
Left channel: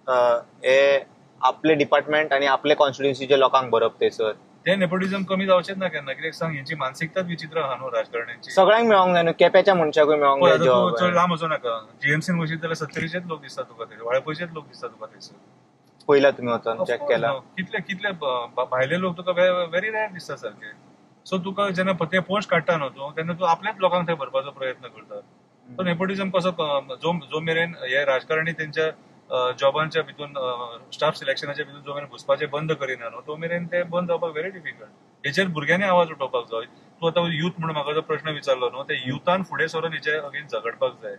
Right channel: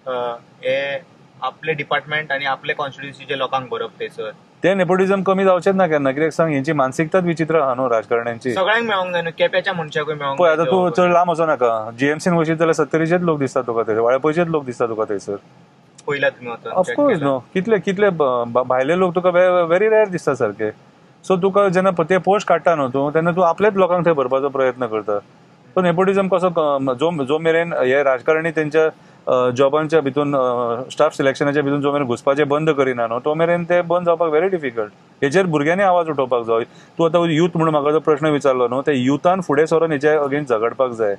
हे आपले डिपार्टमेंट आनी आपले कॉन्स्टिट्युएन्सीचे लोकांक बरप थंयसर, ते नेपोटिझम कमी जावचेच ना केन्ना. कित्याक सांग, हेंची मानसिकताच विचित्र आहा न्हू राजकारण्यांची. सगळ्यांक मेळोंक जाय न्हू, केप्याच्या मनशाकूय मेळोंक जाय. आतां तूं चड लांब वचो नाका, जीएमसीन वचीत जाल्यार 70चेच लोक दिसता तुका थंयसर, वाळपयचेच लोक दिसता तुका थंयसर. पयला तुमी वचून ऑफकोर्स न्हू, कितले भायले लोक तुका व्हेरी रेअर दिसता सारखे. सो तुका जेन्ना ते पोस्ट काडटा न्हू तूं, तेन्ना तूं आपलेच लोकांक थंय भरपाचो प्रयत्न करता. तो नेपोटिझम कसो, जो मेरेन हे राजकारणी तेंच्या जॉबांच्या भितून स्टाफ सिलेक्शनाच्या भितून जो मेरेन घुसपाचें बंद करिना न्हू, तो मेरेन ते बंद जावपाक व्हेरी डिफिकल्ट. हेचेर भुरग्यांनी आवाज उठोवपाक जाय. तूं आतां युथ म्हणून म्हाका जो प्रश्न विचारलो न्हू, ते युथान फुडें सरून हेचे अगेन्स्ट झगडपाक जाय.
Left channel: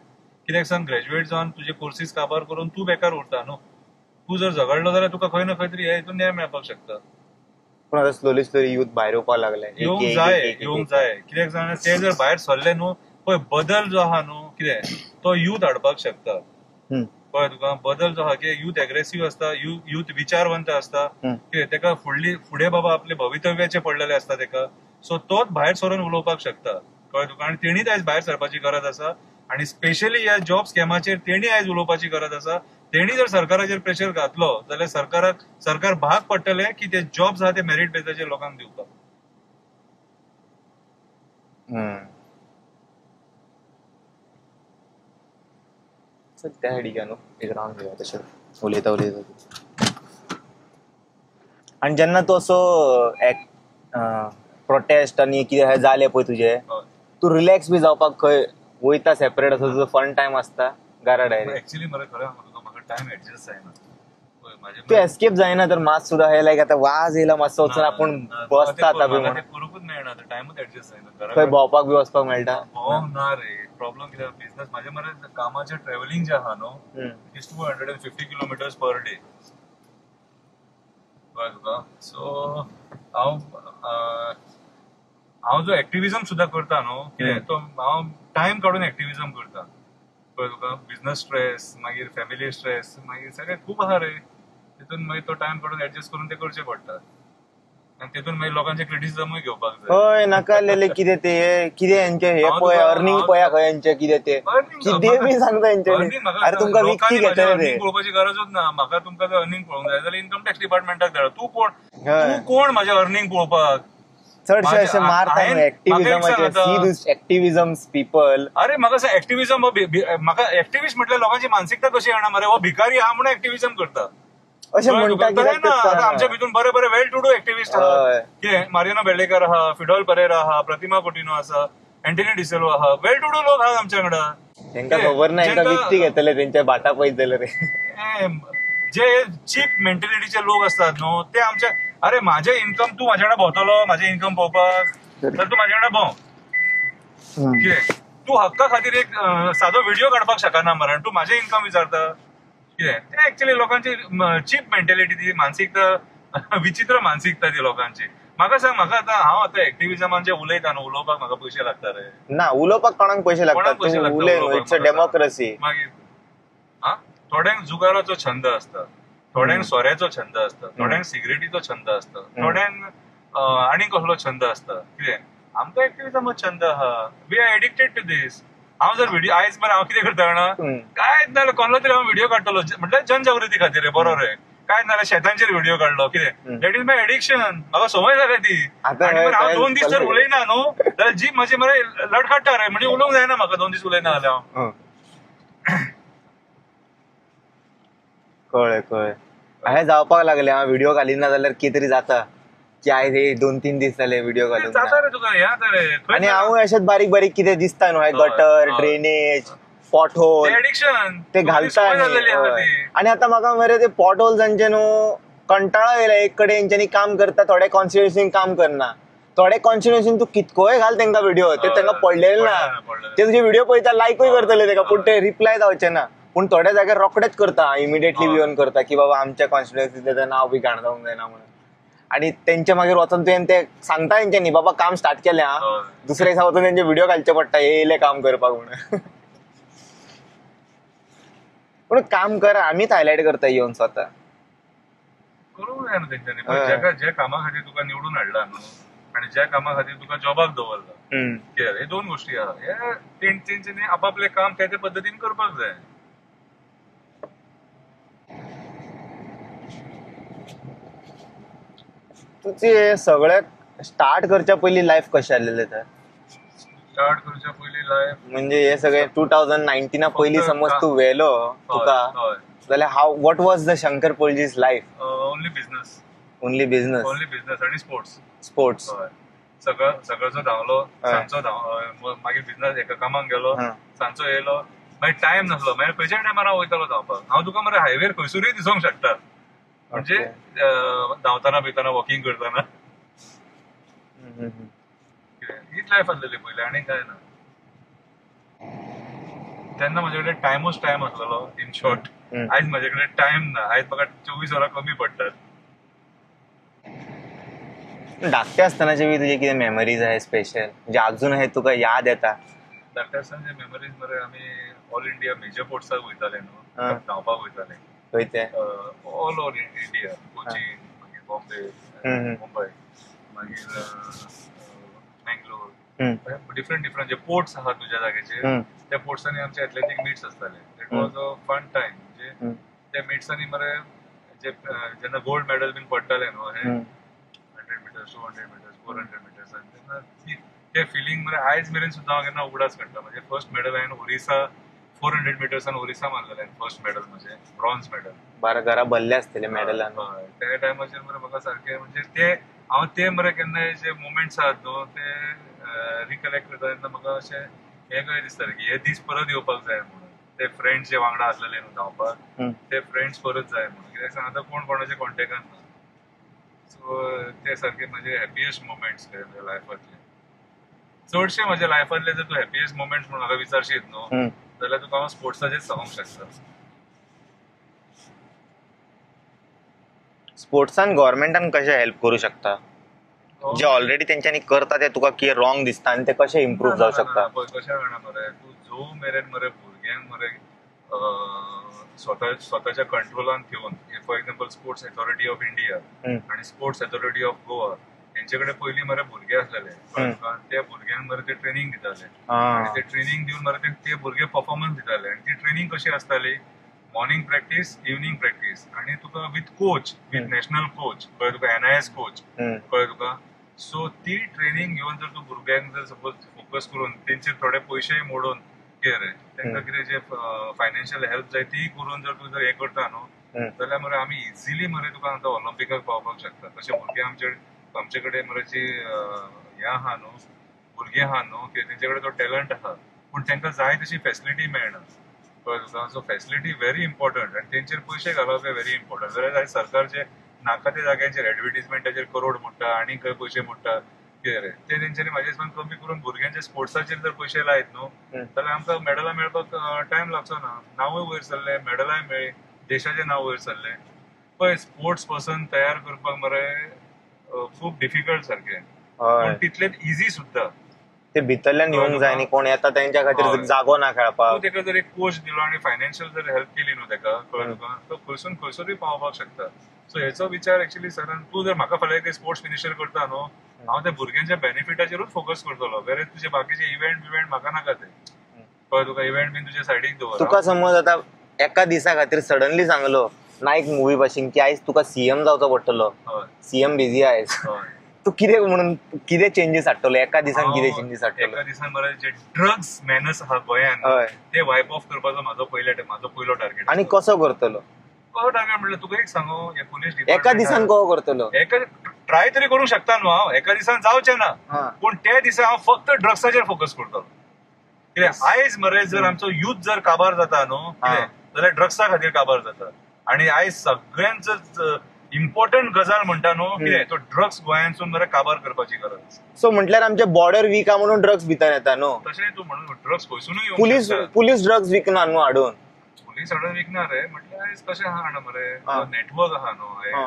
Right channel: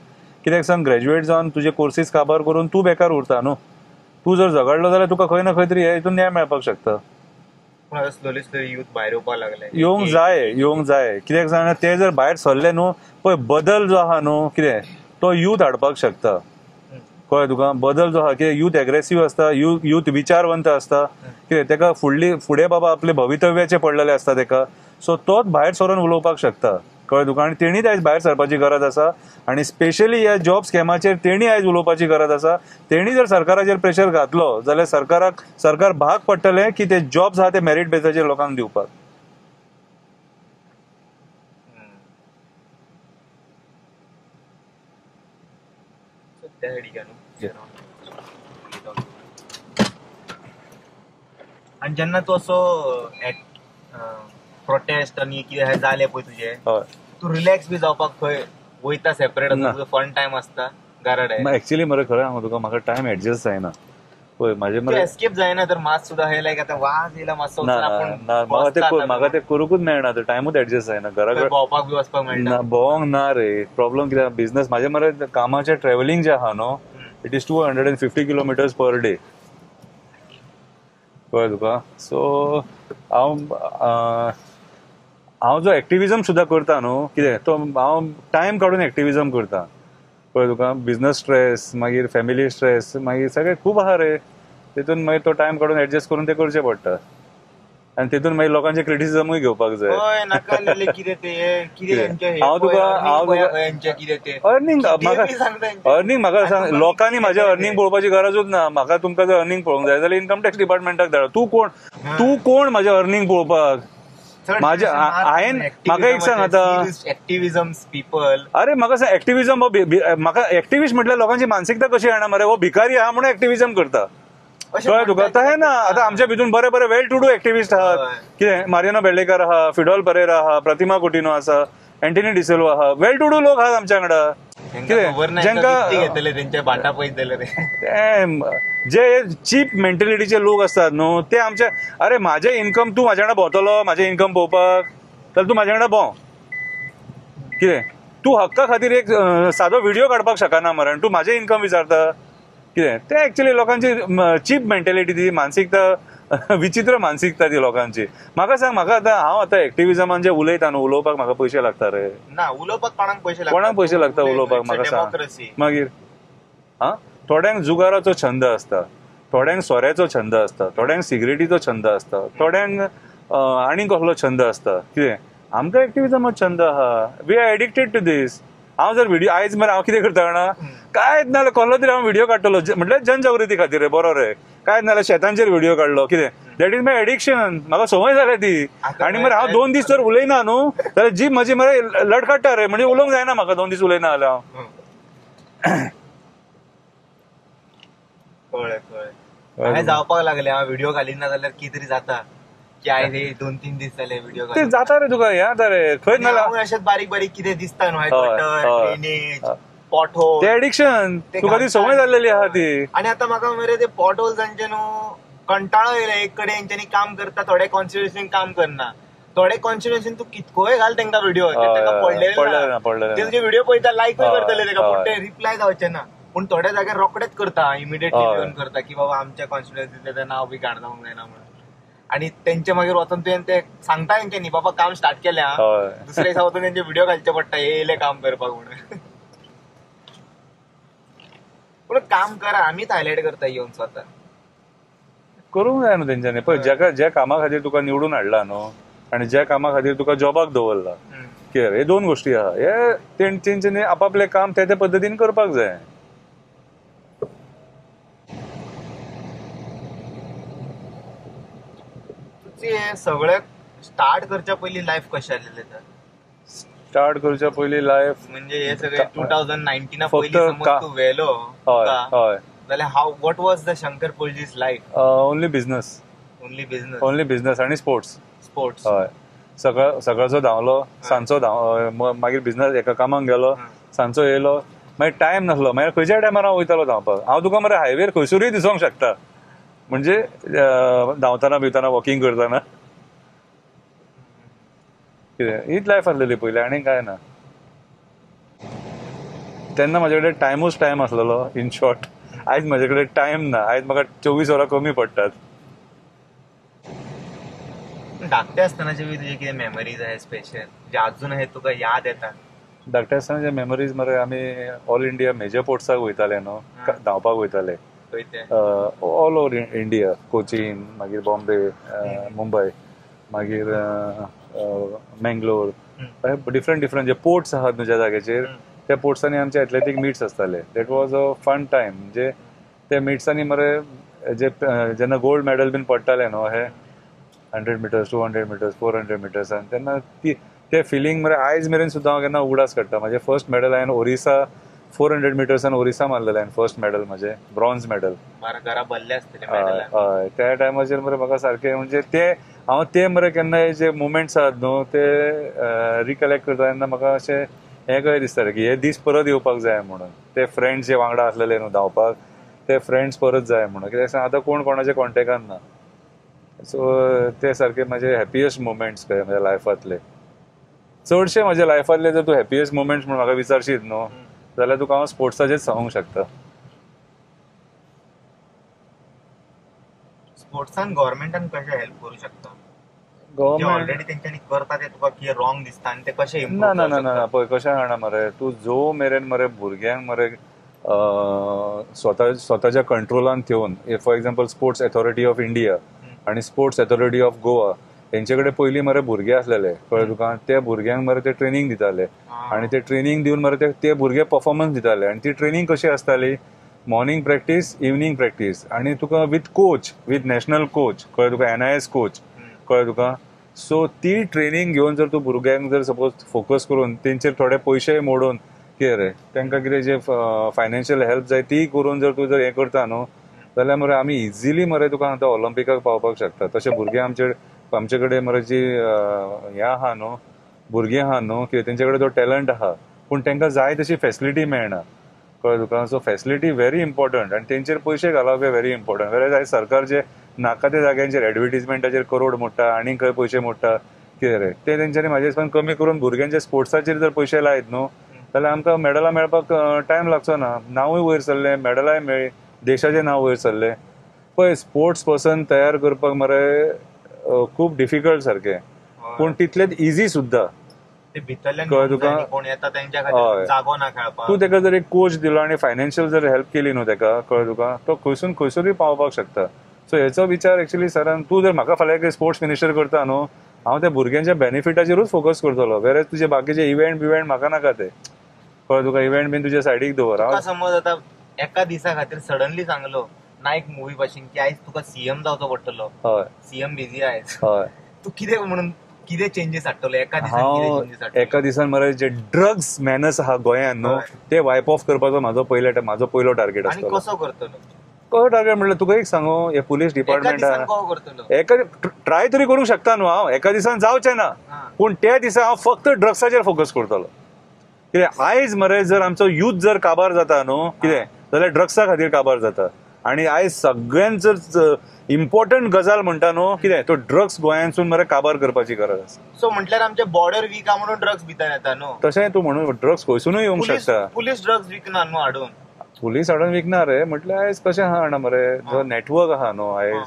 कित्याक सांग, ग्रॅज्युएट जावन तुजे कोर्सीस काबार करून तूं बेकार उरता न्हू. तूं जर झगडलो जाल्यार तुका खंय ना खंय तरी हे हितून न्याय मेळपाक शकता. पूण आतां स्लोली स्लोली युथ भायर येवपाक लागले. येवंक जाय. कित्याक सांगना, ते जर भायर सरले न्हू, पळय बदल जो आहा न्हू, कितें तो युथ हाडपाक शकता. कळ्ळें तुका, बदल जो आहा, कितें युथ एग्रेसिव्ह आसता, युथ विचारवंत आसता, कितें तेका फुडें बाबा आपले भवितव्याचे पडलेले आसता तेका. सो तोच भायर सरून उलोवपाक शकता, कळ्ळें तुका. आनी तेणीच आयज भायर सरपाची गरज आसा, आनी स्पेशली ह्या जॉब स्कॅमाचेर तेणी आयज उलोवपाची गरज आसा. तेणी जर सरकाराचेर प्रेशर घातलो जाल्यार सरकार भाग पडटलें की ते जॉब्स आहा ते मेरीट बेसाचेर लोकांक दिवपाक. त्या हेडिका न्हू रावंड घेवया तशें उलयता. आनी जेन्ना तूं असो प्रोटेस्ट आनी कितें जालें पळय तुजें, तूं रिलॅक्स बी जावपाक खंय वयता? सेपरेट असो फन टायम आसता घराड? एक्चुअली मरे खरें सांगू तुका, म्हाका टायम एडजस्ट जायना. पळय म्हाजे एस्केप जायना तर मात सुद्दां हे लायक आतां वाज येयला मातसो ते करूंकूच मेळना, टायमूच एडजस्ट जायना. घरा भोंवपाक बी वचपाक मेळना. भोंवंक ना रे, प्रॉब्लम कित्याक बिझनस म्हाजे मरे कामाचें ट्रॅव्हलिंग जे आहा न्हू, it is 250 kilometres per day, कळ्ळें तुका. सो हांव जो एक्टिव्हिजम सुद्दां करता न्हू, कितें तो हांव टायम काडून एक्टिव्हिजम करता, कळ्ळें तुका. बिझनस स्ट्रेस, मागीर फॅमिली स्ट्रेस, मागीर सगळें खूब आहा रे. तितून मागीर तो टायम काडून एडजस्ट करून ते करचें पडटा. आनी तितून मागीर लोकांचे क्रिटिसिजमूय घेवपाक जाय. हय नाका कितें ते कितें अर्निंग म्हाका सांग, लोकांनी म्हाजें अर्निंग पळोवपाची गरजूच ना. म्हाका तुमकां जर अर्निंग पळोवंक जाय जाल्यार इन्कम टॅक्स डिपार्टमेंटाक धाड. तूं कोण म्हाजें अर्निंग पळोवपाक? एक्टिव्हिजम पीपल. अरे म्हाका एक्टिव्हिजम, म्हाका एक्टिव्हिस्ट म्हटल्यार लोकांची मानसिकता कशी येना मरे? हो भिकारी आहा म्हणून एक्टिव्हिजम करता. आता आमच्या भितून बरे बरे वेल टू डू एक्टिव्हिस्ट आहात. कितें मारिनो बेर्डेकर आहा, फिडोल परेरा आहा, प्रतिमा कुटिनो आसा, अँटनी डिसिल्वा आहा, वेल टू डू लोक आहा आमच्या वांगडा. जे चीप मेंटेलिटीचे लोक असतात न्हू, ते आमच्या, अरे माझे इन्कम तू माझ्या वांगडा भोंवतलो, माझे इन्कम पळोवपाक, तर तू माझ्या वांगडा भोंव. कितें तूं हक्का खातीर एक सादो व्हिडिओ काडपाक शकना मरे, तूं म्हाजें इन्कम विचारता कितें? ते एक्चुअली लोकांची चीप मेंटेलिटी, ती मानसिकता, विचित्र मानसिकता ती लोकांची. म्हाका सांग, म्हाका हांव आतां एक्टिव्हिजमान जे उलयता न्हू, उलोवपाक म्हाका पयशे लागता रे? ना, उलोवपाक कोणाक पयशे लागता? कोणाक पयशे लागता उलोवपाक? डेमोक्रेसी. मागीर थोड्यांक जुगाराचो छंद असता, थोड्यांक सोऱ्याचो छंद असता, थोड्यांक सिगरेटीचो छंद असता, थोड्यांक आनी कसलो छंद असता. कितें आमकां एक्टिव्हिजमाचो छंद आहा. वी आर एडिक्टेड टू दीस. हांव जर व्हिडिओ आयज मरे हांव कितें करता जाणा, कांयच नाल्यार कसलो तरी हांव व्हिडिओ काडटलो, म्हटल्यार जनजागृती खातीर बरो रे. कांयच नाल्यार शेतांचेर व्हिडिओ काडलो, कितें दॅट इज माय एडिक्शन. म्हाका संवय जाल्या ती. आनी मरे हांव 2 दीस जर उलयना न्हू जाल्यार जीब म्हजी मरे लडकाडटा रे. म्हणजे उलोवंक जायना म्हाका 2 दीस उलयना जाल्यार हांव. कळ्ळें. हांवें जावपाक लागले, हांव व्हिडिओ घालिना जाल्यार कितें तरी जाता की आयज 2-3 दीस जाले व्हिडिओ ते जाता रे. तुका हें जाता रे. खंय हांव अशेंच बारीक बारीक कितें दिसता न्हू, गटर, ड्रेनेज, पॉट होल, ते एडिक्शन, तुका ती संवय जाल्लेली आहा ती. आणि आता म्हाका मरे ते पॉट होल्सांचे न्हू कंटाळो येयला. एक कडेन हेंच्यांनी काम करता, थोडे कॉन्स्टिट्युएन्सीन काम करना, थोडे कॉन्स्टिट्युएन्सीन तू कितकोय घाल तांकां व्हिडिओ, ते तांकां पडलेले ना. ते तुजी व्हिडिओ पळयता, लायकूय करतले ताका, पूण ते रिप्लाय जावचे ना. पूण थोड्या जाग्यार रोखडेच करता, इमिडिएटली येवन करता की बाबा आमच्या कॉन्स्टिट्युएन्सींतलें नांव बी घाण जावंक जायना म्हणून. आणि तेंचे मागीर वचून तुवें ते सांगता तेंच्यांनी बाबा काम स्टार्ट केलें हा, दुसऱ्या दिसा वचून तेंचे व्हिडिओ घालचे पडटा, येयले काम करपाक म्हणून. पूण काम करा, आमीच हायलायट करता येवन स्वता. करूंक जाय न्हू तेंच्यांनी. पळय, ज्या कामा खातीर तुका निवडून हाडला न्हू आनी ज्या कामा खातीर तुका जॉबाक दवरला, हे 2 गोश्टी आहा. हे तेंच्यांनी आपापलें काम त्या पद्दतीन करपाक जाय. तुझे सगळ्यात स्टार्ट करच्या पयलीं लायफ कशें आसलेलें तर? स्टार्ट करच्या पयलीं लायफ म्हणजे हे सगळे 2019 पयलीं समज तूं वेलो तुका, जाल्यार how what was the Shankar Polji's life? Only business. Only business आनी स्पोर्ट्स. हय. सकाळचो धांवलो, सांजचो मागीर बिझनस एका कामाक गेलो, सांजचो येयलो, मागीर टायम नासलो, मागीर खंयच्या टायमार हांव वयतालो धांवपाक. हांव तुका मरे हायवेर खंयसरूय दिसोंक शकता, म्हणजे धांवताना बिवताना, वॉकिंग करताना. हीच लायफ आसलेली पयलीं, आनी काय ना. तेन्ना म्हाजे कडेन टायमूच टायम आसलेलो. इन शॉर्ट, आयज म्हाजे कडेन टायम ना. आयज म्हाका 24 वरां कमी पडटात. धाकटे आसतनाचे बी तुजे कितें मेमरीज आहाय स्पेशल, जे अजून हे तुका याद येता? धाकटे आसतनाचे मेमरीज मरे, आमी ऑल इंडिया मेजर पोर्ट्साक वयताले न्हू, धांवपाक वयताले. ऑल ओव्हर इंडिया, कोचीन, मागीर बॉम्बे, मुंबय, मागीर मेंगलोर, डिफरंट जे पोर्ट्स आहात न्हू ज्या जाग्याचेर, त्या पोर्ट्सांनी आमचे एथलेटीक मिट्स आसताले. That was a fun time. म्हणजे त्या मिट्सांनी मरे जेन्ना गोल्ड मेडल बीन पडटाले न्हू, हे 100 मिटर्स, 200 मिटर्स, 400 मिटर्स, तेन्ना ते फिलींग मरे आयज मेरेन सुद्दां हांव केन्ना उगडास काडटा. म्हाजे फर्स्ट मेडल हांवें ओरिसा 400 मिटर्सान ओरिसा मारलेलें हांवें फर्स्ट मेडल, म्हजें ब्रॉन्झ मेडल. घरा भरले आसतले मेडल. हय, त्या टायमाचेर मरे म्हाका सारकें, म्हणजे ते मरे केन्नाय जे मुमेंट्स आहात न्हू ते रिकलेक्ट करता तेन्ना म्हाका अशें हें कशें दिसतालें की हे दीस परत येवपाक जाय म्हणून. ते फ्रेंड्स जे वांगडा आसलेले न्हू धांवपाक, ते फ्रेंड्स परत जाय म्हणून. कित्याक आतां कोण कोणाच्या कॉन्टेक्टान ना. सो ते सारखे म्हजे हॅपियस्ट मुमेंट्स ते म्हज्या लायफांतले. चडशे म्हज्या लायफांतले जर तूं हॅपियस्ट मुमेंट्स म्हणून म्हाका विचारशीत न्हू जाल्यार तुका हांव स्पोर्ट्साचेच सांगूंक शकता. स्पोर्ट्सान गव्हर्मेंटान कशें हेल्प करूं शकता? जे ऑलरेडी तेंच्यांनी करता ते तुका कितें रॉंग दिसता आनी ते कशें इम्प्रूव्ह जावंक शकता? पळय कशें जाणा मरे, तूं जो मेरेन मरे भुरग्यांक मरे स्वताच्या कंट्रोलान ठेवून, for example sports authority of India आनी स्पोर्ट्स अथॉरिटी ऑफ गोवा तेंचे कडेन पयलीं मरे भुरगे आसलेले, कळ्ळें तुका? ते भुरग्यांक मरे ते ट्रेनिंग दिताले आनी ते ट्रेनिंग दिवन मरे ते भुरगे परफॉर्मन्स दिताले. आनी ती ट्रेनिंग कशी आसताली, मॉर्निंग प्रॅक्टीस, इवनिंग प्रॅक्टीस, आनी तुका with coach, with national coach, कळ्ळें तुका? NIS कोच, कळ्ळें तुका? सो ती ट्रेनिंग घेवन जर तूं भुरग्यांक जर सपोज फोकस करून तेंचेर थोडे पयशे मोडून कितें रे तांकां कितें जे फायनान्शियल हेल्प जाय ती करून जर तूं जर हें करता न्हू जाल्यार मरे आमी इजिली मरे तुका आतां ऑलिंपिकाक पावपाक शकता. तशे भुरगे आमचे कडेन मरे जी हें आहा न्हू, भुरगीं आहा न्हू, की तेंचे कडेन तो टॅलंट आहा पूण तांकां जाय तशी फॅसिलिटी मेळना, कळ्ळें तुका? सो फॅसिलिटी व्हेरी इम्पॉर्टंट आनी तेंचेर पयशे घालप हे व्हेरी इम्पॉर्टंट. वेर आयज सरकार जे नाका त्या जाग्यांचेर एडवर्टिजमेंटाचेर करोड मोडटा, आनी खंय पयशे मोडटा, कितें रे ते तेंच्यांनी म्हाजे हिसपान कमी करून भुरग्यांच्या स्पोर्ट्साचेर जर पयशे लायत न्हू जाल्यार आमकां मेडलां मेळपाक टायम लागचो ना. नांवूय वयर सरलें, मेडलाय मेळ्ळी, देशाचें नांव वयर सरलें. पळय स्पोर्ट्स पर्सन तयार करपाक मरे खूब डिफिकल्ट सारकें, पूण तितलेंच इझी सुद्धा. ते भितरल्यान घेवंक जाय आनी कोण येता तेंच्या खातीर जागो ना खेळपाक. तूं तेका जर एक कोच दिलो आनी फायनान्शियल जर हेल्प केली न्हू तेका, कळ्ळें तुका, तो खंयसून खंयसरूय पावपाक शकता. सो हेचो विचार एक्चुअली सरान, तूं जर म्हाका फाल्यां स्पोर्ट्स मिनिस्टर करता न्हू, हांव त्या भुरग्यांच्या बेनिफिटाचेरूच फोकस करतलो. वेरे तुजे बाकीचे इव्हेंट म्हाका नाका ते, कळ्ळें तुका. इव्हेंट बीन तुजे सायडीक दवर. तुका समज आतां एका दिसा खातीर सडनली सांगलो नायक मुवी भाशेन की आयज तुका सीएम जावचो पडटलो, हय सीएम बिझी आयज, हय, तू कितें म्हणून कितें चेंजीस हाडटलो एका दिसान? कितें चेंजीस हाडटलो एका दिसान मरे जे ड्रग्स मॅनस आहा गोंयांत न्हू, ते वायप ऑफ करपाचो म्हाजो पयलो टार्गेट. आनी कसो करतलो? कसो टार्गेट म्हणल्यार तुका एक सांगू, हे पुलीस एका डिपार्टमेंट दिसान कसो करतलो? ट्राय तरी करूंक शकता न्हू हांव, एका दिसान जावचें ना, पूण त्या दिसा हांव फक्त ड्रग्साचेर फोकस करतलो. कितें आयज मरे जर आमचो यूथ जर काबार जाता न्हू कितें जाल्यार ड्रग्सा खातीर काबार जाता. आनी आयज सगळ्यांत इम्पॉर्टंट गजाल म्हणटा न्हू कितें, तो ड्रग्स गोंयांतसून मरे काबार करपाची गरज आसा. सो म्हटल्यार आमचे बॉर्डर वीक आहा म्हणून ड्रग्स भितर येता न्हू. तशें तूं म्हणून ड्रग्स खंयसूनय येवंक शकता. पुलीस ड्रग्स विकना न्हू हाडून. पुलीस हाडून विकना रे, म्हटल्यार आयज कशें आहा जाणा मरे, जो नेटवर्क आहा न्हू आयज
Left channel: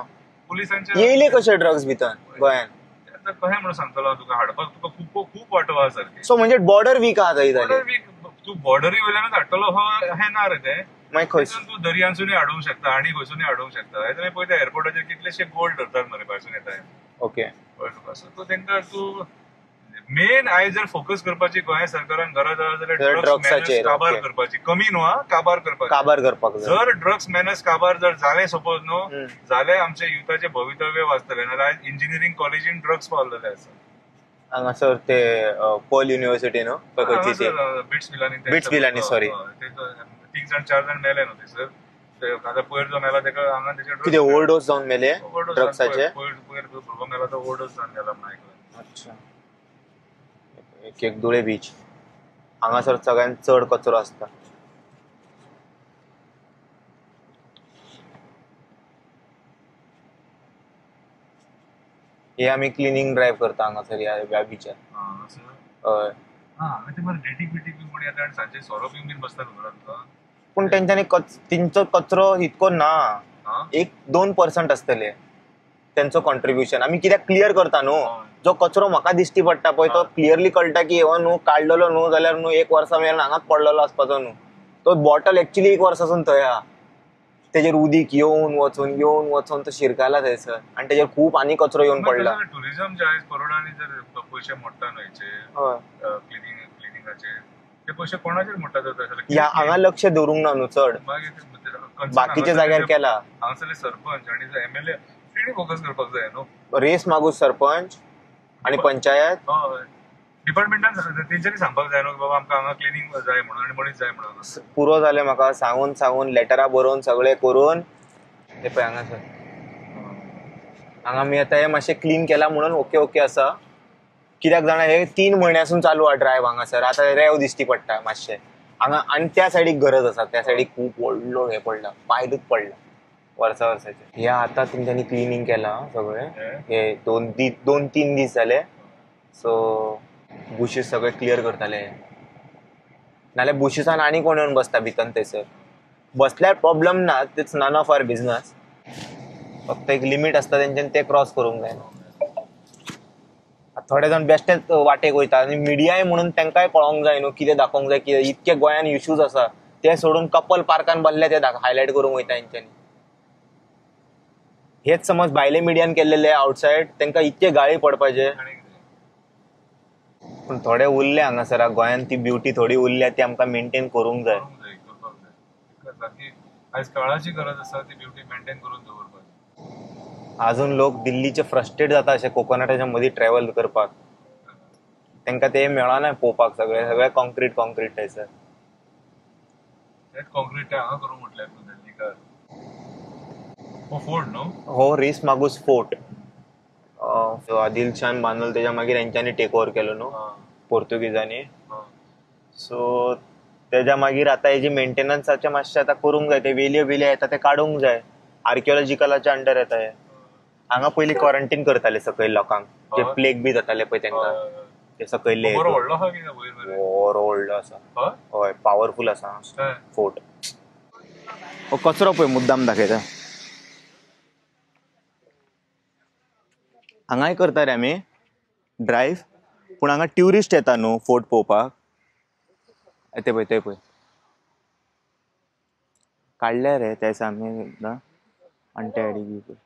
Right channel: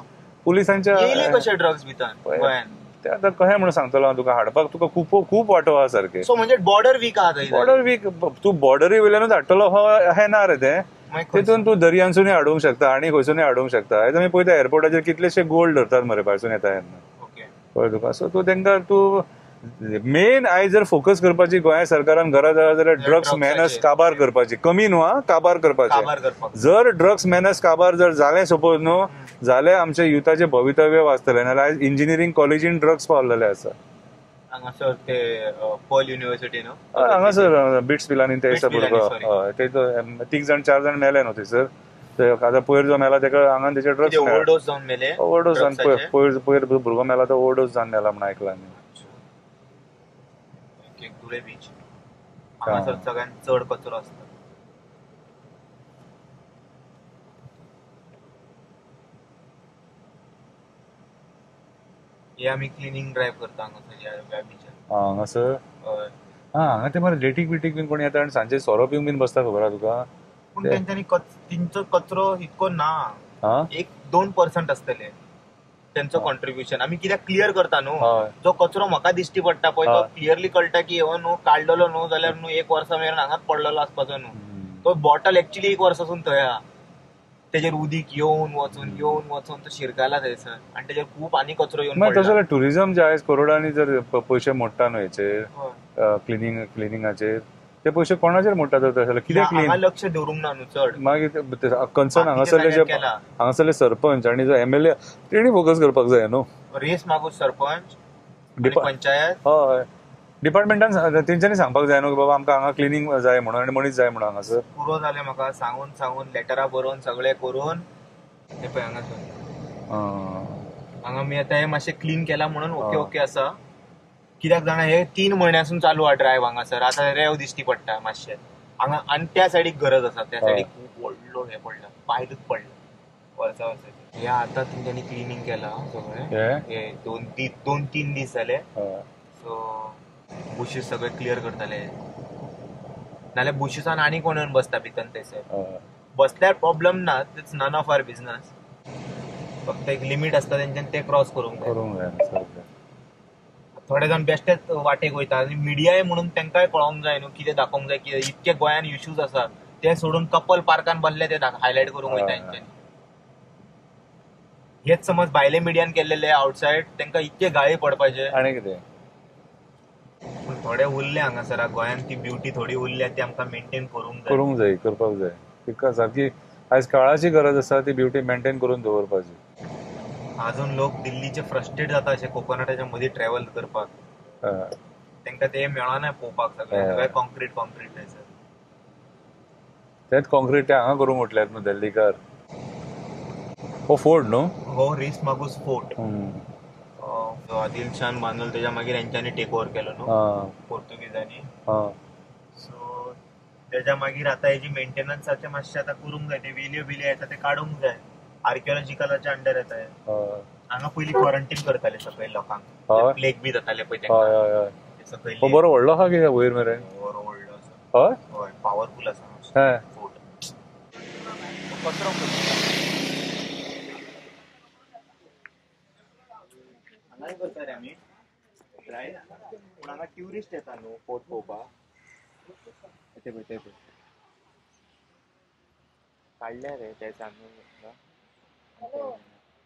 पुलिसांच्या येयले कशे ड्रग्स भितर गोंयांत? ते आतां कशें म्हणून सांगतलो हांव तुका, हाडपाक तुका खूब वाटो आहा सारकें. सो म्हणजे बॉर्डर वीक आहा बॉर्डर वीक, तूं बॉर्डरी वयल्यानूच हाडटलो हें ना रे तें. तितून तूं दर्यांसूनय हाडूंक शकता आनी खंयसूनय हाडूंक शकता. आयज आमी पळयता एअरपोर्टाचेर कितलेशे गोल्ड धरतात मरे भायरसून येता तेन्ना. ओके, कळ्ळें तुका. सो तूं तेंकां तूं मेन आयज जर फोकस करपाची गोंय सरकारान गरज आहा जाल्यार ड्रग्स मॅनस काबार करपाची. कमी न्हू हा, काबार करपाची. जर ड्रग्स मॅनस काबार जर जालें सपोज न्हू जाल्यार आमच्या युथाचें भवितव्य वाचतलें. नाल्यार आयज इंजिनियरींग कॉलेजीन ड्रग्स पावलेले आसा. हांगासर ते पर्ल युनिव्हर्सिटी न्हू, हांगासर बिट्स पिलांनी ते तीग जाण 4 जाण मेले न्हू थंयसर. आतां पयर जो मेला तेका हांगा तेचे ड्रग्स ओव्हरडोस जावन मेले. ओव्हरडोस जावन पयर भुरगो मेला तो ओव्हरडोस जावन मेला म्हणून आयकलां. एक धुळे बीच हांगासर सगळ्यांत चड कचरो आसता. हे आमी क्लिनिंग ड्रायव्ह करता हांगासर ह्या बीचार. हांगासर हय. हांगा ते मरे डेटीक बीन कोण येता आनी सांजे सोरो पिवंक बीन बसता, खबर आहा तुका. पूण तेंच्यांनी तेंचो कचरो इतको ना, 1-2% आसतले तेंचो कॉन्ट्रिब्युशन. आमी कित्याक क्लियर करता न्हू, जो कचरो म्हाका दिश्टी पडटा पळय तो क्लियरली कळटा की हो न्हू काडलेलो न्हू जाल्यार न्हू 1 वर्सा मेरेन हांगाच पडलेलो आसपाचो न्हू. तो बॉटल एक्चुअली 1 वर्सासून थंय आहा, तेजेर उदीक येवन वचून तो शिरकाला थंयसर आनी तेजेर खूब आनी कचरो येवन पडला. टुरिझम जे आयज करोडांनी जर पयशे मोडटा न्हू हेचेर क्लिनिंगाचेर, ते पयशे कोणाचेर मोडटा तर हांगा लक्ष दवरूंक ना न्हू चड. मागीर कन्सर्न हांगासरले सरपंच आनी जो MLA तेणी फोकस करपाक जाय न्हू. रेस मागूस सरपंच आनी पंचायत, हय डिपार्टमेंटान तेंच्यांनी सांगपाक जाय न्हू बाबा आमकां हांगा क्लिनिंग जाय म्हणून आनी मनीस जाय म्हणून. हांगासर पुरो जालें म्हाका सांगून लेटरां बरोवन सगळें करून हे पळय हांगासर हांगा मी आतां हे मातशें क्लीन केला म्हणून ओके आसा. कित्याक जाणा हे 3 म्हयन्यासून चालू आहा ड्रायव्ह हांगासर. आतां रेव दिश्टी पडटा मातशें हांगा आनी त्या सायडीक गरज आसा. त्या सायडीक खूब व्हडलो हे पडला, पायलूच पडला वर्साचे. हे आतां तेंच्यांनी क्लिनिंग केला सगळें. हे 2-3 दीस जाले. सो बुशीस सगळे क्लियर करताले. नाल्यार बुशीसान आनी कोण येवन बसता भितर थंयसर. बसल्यार प्रॉब्लेम ना, it's none of our business. फक्त एक लिमिट आसता तेंच्यानी ते क्रॉस करूंक जाय. थोडे जाण बेश्टेच वाटेक वयता आनी मिडियाय म्हणून तेंकाय कळोंक जाय न्हू कितें दाखोवंक जाय. कितें इतके गोंयान इश्यूज आसा ते सोडून कपल पार्कान बसले ते हायलायट करूंक वयता हेंच्यांनी. हेच समज भायले मिडियान केल्लेले आउटसायड तेंकां इतके गाळी पडपाचे आनी कितें. पूण थोडे उरले हांगासर गोंयान ती ब्युटी थोडी उरल्या ती आमकां मेंटेन करूंक जाय करपाक जाय. तिका सारकी आयज काळाची गरज आसा ती ब्युटी मेंटेन करून दवरपाची. अजून लोक दिल्लीचे फ्रस्ट्रेट जाता अशे कोकोनटाच्या मदीं ट्रॅव्हल करपाक. तेंकां ते मेळना पळोवपाक. सगळे कॉन्क्रीट थंयसर. तेच कॉन्क्रीट हांगा करूंक म्हटल्यात न्हू दिल्लीकार. हो फोर्ट न्हू, हो रेस मागूस फोर्ट. आदिल शान बांदलो तेच्या मागीर हेंच्यांनी टेक ओव्हर केलो न्हू पोर्तुगीजांनी. सो तेच्या मागीर आतां हेजी मेंटेनन्साचें मातशें आतां करूंक जाय. ते वेल्यो येता ते काडूंक जाय. आर्किओलॉजिकलाच्या अंडर येता हे. हांगा पयलीं क्वारंटीन करताले सकयल लोकांक हय. जे प्लेग बी जाताले पळय हय, तेंका हय, हय. ते सकयल तो बरो व्हडलो आहा कितें वयर मरे बरो व्हडलो आसा हय हय पावरफुल आसा हय. फोर्ट हो कचरो पळय मुद्दाम दाखयता हांगाय करता रे आमी ड्रायव्ह पूण हांगा ट्युरिस्ट येता न्हू फोर्ट पळोवपाक ते पळय काडल्या रे ते दिसा आमी एकदां आनी ते आयडी बी पळय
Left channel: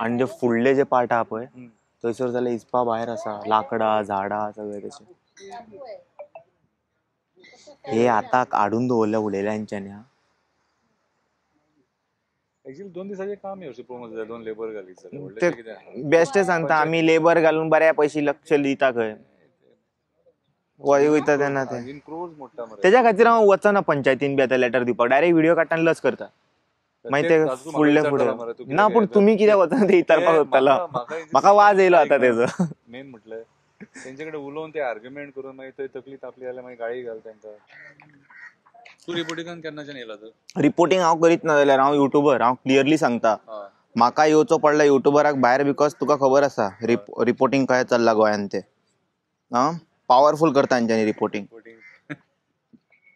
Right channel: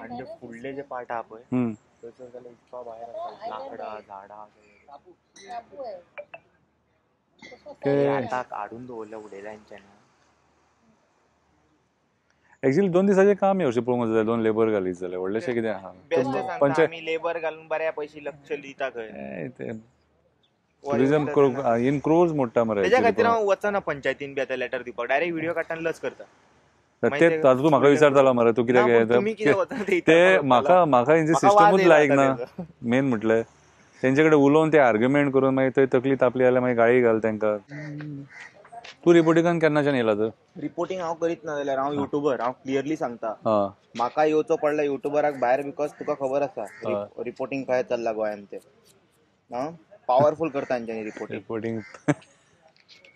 आनी जे फुडले जे पार्ट आहा पळय थंयसर जाल्यार हिसपा भायर आसा लाकडां झाडां सगळे तशें हे आतां हाडून दवरल्या उडयल्या हेंच्यांनी एक्चुअली 2 दिसाचें काम हे अशें पळोवंक जाय 2 लेबर घालीत जाल्यार व्हडलेशें कितें आहा बेस्ट सांगता आमी लेबर घालून बऱ्या पैसे लक्ष दिता खंय इन क्रोर्स मोडटा मरे तेज्या खातीर हांव वचना पंचायतीन बी आतां लेटर दिवपाक डायरेक्ट व्हिडिओ काडटा आनी लज करता तूं म्हाका विचारतालो मरे तूं ना, पूण तुमी कित्याक वचना ते विचारपाक वतालो. म्हाका वाज येयलो आतां तेजो. मेन म्हटल्यार तेंचे कडेन उलोवन ते आर्ग्युमेंट करून मागीर थंय तकली तापली जाल्यार मागीर गाळी घाल तेंकां तूं रिपोर्टिंगान केन्नाच्यान येयला तर रिपोर्टिंग हांव करीत ना जाल्यार हांव युट्यूबर हांव क्लियरली सांगता म्हाका येवचो पडला युट्यूबराक भायर बिकॉज तुका खबर आसा रिपोर्टिंग काय चल्ला गोंयान ते पॉवरफुल करता तेंच्यांनी रिपोर्टिंग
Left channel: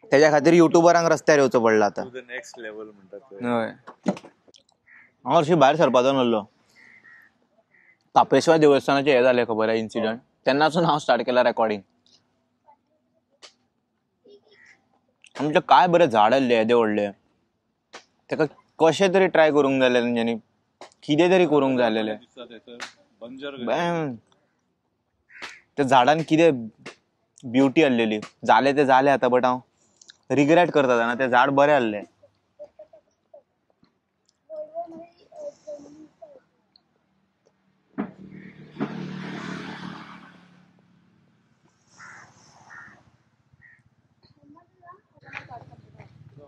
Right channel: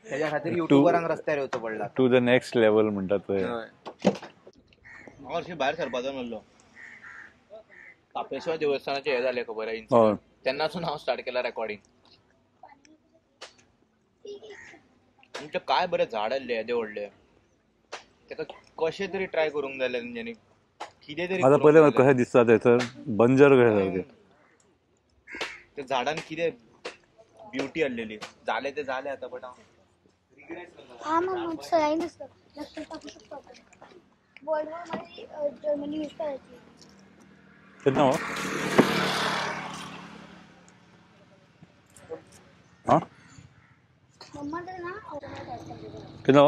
तेज्या खातीर युट्यूबरांक रस्त्यार येवचो पडला टू द नेक्स्ट लेवल म्हणटात पळय हांव हरशी भायर सरपाचो नासलो कापेश्वर देवस्थानाचे हे जाले खबर आहा इन्सिडंट तेन्नासून हांव स्टार्ट केला रेकॉर्डिंग आमचे काय बरे झाड आसले येदे व्हडले तेका कशें तरी ट्राय करूंक जाय तेंच्यांनी कितें तरी करूंक जाय कशें दिसता थंयसर बंजर त्या झाडान कितें ब्युटी आसलेली जाले ते जाले आतां बट हांव रिग्रेट करता जाणा ते झाड बरें आसले केन्ना केन्ना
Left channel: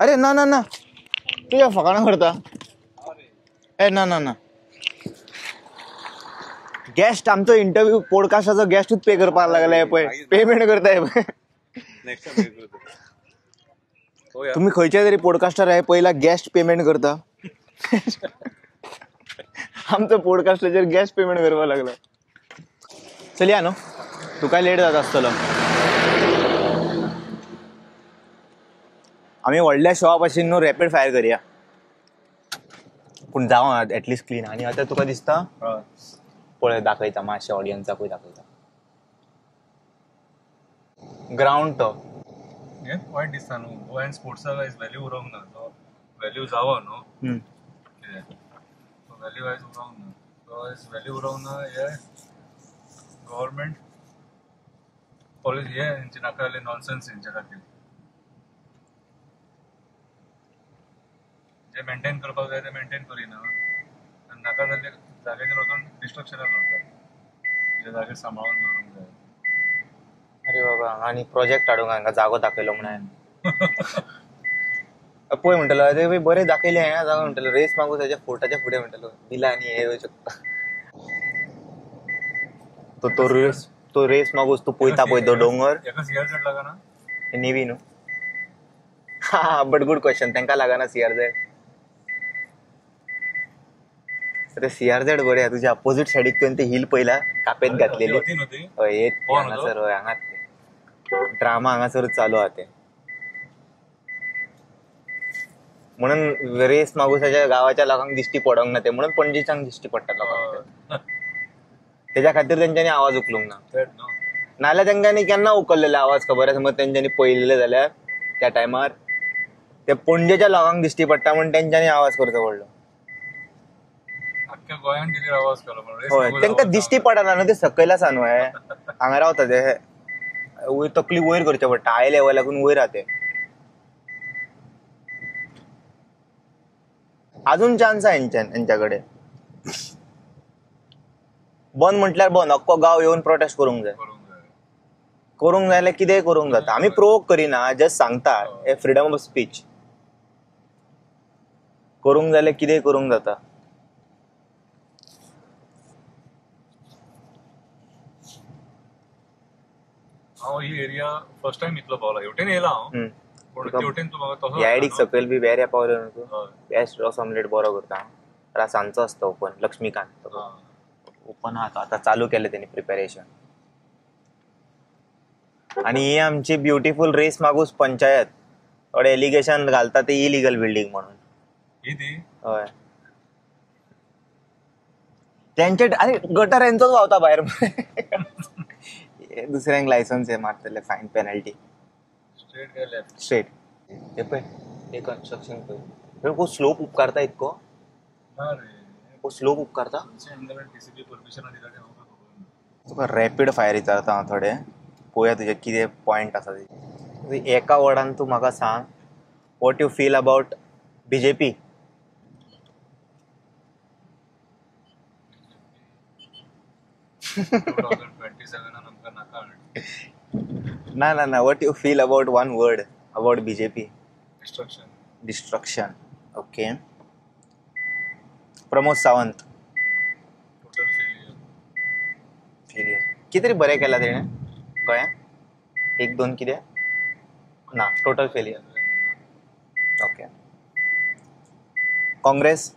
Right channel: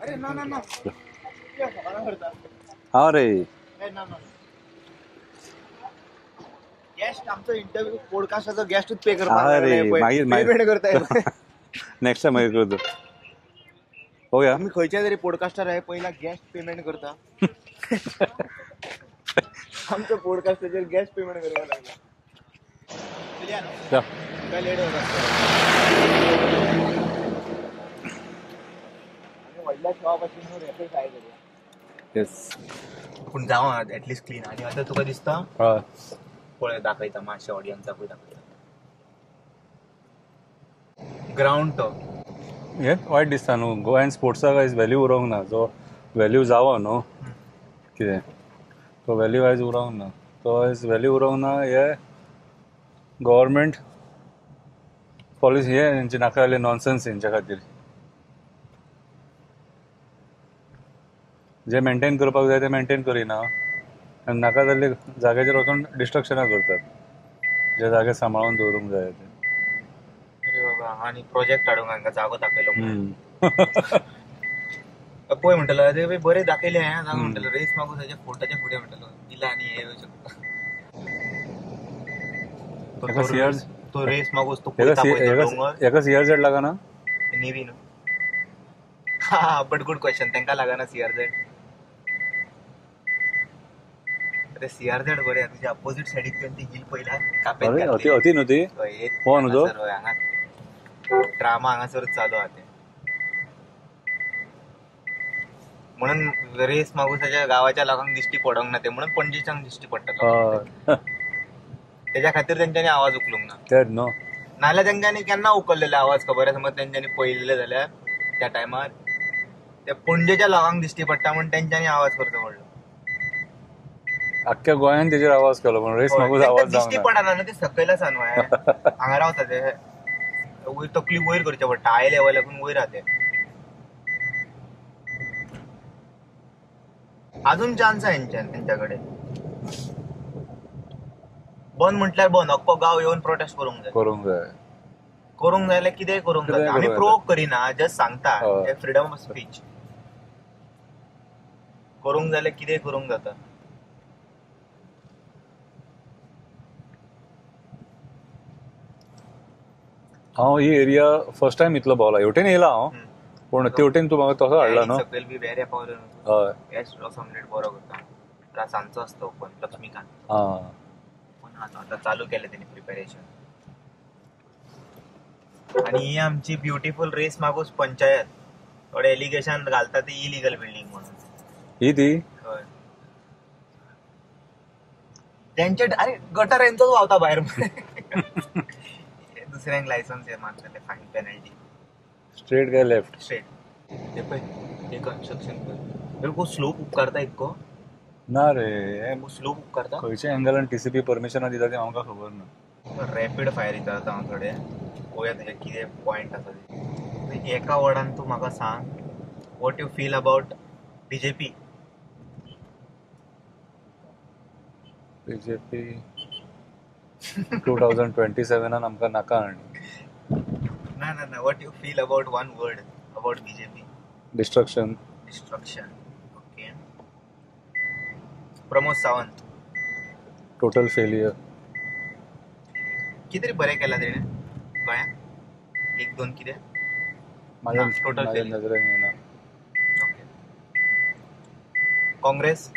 अरे ना ना ना तुझ्या फकाणा करता हा रे ए ना ना ना गेस्ट आमचो इंटरव्यू पॉडकास्टाचो गेस्टूच पे करपाक लागले पेमेंट करताय नेक्स्ट टाइम मागीर करता पळोवया तुम्ही खंयचे तरी पॉडकास्टर आहे पहिला गेस्ट पेमेंट करता आमचो पॉडकास्टाचेर गेस्ट पेमेंट करपाक लागला चलया न्हू तुका लेट जाता आसतलो आमी व्हडल्या शॉप आशिल्ली न्हू रॅपीड फायर करया पूण जावं एटलिस्ट क्लीन आनी आतां तुका दिसता पळय दाखयता मातशें ऑडियन्साकूय दाखयता ग्राउंड तो हे वायट दिसता न्हू गोंयान स्पोर्ट्साक आयज व्हॅल्यू उरोंक ना जो व्हॅल्यू जावो न्हू कितें तो व्हॅल्यू आयज उरोंक ना तो आयज व्हॅल्यू उरोंक ना हे गव्हर्मेंट पॉलिसी हे हेंचे नाका जाल्ले नॉनसेन्स हेंच्या खातीर जे मेंटेन करपाक जाय ते मेंटेन करिना आनी नाका जाल्ले जाग्याचेर वचून डिस्ट्रक्शनां करतात जे जागे सांबाळून दवरूंक जाय ते अरे बाबा आनी प्रोजेक्ट हाडूंक हांगा जागो दाखयलो म्हणून पळय म्हणटलो अरे भाई बरें दाखयलें हांगा जागो म्हणटलो रेस मागून ताच्या फोर्टाच्या फुडें म्हणटलो इला आनी हे येवं शकता तो रेस मागूस तूं पळयता पळय तो डोंगर हेका CRZ लागना नेवी न्हू हा बट गुड क्वेश्चन तांकां लागना CRZ अरे CRZ बरें तुज्या अपोजीट सायडीक तुवें ते हिल पयला कापेत घातलेली न्हू ती हांगा ड्रामा हांगासरूच चालू आहा ते म्हणून रेस मागुसाच्या गावाच्या लोकांक दिश्टी पडोंक ना ते म्हणून पणजेच्यान दिश्टी पडटा तेज्या खातीर तेंच्यांनी आवाज उखलूंक ना नाल्यार तेंच्यांनी केन्ना उखललेले आवाज खबर आसा समज तेंच्यांनी पळयल्ले जाल्यार त्या टायमार ते पणजेच्या लोकांक दिश्टी पडटा म्हणून तेंच्यांनी आवाज करचो पडलो अख्ख्या गोंयान तेजेर आवाज केलो पण रेस तेंकां दिश्टी पडना न्हू ते सकयल आसा न्हू हांगा रावता ते वयर तकली वयर करचे पडटा हाय लेवलाकून वयर आहा ते अजून चान्स आहे हेंच्या कडेन बंद म्हटल्यार बंद अख्खो गांव येवन प्रोटेस्ट करूंक जाय जाल्यार कितेंय करूंक जाता आमी प्रोवोक करिना जस्ट सांगता फ्रीडम ऑफ स्पीच करूंक जाल्यार कितेंय करूंक जाता हांव ही एरिया फर्स्ट टायम इतलो भोंवला हेवटेन येयला हांव पूण तेवटेन तूं म्हाका तसो ह्या हाडला आयडीक न्हू. सकयल बी वेऱ्या पावले न्हू तूं. हय बेस्ट रस ऑमलेट बरो करता. सांजचो आसता ओपन लक्ष्मीकांत. आं ओपन आता चालू केलं त्यांनी प्रिपरेशन. आणि ही आमची ब्युटिफुल रेस मागूस पंचायत थोडे एलिगेशन घालता ते इलिगल बिल्डिंग म्हणून. ही ती होय त्यांचे अरे गटर यांचोच वावता बाहेर. दुसऱ्यांक लायसन्स हे मारतले फाईन पेनल्टी. स्ट्रेट काय लेफ्ट स्ट्रेट हे पळय हे कन्स्ट्रक्शन पळय खूप स्लोप उपकारता इतको. ना रे खूप स्लोप उपकारता. खंयच्या एंगलान टीसीपी परमिशन दिता ते आमकां खबर ना. रॅपीड फायर विचारता हांव थोडे. पळोवया तुजे कितें पॉयंट आसा ते. एका वर्डान तूं म्हाका सांग what you feel about BJP. BJP 2027 आमकां नाका आनी. ना what you feel about one word about BJP. Destruction. Destruction. Okay. Pramod Sawant. Total failure. कितें बरें केला तेणे गोंयांत. एक दोन कितें total failure. Okay. Congress.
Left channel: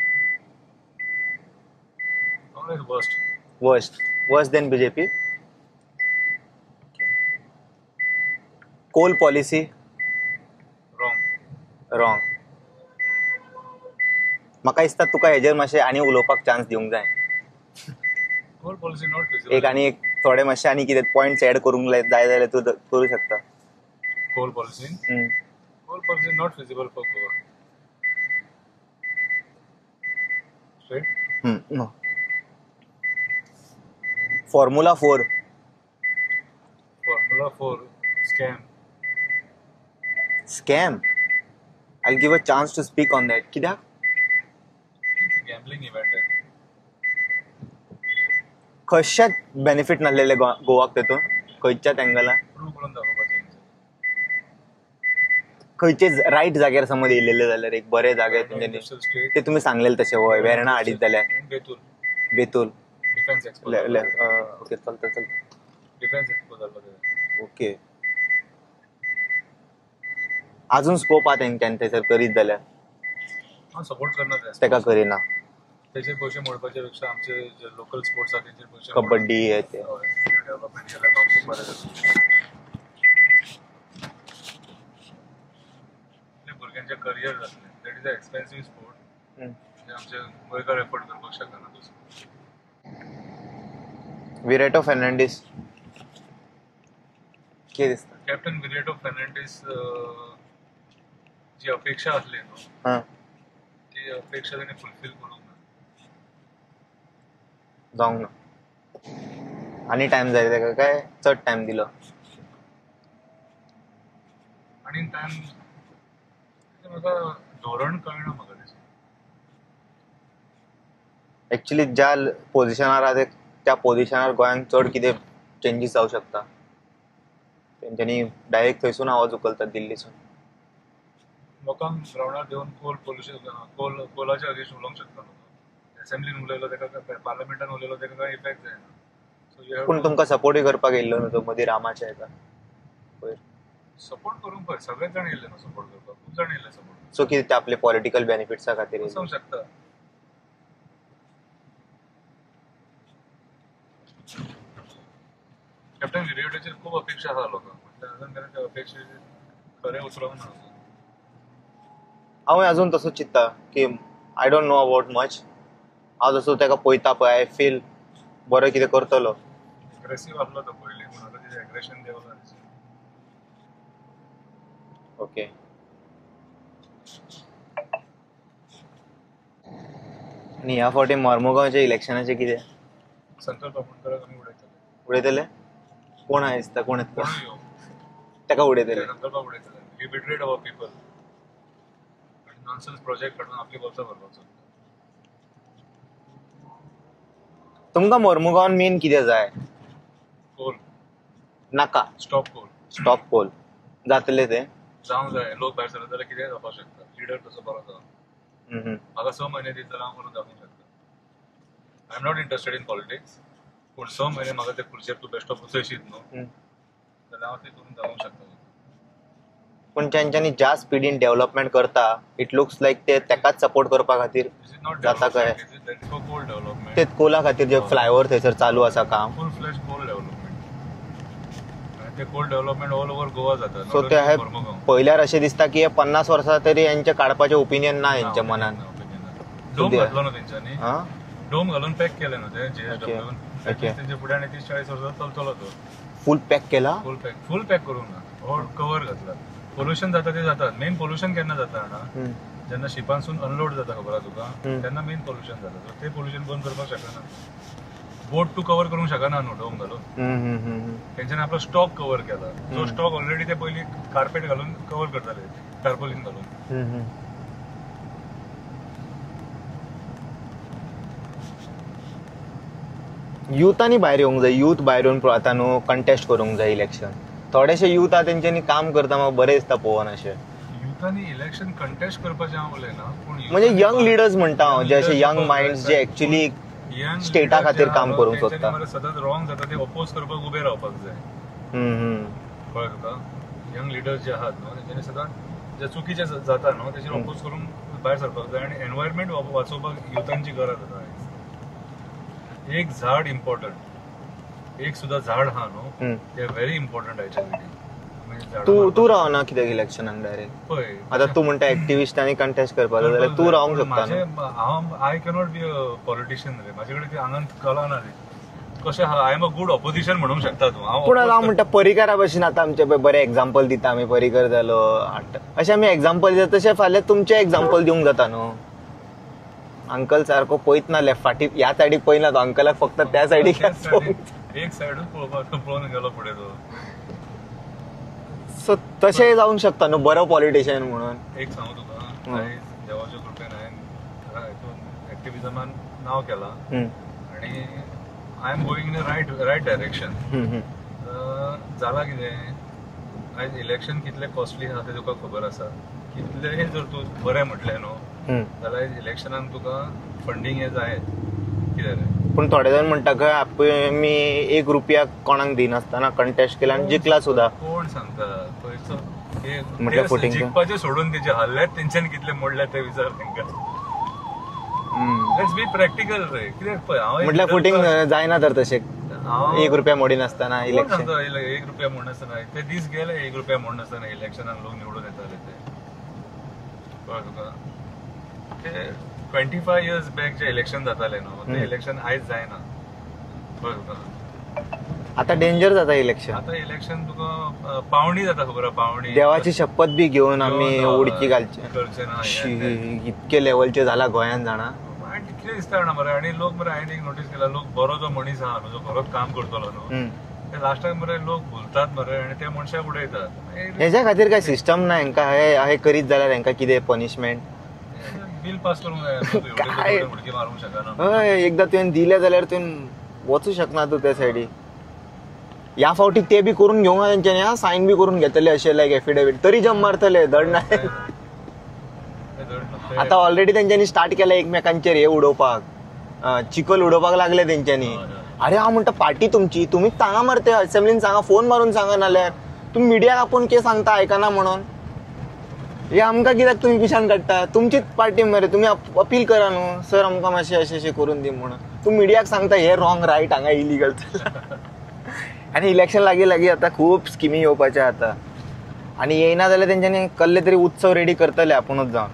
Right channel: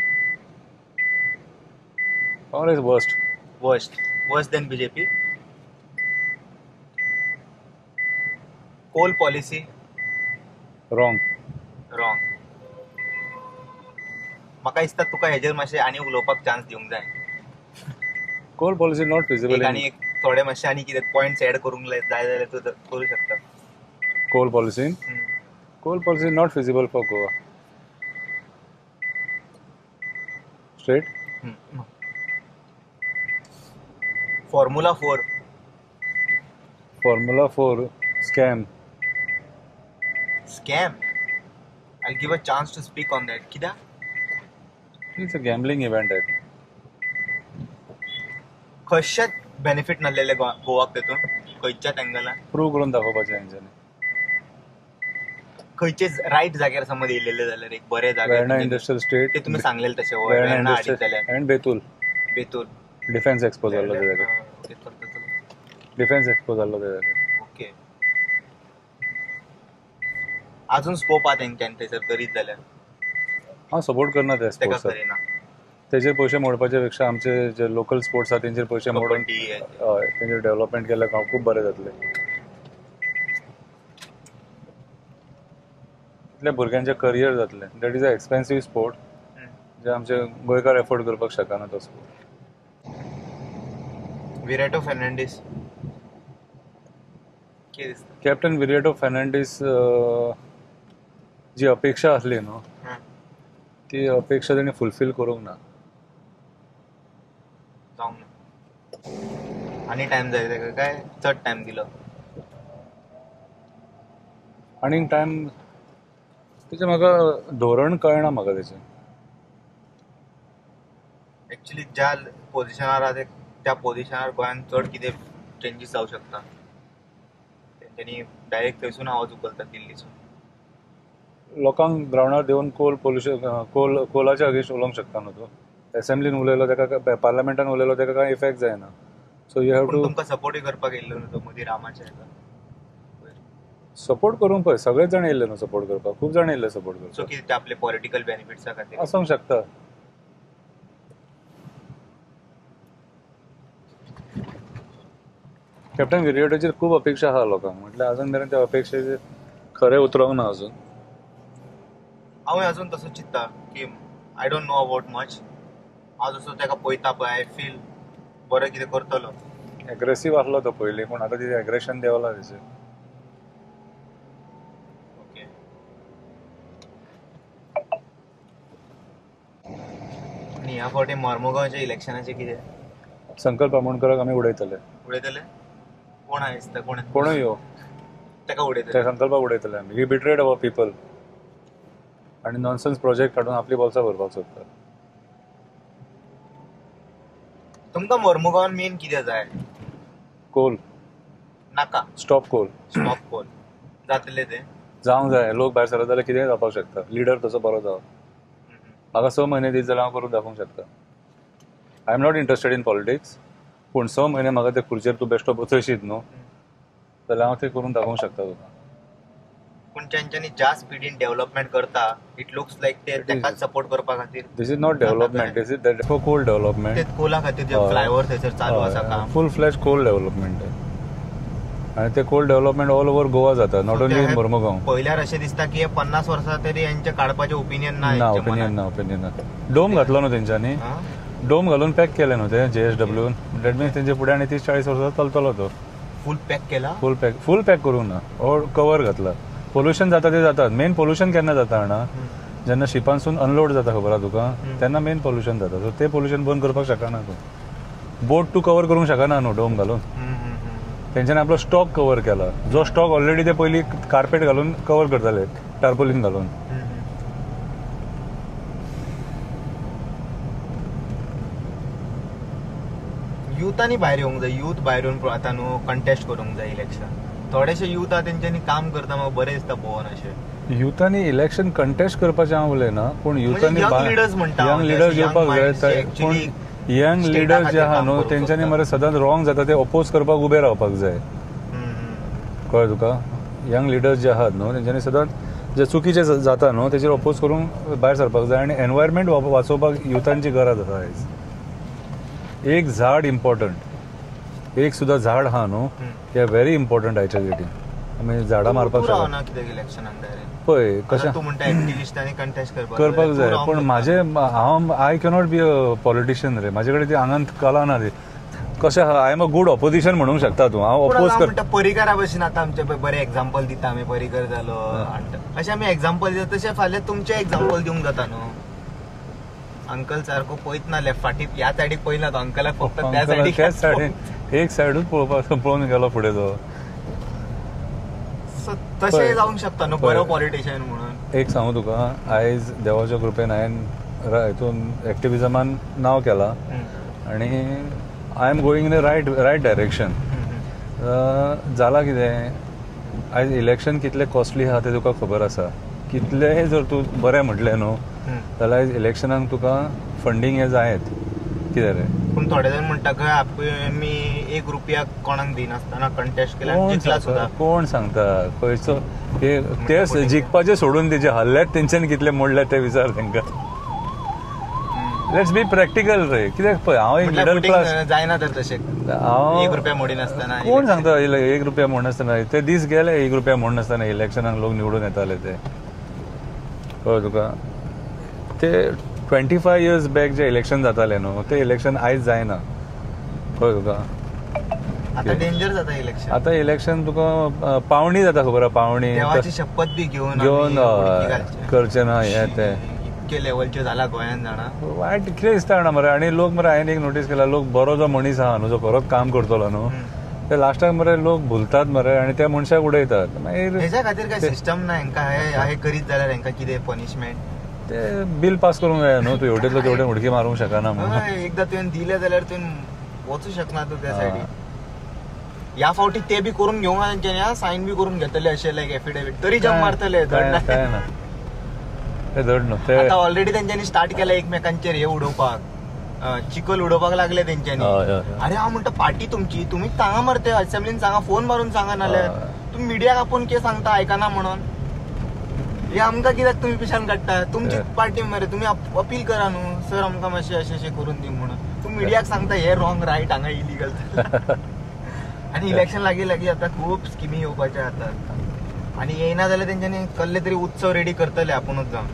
Congress worst than BJP. Coal policy wrong. म्हाका दिसता तुका हेजेर मातशें आनी उलोवपाक चान्स दिवंक जाय. Coal policy not feasible. एक आनी एक थोडे मातशे आनी कितें पॉयंट्स एड करूंक जाय जाल्यार तूं करूं शकता. Coal policy not feasible for Goa. Straight. Formula 4 scam. I'll give a chance to speak on that. कित्याक? इट्स अ गॅम्बलिंग इव्हेंट आहे. कशात बेनिफिट नासलेले गोवाक तेतून खंयच्याच एंगलान प्रूव्ह करून दाखोवपाचें हेंच्यांनी. खंयचे रायट जाग्यार समज येयलेले जाल्यार एक बरे जाग्यार इंडस्ट्रियल स्टेट ते तुमी सांगलेले तशें वय वेर्णा हाडितले. अँड बेतूल डिफेन्स एक्सपो जाल्लो. ओके चलता. डिफेन्स एक्सपो जाल्लो ते. ओके. अजून स्कोप आहा तेंच्यान थंयसर करीत जाल्यार. हांव सपोर्ट करना तेका करिना. तेजे पयशे मोडपाच्या पेक्षा आमचे जे लोकल स्पोर्ट्स आहा तेंचेर पयशे मोडून कबड्डी तेंचेर डेव्हलपमेंट केल्यार हांव खूब बरें जातलें. इतल्या भुरग्यांचें करियर जातलें. That is a expensive sport जे आमचे गोंयकार एफोर्ड करपाक शकना तो स्पोर्ट. विराटो फेर्नांडीस कितें दिसता. कॅप्टन विराटो फेर्नांडीस जी अपेक्षा आसली न्हू ती अपेक्षा तेणी फुलफील करूंक ना. जावंक ना. आनी टायम जाय तेका काय चड टायम दिलो. आनी टायम तेजें म्हाका धोरण कळना म्हाका तेजें. एक्चुअली ज्या पोझिशनार आहा त्या पोझिशनार गोंयांत चड कितें चेंजीस जावंक शकता. तेंच्यांनी डायरेक्ट थंयसून आवाज उखलतात दिल्लीसून. लोकांक ग्रावंडार देवन कोलाच्या अगेन्स्ट उलोवंक शकता न्हू तूं. असेंब्लीन उलयलो तेका पार्लमेंटान उलयलो तेका कांय इफेक्ट जायना. सो यू हॅव पूण टू तुमकां सपोर्टूय करपाक येयल्लो न्हू तो मदीं रामाच्या हेका. सपोर्ट करूंक पळय. सगळेच जाण येयले न्हू सपोर्ट करपाक. खूब जाण येयले सपोर्ट करपाक. सो कितें ते आपले पॉलिटिकल बेनिफिट्सा खातीर आसूंक शकता. कॅप्टन विराटोचेर खूब अपेक्षा आहा लोकांक. म्हटल्यार अजून मेरेन त्या अपेक्षेचेर खरें उतरोंक ना अजून. हांव अजून तसो चिंत्ता की I don't know about much. हांव जसो तेका पळयता पळय आय फील बरो कितें करतलो. एग्रेसीव आसलो तो पयलीं पूण आतां तिजें एग्रेशन देंवलां तेजें. ओके. आनी ह्या फावटी मोर्मुगांवच्या इलेक्शनाचें कितें. संकल्प आमोणकराक आमी उडयतले. कोण आहा दिसता कोणूय यो तेका उडयतले. त्या संकल्पाक उडयतले आमी. वी बिट्रेड अवर पीपल आनी नॉनसेन्स प्रोजेक्ट हाडून आपली बोल्सां भरपाक सोदता. तुमकां मोर्मुगांवान मेन कितें जाय. कोल नाका. स्टॉप कोल जातले तें जावंक जाय. लोक भायर सरत जाल्यार कितेंय जावपाक शकता. लिडर तसो बरो जावप. म्हाका 6 म्हयने दीत जाल्यार हांव करून दाखोवंक शकता. I am not interested in politics. पूण 6 म्हयने म्हाका ते खुर्चेर तूं बेश्टो बसयशीत न्हू जाल्यार हांव ते करून दाखोवंक शकता तुका. पण त्यांच्यानी ज्या स्पीडीन डेव्हलपमेंट करता इट लुक्स लाईक ते त्याकाच सपोर्ट करपा खातीर this is not development, this is coal development. ते कोला खातीर जे फ्लायओव्हर थंयसर चालू आसा काम, फुल फ्लॅश कोल डेव्हलपमेंट आहे. आणि ते coal development all over Goa जाता, नॉट ओन्ली इन मोर्मुगांव. पयल्यार अशें दिसता की 50 वर्सां तरी यांचे काडपाचे ओपिनियन ना हेंच्या मनान. ओपिनियन ना. डोम घातलो न्हू तेंच्यांनी, डोम घालून पॅक केले न्हू ते JSW. दॅट मीन्स तेंचे फुडें आनी 30-40 वर्सां चलतलो तो. फुल पॅक केला, फुल पॅक करूंक ना, ऑल कवर घातला. पोल्युशन जाता ते जातात. मेन पोल्युशन केन्ना जाता जाणा, जेन्ना शिपांसून अनलोड जाता खबर आहा तुका, तेन्ना मेन पोल्युशन जाता. सो ते पोल्युशन बंद करपाक शकना तूं. बोट तू कव्हर करूंक शकना न्हू डोम घालून. तेंच्यांनी आपलो स्टॉक कव्हर केला, जो स्टॉक ऑलरेडी ते पयलीं कार्पेट घालून कव्हर करताले, टार्पोलिन घालून. युथांनी भायर येवंक जाय, युथ भायर येवन आता न्हू कंटेस्ट करूंक जाय इलेक्शन. थोडेशे युथ आहा तेंच्यांनी काम करता म्हाका बरें दिसता पळोवन. अशें युथांनी इलेक्शन कंटेस्ट करपाचें हांव उलयना, पूण यंग लिडर्स म्हणटा यंग माइंड्स जे एक्चुअली यंग लिडर जे आहा न्हू तेंच्यांनी मरे सदांच रॉंग जाता ते अपोज करपाक उबे रावपाक जाय. कळ्ळें तुका? यंग लिडर्स जे आहात न्हू तेंच्यांनी सदांच जे चुकीचे जाता न्हू तेचेर अपोज करून भायर सरपाक जाय. आनी एनवायरमेंट वाचोवपाक युथांची गरज आसा आयज. एक झाड इम्पॉर्टंट, एक सुद्धा झाड आहा न्हू ते व्हेरी इम्पॉर्टंट आयच्या डेटीन. आमी झाडां मारपाक तूं रावना कित्याक इलेक्शनाक डायरेक्ट पळय. आतां तूं म्हणटा एक्टिविस्ट आनी कंटेस्ट करपाक पण हांव I cannot be a politician रे. म्हाजे कडेन ती आंगांत कला ना ती. कशें आहा, I am a good opposition म्हणूंक शकता तूं. हांव अपोज म्हणटा परिकारा भशेन आतां आमचे बरे एक्झाम्पल दिता आमी, परिकर जालो अशें आमी एक्झाम्पल दिता, तशें फाल्यां तुमचें एक्झाम्पल दिवंक जाता न्हू. अंकल सारको पळयत ना लेफ्ट फाटीक, ह्या सायडीक पळयना तो अंकलाक, फक्त त्या सायडीक एक सायडूच पळोवन गेलो फुडें तो. सो तशें जावंक शकता न्हू बरो पॉलिटिशियन म्हणून. एक सांगू तुका, आयज देवाच्या कृपेन हांवें हितून एक्टिविजमान नांव केलां आनी I am going in the right direction. जालां कितें, आयज इलेक्शन कितलें कॉस्टली आहा तें तुका खबर आसा. कितलेंय जर तूं बरें म्हटलें न्हू जाल्यार इलेक्शनाक तुका फंडींग हे जायत. कितें रे, पूण थोडे जाण म्हणटा मी ₹1 कोणाक दिनासतना कंटेस्ट केला आनी जिखला सुद्धा. कोण सांगता खंयचो ते जिखपाचे सोडून तेजे हल्ल्यात तेंच्यांनी कितले मोडले ते विचार तांकां. लेट्स बी प्रॅक्टिकल रे. कित्याक पळय हांव जायना तर तशें ₹1 मोडिनासतना कोण सांगता ₹1 म्हणनासतना. ते दीस गेले ₹1 म्हणनासतना इलेक्शनाक लोक निवडून येताले ते. कळ्ळें तुका? ते 25 years बॅक जे इलेक्शन जाताले न्हू ते इलेक्शन आयज जायना. कळ्ळें तुका? आता डेंजर जाता इलेक्शन. आता इलेक्शन तुका पावणी जाता खबर आहा. पावणी देवाची शपथ बी घेवन उडकी घालचे करचे ना. इतके लेवलचे जाला गोंयांत जाणा. वायट कितें दिसता जाणा मरे. आनी लोक मरे हांवें एक नोटीस केला, लोक बरो जो मनीस आहा न्हू जो खरोच काम करतलो न्हू ते लास्टाक मरे लोक भुलतात मरे आनी त्या मनशाक उडयतात. हेच्या खातीर काय सिस्टम ना हेंका हे करीत जाल्यार हेंका कितें पनिशमेंट ते बिल पास करूंक जाय न्हू. तूं एवढे कडेन उडकी मारूंक शकना. एकदा तुवें दिले जाल्यार तुवें वचूं शकना तूं त्या सायडीक. ह्या फावटी ते बी करून घेवंक तेंच्यांनी सायन बी करून घेतले अशें लायक एफिडेविट तरी जम मारतले. दंड आता ऑलरेडी तेंच्यांनी स्टार्ट केला एकमेकांचेर हे उडोवपाक, चिकल उडोवपाक लागले तेंच्यांनी. अरे हांव म्हणटा पार्टी तुमची, तुम्ही सांगा मरे ते असेंब्लीन सांगा, फोन मारून सांगा नाल्यार. तुम्ही मिडियाक आपूण कितें सांगता आयकना म्हणून. हे आमकां कित्याक तुम्ही पिशान काडटा. तुमचीच पार्टी मरे, तुम्ही अपील करा न्हू सर आमकां मातशें अशें करून दी म्हणून. तूं मिडियाक सांगता हे रॉंग रायट हांगा इलिगल. आनी इलेक्शन लागीं आता खूब स्किमी येवपाचे आता. आनी येयना जाल्यार तेंच्यांनी कसले तरी उत्सव रेडी करतले आपुणूच जावन.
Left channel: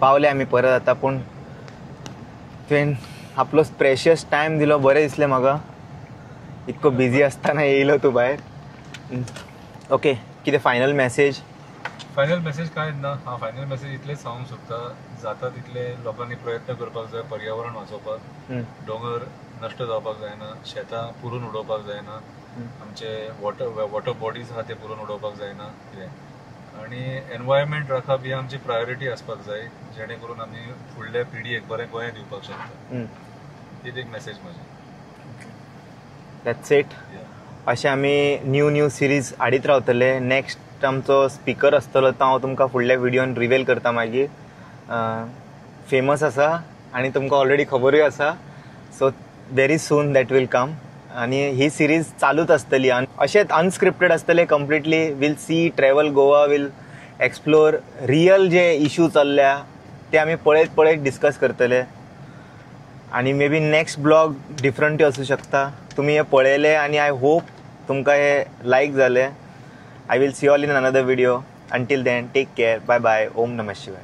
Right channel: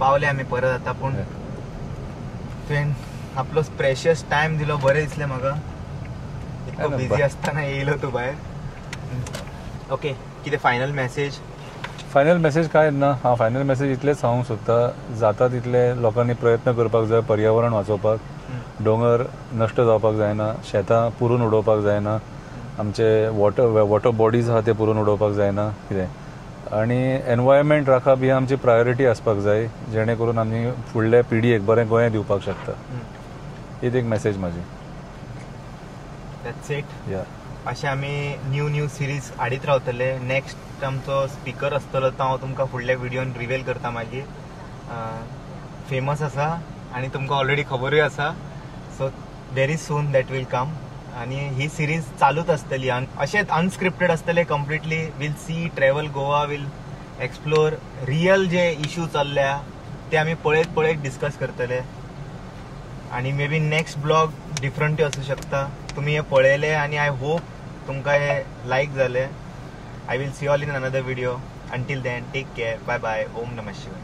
पावले आमी परत आता. पूण तुवें आपलो प्रेशियस टायम दिलो, बरें दिसलें म्हाका. इतको बिझी आसतना येयलो तूं भायर. ओके, कितें फायनल मेसेज? फायनल मेसेज काय ना. हांव फायनल मेसेज इतलेंच सांगूंक सोदता, जाता तितले लोकांनी प्रयत्न करपाक जाय पर्यावरण वाचोवपाक. दोंगर नश्ट जावपाक जायना, शेतां पुरून उडोवपाक जायना, आमचे वॉटर बॉडीज आहा ते पुरून उडोवपाक जायना. कितें आनी एनवायरमेंट राखप ही आमची प्रायोरिटी आसपाक जाय, जेणे करून आमी फुडल्या पिढयेक बरें गोंय दिवपाक शकता. हीच एक मेसेज म्हाजी. That's it. अशें आमी न्यू सिरीज हाडीत रावतले. नेक्स्ट आमचो स्पीकर आसतलो तो हांव तुमकां फुडल्या व्हिडिओन रिवेल करता मागीर. फेमस आसा आनी तुमकां ऑलरेडी खबरूय आसा. So very soon that will come. आणि ही सिरीज चालूच असतली अशेंच अनस्क्रिप्टेड असतले completely. Will see travel Goa, will explore real जे इश्यू चल्ल्या ते आम्ही पळयत डिस्कस करतले. आणि मे बी नेक्स्ट ब्लॉग डिफरंटूय असू शकता. तुम्ही हे पळयले आणि आय होप तुमकां हे लायक जाले. I will see all in another video. Until then take care. Bye bye. ओम नमः शिवाय.